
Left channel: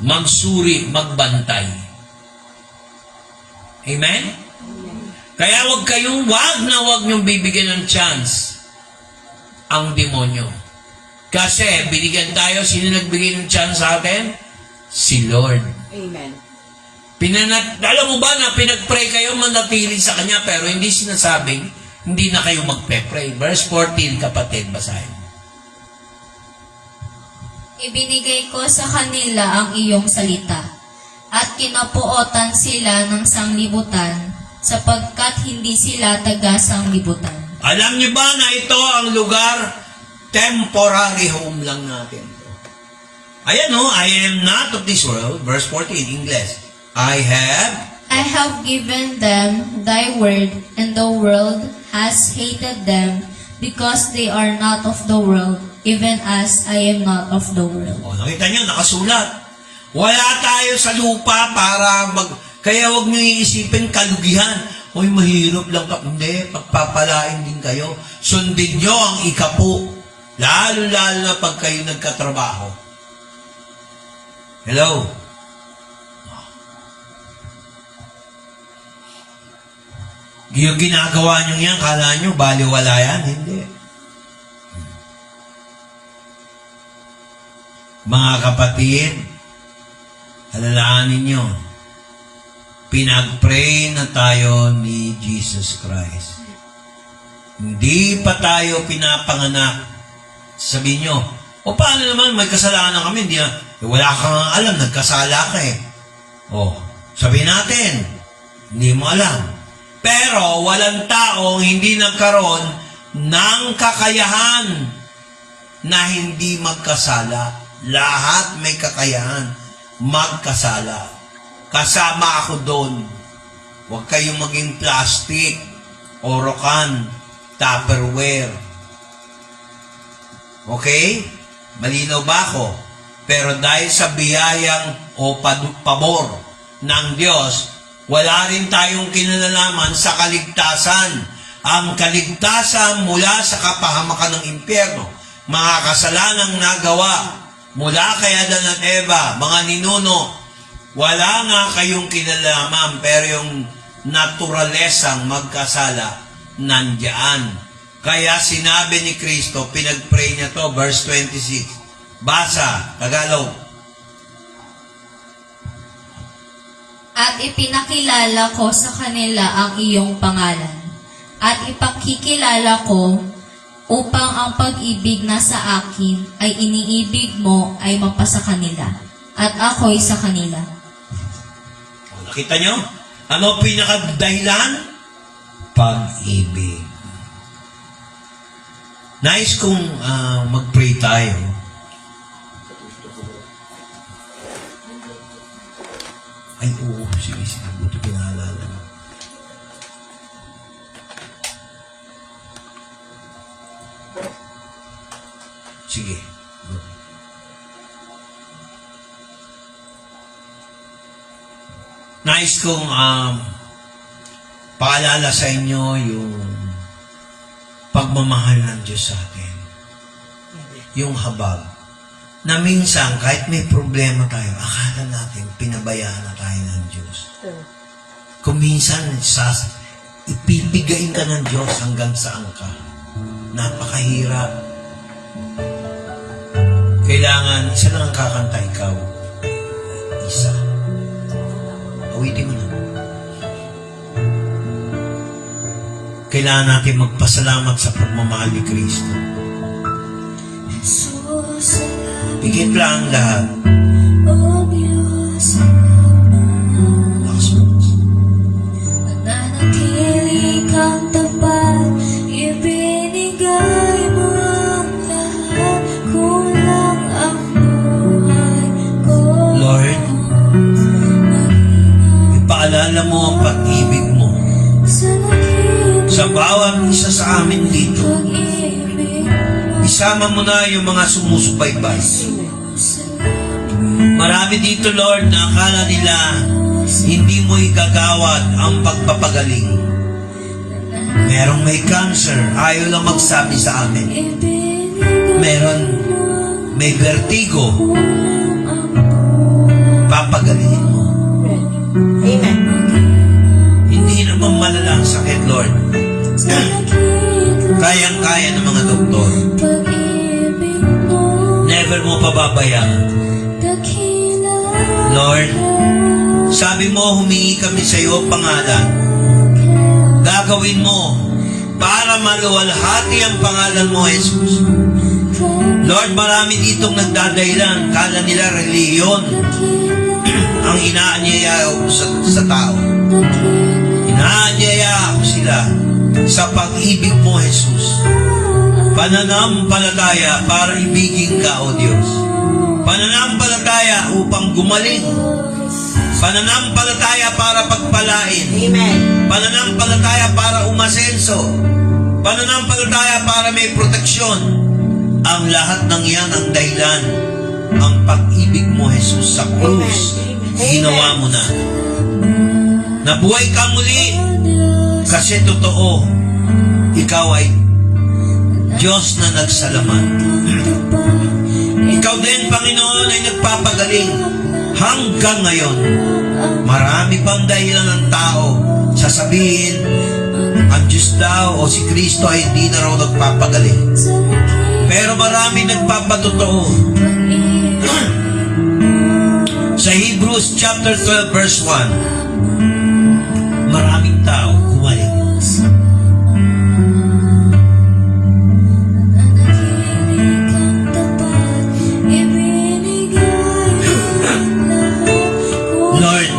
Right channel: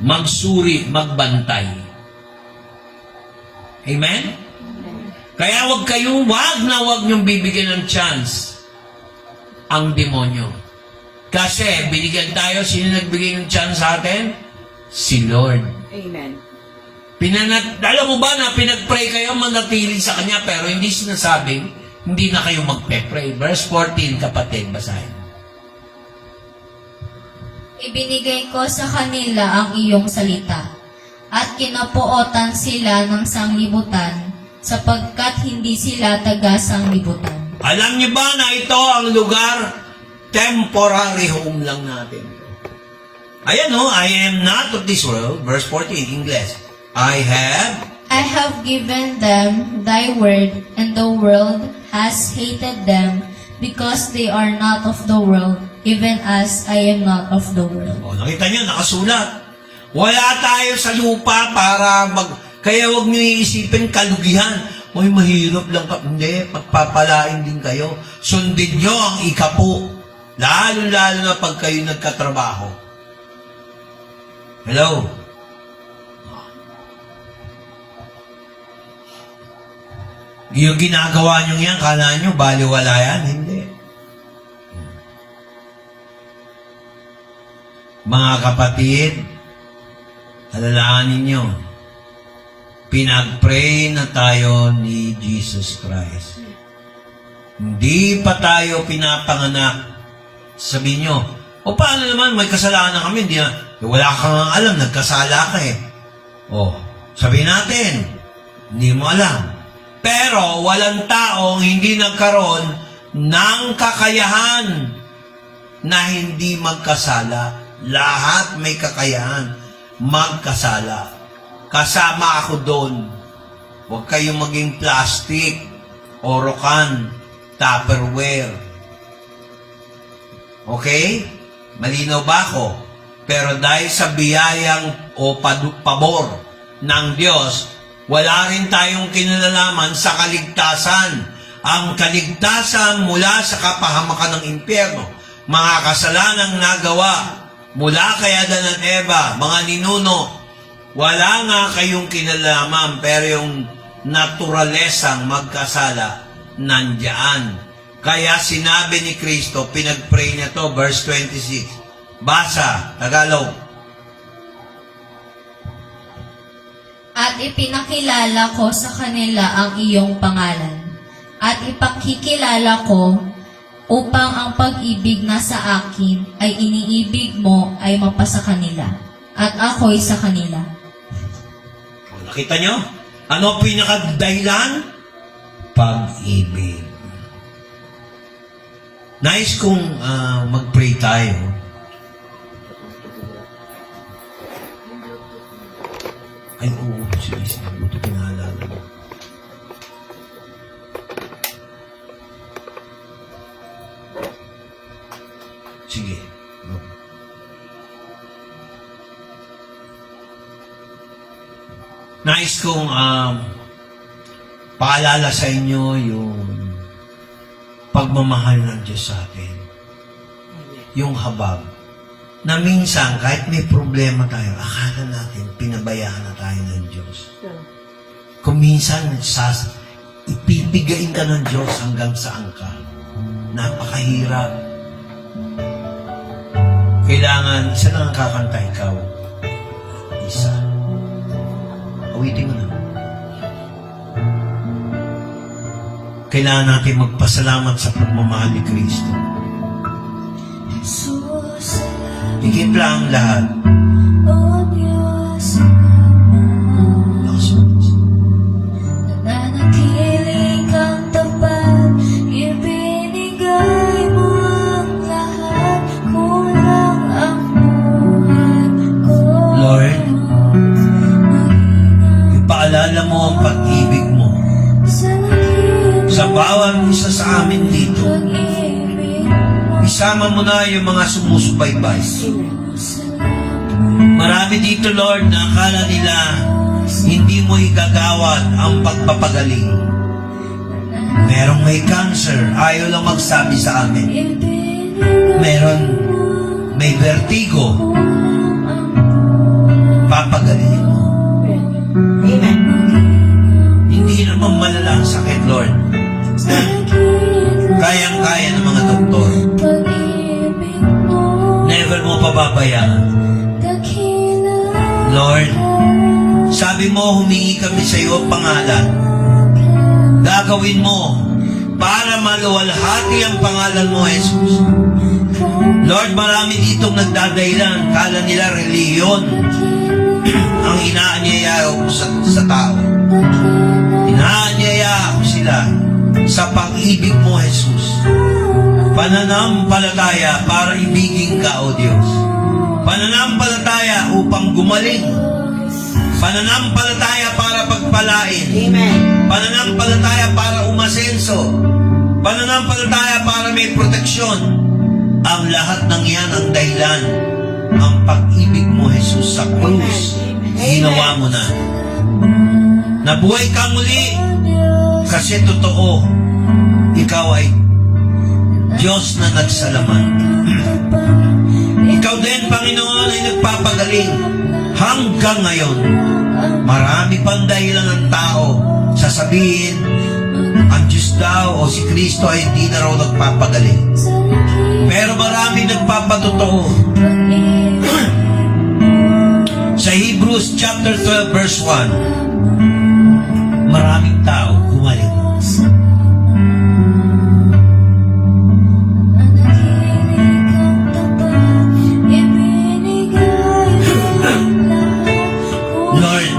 magsuri, magbantay. Amen? Kaya wag na wag niyong bibigyan ng chance ang demonyo. Kasi binigyan tayo, sino nagbigay ng chance sa atin? Si Lord. Amen. Alam mo ba na pinag-pray kayo manatili sa Kanya pero hindi sinasabing hindi na kayo magpe-pray. Verse 14, kapatid, basahin. Ibinigay ko sa kanila ang iyong salita, at kinapuotan sila ng sanglibutan, sapagkat hindi sila taga-sanglibutan. Alam niyo ba na ito ang lugar, temporary home lang natin. Ayan I am not of this world. Verse 14, English. I I have given them thy word, and the world has hated them, because they are not of the world, even as I am not of the world. O, nakita niyo, nakasulat. Wala tayo sa lupa para kaya wag niyo iisipin kalugihan. Uy, mahirap lang ka. Hindi, pagpapalain din kayo. Sundin niyo ang ikapu. Lalo-lalo na pag kayo nagkatrabaho. Hello? Yung ginagawa niyo yan, kala niyo, baliwala yan. Hindi. Mga kapatid, alalahanin niyo, pinag-pray na tayo ni Jesus Christ. Hindi pa tayo pinapanganak. Sabihin niyo, o paano naman, may kasalanan kami, hindi na, wala kang alam, nagkasala ka eh. O, sabihin natin, hindi mo alam. Pero walang taong hindi nagkaroon ng kakayahan na hindi magkasala. Lahat may kakayahan magkasala. Kasama ako doon. Huwag kayong maging plastic, orokan, Tupperware. Okay? Malinaw ba ako? Pero dahil sa biyayang o pabor ng Diyos, wala rin tayong kinalalaman sa kaligtasan. Ang kaligtasan mula sa kapahamakan ng impyerno, mga kasalanang nagawa mula kay Adan at Eva, mga ninuno, wala nga kayong kinalaman, pero yung naturalesang magkasala, nandiyan. Kaya sinabi ni Kristo, pinag-pray niya to, verse 26. Basa, Tagalog. At ipinakilala ko sa kanila ang iyong pangalan. At ipakikilala ko upang ang pag-ibig na sa akin ay iniibig mo ay mapasa kanila. At ako'y sa kanila. O, nakita nyo? Ano ang pinakadahilan? Pag-ibig. Nice kung mag-pray tayo. Ay, oo, sige, ito pinaalala mo. Sige. Nice kong paalala sa inyo yung pagmamahal ng Diyos sa atin. Yung habag. Na minsan, kahit may problema tayo, akala natin, pinabayaan na tayo ng Diyos. Kung minsan, ipipigain ka ng Diyos hanggang saan ka. Napakahirap. Kailangan, isa lang ang kakanta ikaw. Isa. Awitin mo na. Kailangan natin magpasalamat sa pagmamahal ni Kristo. Higit lang lahat. Nanatili kang tapat, ibinigay mo ang lahat, kulang ang buhay ko. Lord, ipaalala mo ang pag-ibig mo sa bawat isa sa amin dito. Isama mo na yung mga sumusubaybay. Marami dito, Lord, na akala nila hindi mo igagawad ang pagpapagaling. Merong may cancer, ayaw lang magsabi sa amin. May vertigo, papagalingin mo. Amen. Hindi naman malala ang sakit, Lord. Kayang-kaya ng mga doktor. Never mo pababayaan. Lord, sabi mo, humingi kami sa iyo pangalan. Gagawin mo para maluwalhati ang pangalan mo, Jesus. Lord, marami ditong nagdadahilan. Kala nila reliyon ang inaanyaya sa tao. Inaanyaya ko sila sa pag-ibig mo, Jesus. Pananampalataya para ibigin ka, O Diyos. Pananampalataya upang gumaling. Pananampalataya para pagpalain pagkain. Amen. Pananampalataya para umasenso. Pananampalataya para may proteksyon. Ang lahat ng yan ang dahilan. Ang pag-ibig mo, Jesus, sa krus. Amen. Ginawa mo na. Nabuhay ka muli. Kasi totoo, ikaw ay Diyos na nagsalamat. Ikaw din, Panginoon, ay nagpapagaling. Hanggang ngayon, marami pang dahilan ng tao sasabihin, ang Diyos daw o si Kristo ay di na raw nagpapagaling. Pero marami nagpapatotoo. Sa Hebrews chapter 12 verse 1, maraming tao gumaling. Lord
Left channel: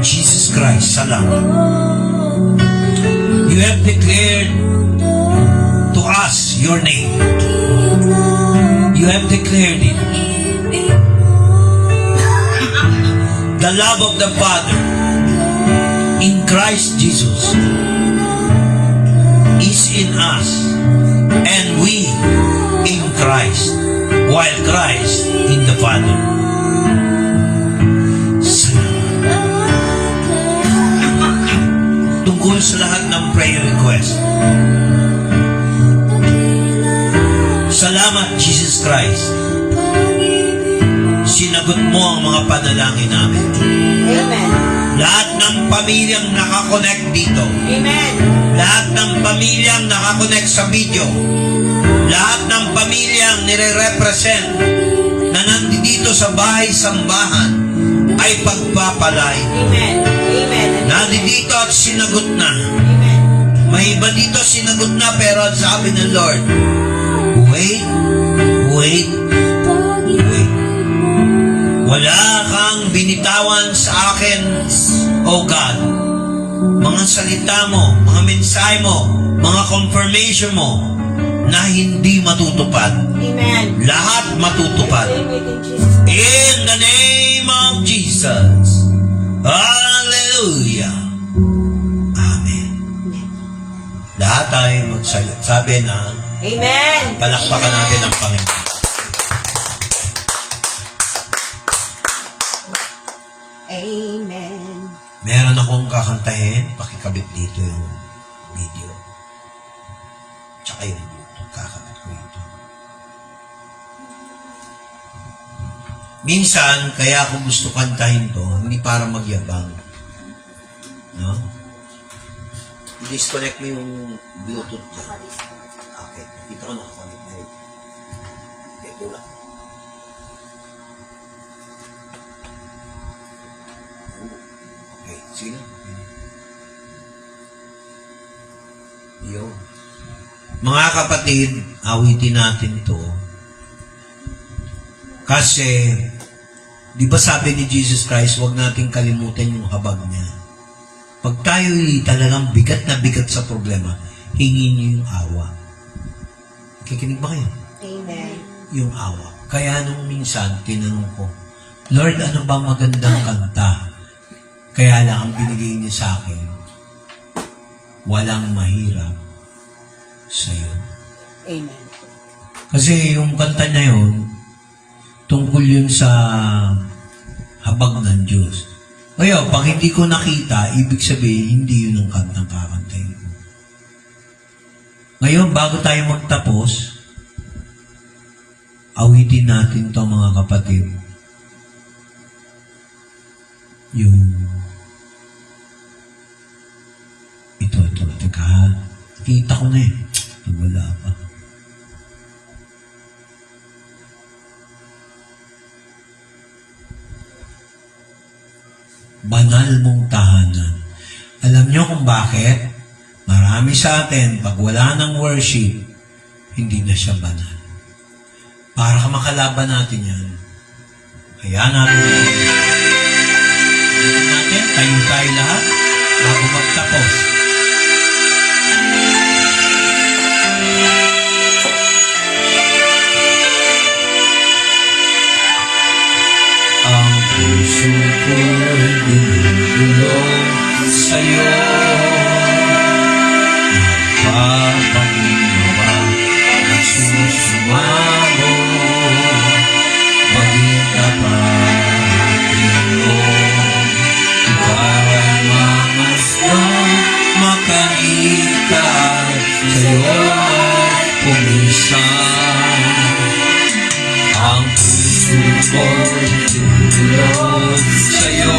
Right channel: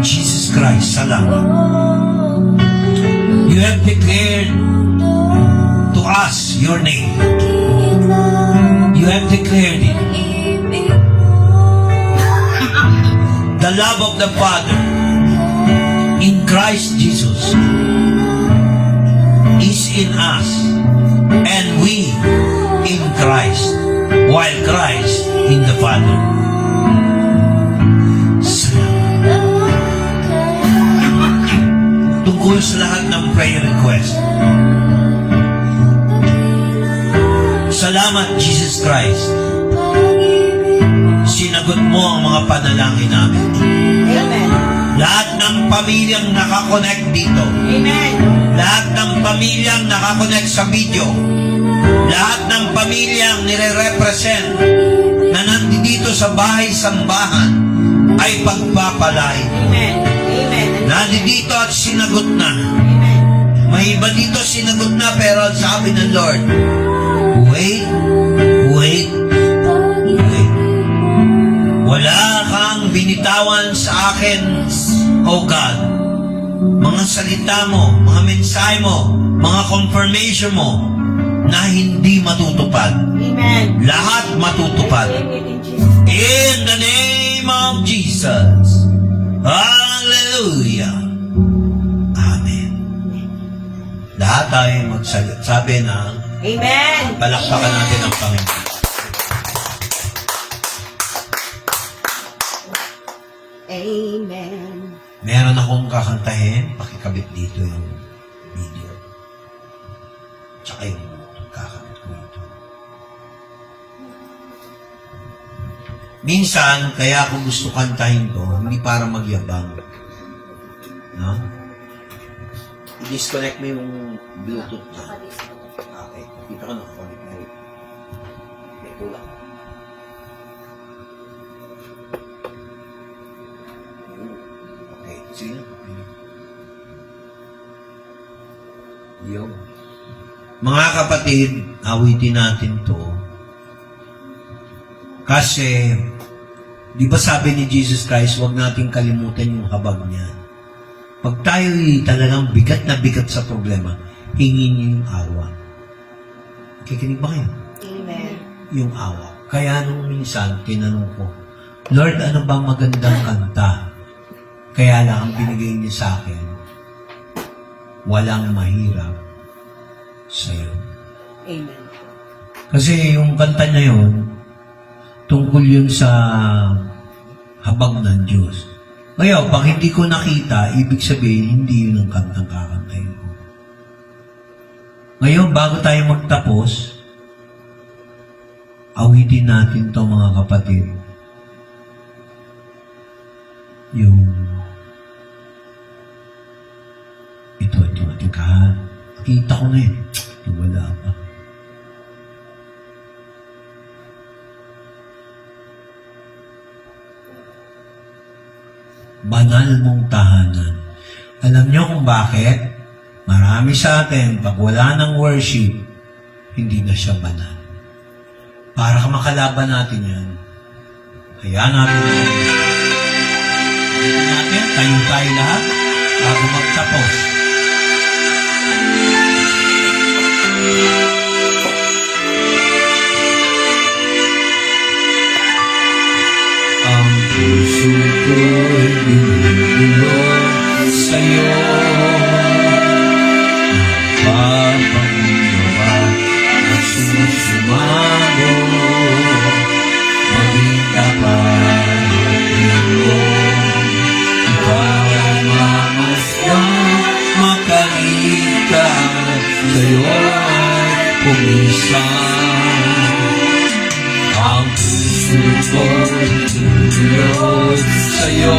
Jesus Christ, salamat. You have declared to us your name. You have declared it. The love of the Father in Christ Jesus is in us, and we in Christ, while Christ in the Father. Tungkol sa lahat ng prayer request. Salamat, Jesus Christ. Sinagot mo ang mga panalangin namin. Amen. Lahat ng pamilyang nakakonect dito. Amen. Lahat ng pamilyang nakakonect sa video. Lahat ng pamilyang nire-represent na nandito sa bahay-sambahan ay pagpapalain. Amen. Amen. Nandito at sinagot na. Amen. May iba dito sinagot na pero sabi ng Lord, wait, wait, wait. Wala kang binitawan sa akin, O God. Mga salita mo, mga mensahe mo, mga confirmation mo na hindi matutupad. Amen. Lahat matutupad. Amen in Jesus. In the name of Jesus. Hallelujah. Amen. Lahat tayo magsabi na Amen. palakpakan natin ang Panginoon. Amen. Meron akong kakantahin, pakikabit dito yung video. Tsaka yung kakabit ko ito. Minsan, kaya ako gusto kantahin to, hindi para magyabang. No? I-disconnect mo yung Bluetooth na. Okay, kita ko nakakonect na rin. Ito lang. Okay, sige. Yun. Mga kapatid, awitin natin to. Kasi, di ba sabi ni Jesus Christ, huwag nating kalimutan yung habag niya. Pag tayo'y talagang bigat na bigat sa problema, hingin niyo yung awa. Kikinig ba kayo? Amen. Yung awa. Kaya nung minsan, tinanong ko, Lord, ano ba magandang kanta? Kaya lang ang binigay niya sa akin, walang mahirap sa'yo. Amen. Kasi yung kanta niya yun, tungkol yun sa habag ng Diyos. Ngayon, pag hindi ko nakita, ibig sabihin, hindi yun ang kantang kakantahin ko. Ngayon, bago tayo magtapos, awitin natin to mga kapatid. Yung ito. Teka, kita ko na eh. Wala pa. Banal mong tahanan. Alam niyo kung bakit? Marami sa atin, pag wala ng worship, hindi na siya banal. Para ka makalaban natin yan, kaya natin tayo lahat bago magtapos. Ang puso ko'y binibulong sa tutulog sa'yo.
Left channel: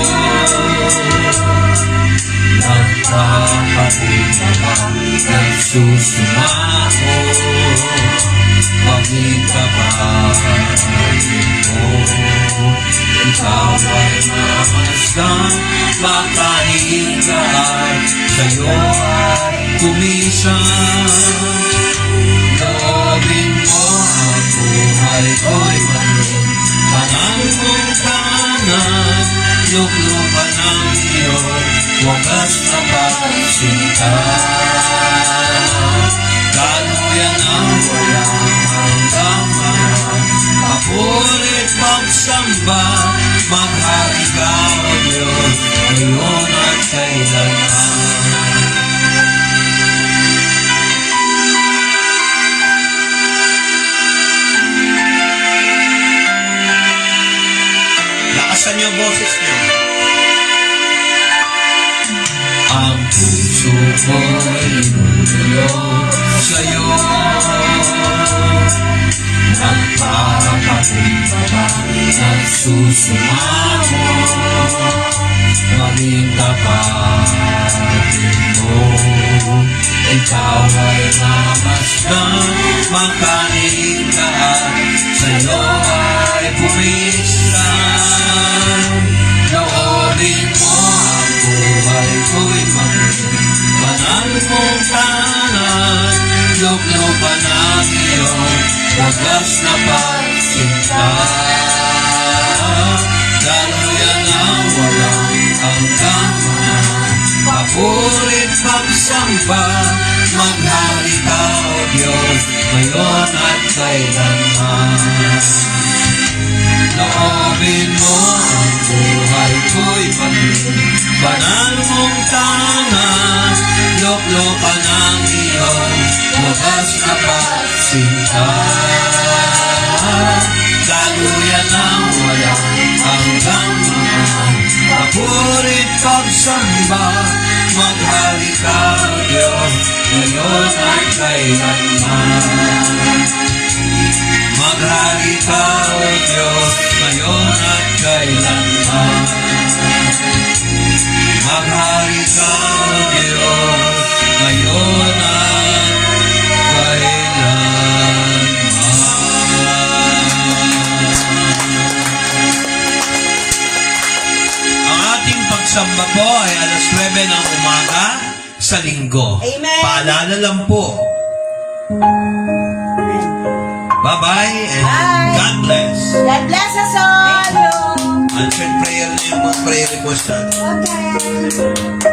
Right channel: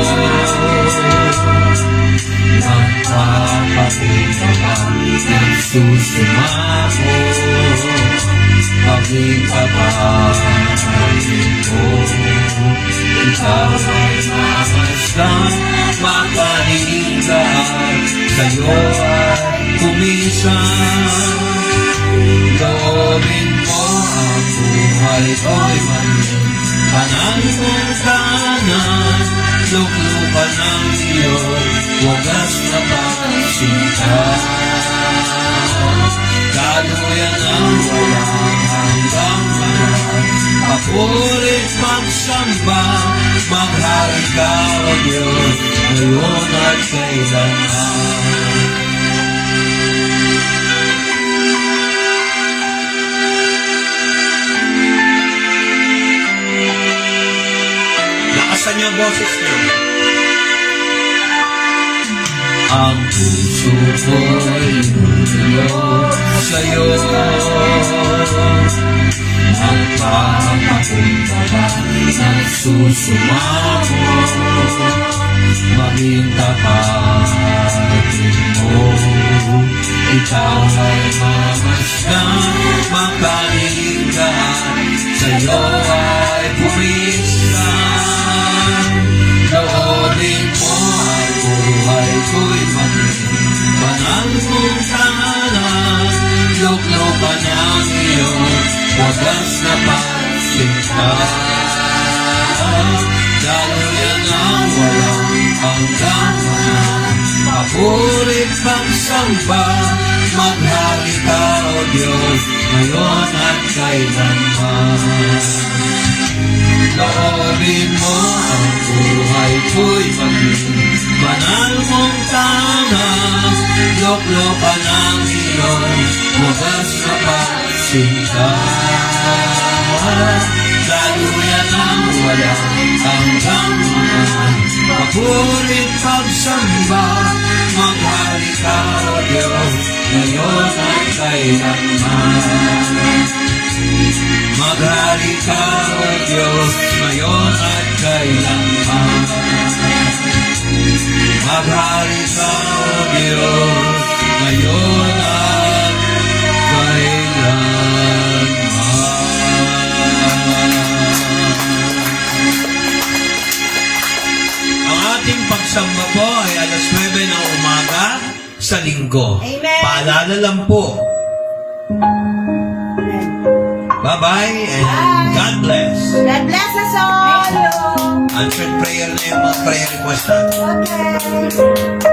Nagpapakumbaba, nagsusumako, maging kapalit ko. Ikaw ay namasdan, makanigaan, sa'yo ay kumisan. Loobin mo ang buhay ko'y maging banal mong kanan, luklukan ng iyong wagas na pagsinta. Galuyan ang walang hanggang lahat, papurit pagsamba, maghari ka o Diyos, ngayon at kailanman. Lakasan niyo ang boses niyo. Ang puso ko'y lulog sa'yo. Nagpapakumbaba, nagsusumako, maging tapatin mo. Ikaw ay mamasdan, makanigaan, sa'yo ay pumislan. Loobin mo ang buhay ko'y maging banal mong kanan, luklukan ang iyong wagas na pagsinta. Daluyan ang walang hanggang man, papurit pagsamba, maghari ka o Diyos, ngayon at kailanman. Loobin mo ang buhay ko'y maging banal mong tanan, luklukan ang iyong wagas na pagsinta. Daluyan ang walang hanggang man, papurit pagsamba, maghari ka o Diyos, ngayon at kailanman. Maghari ka o Diyos, ngayon at kailanman. Maghari ka o Diyos, ngayon at kailanman. Ang ating pagsamba po ay alas 9 ng umaga sa linggo. Amen. Paalala lang po. Bye-bye and God bless. God bless us all. Answered prayer na yung mga prayer request natin. Okay.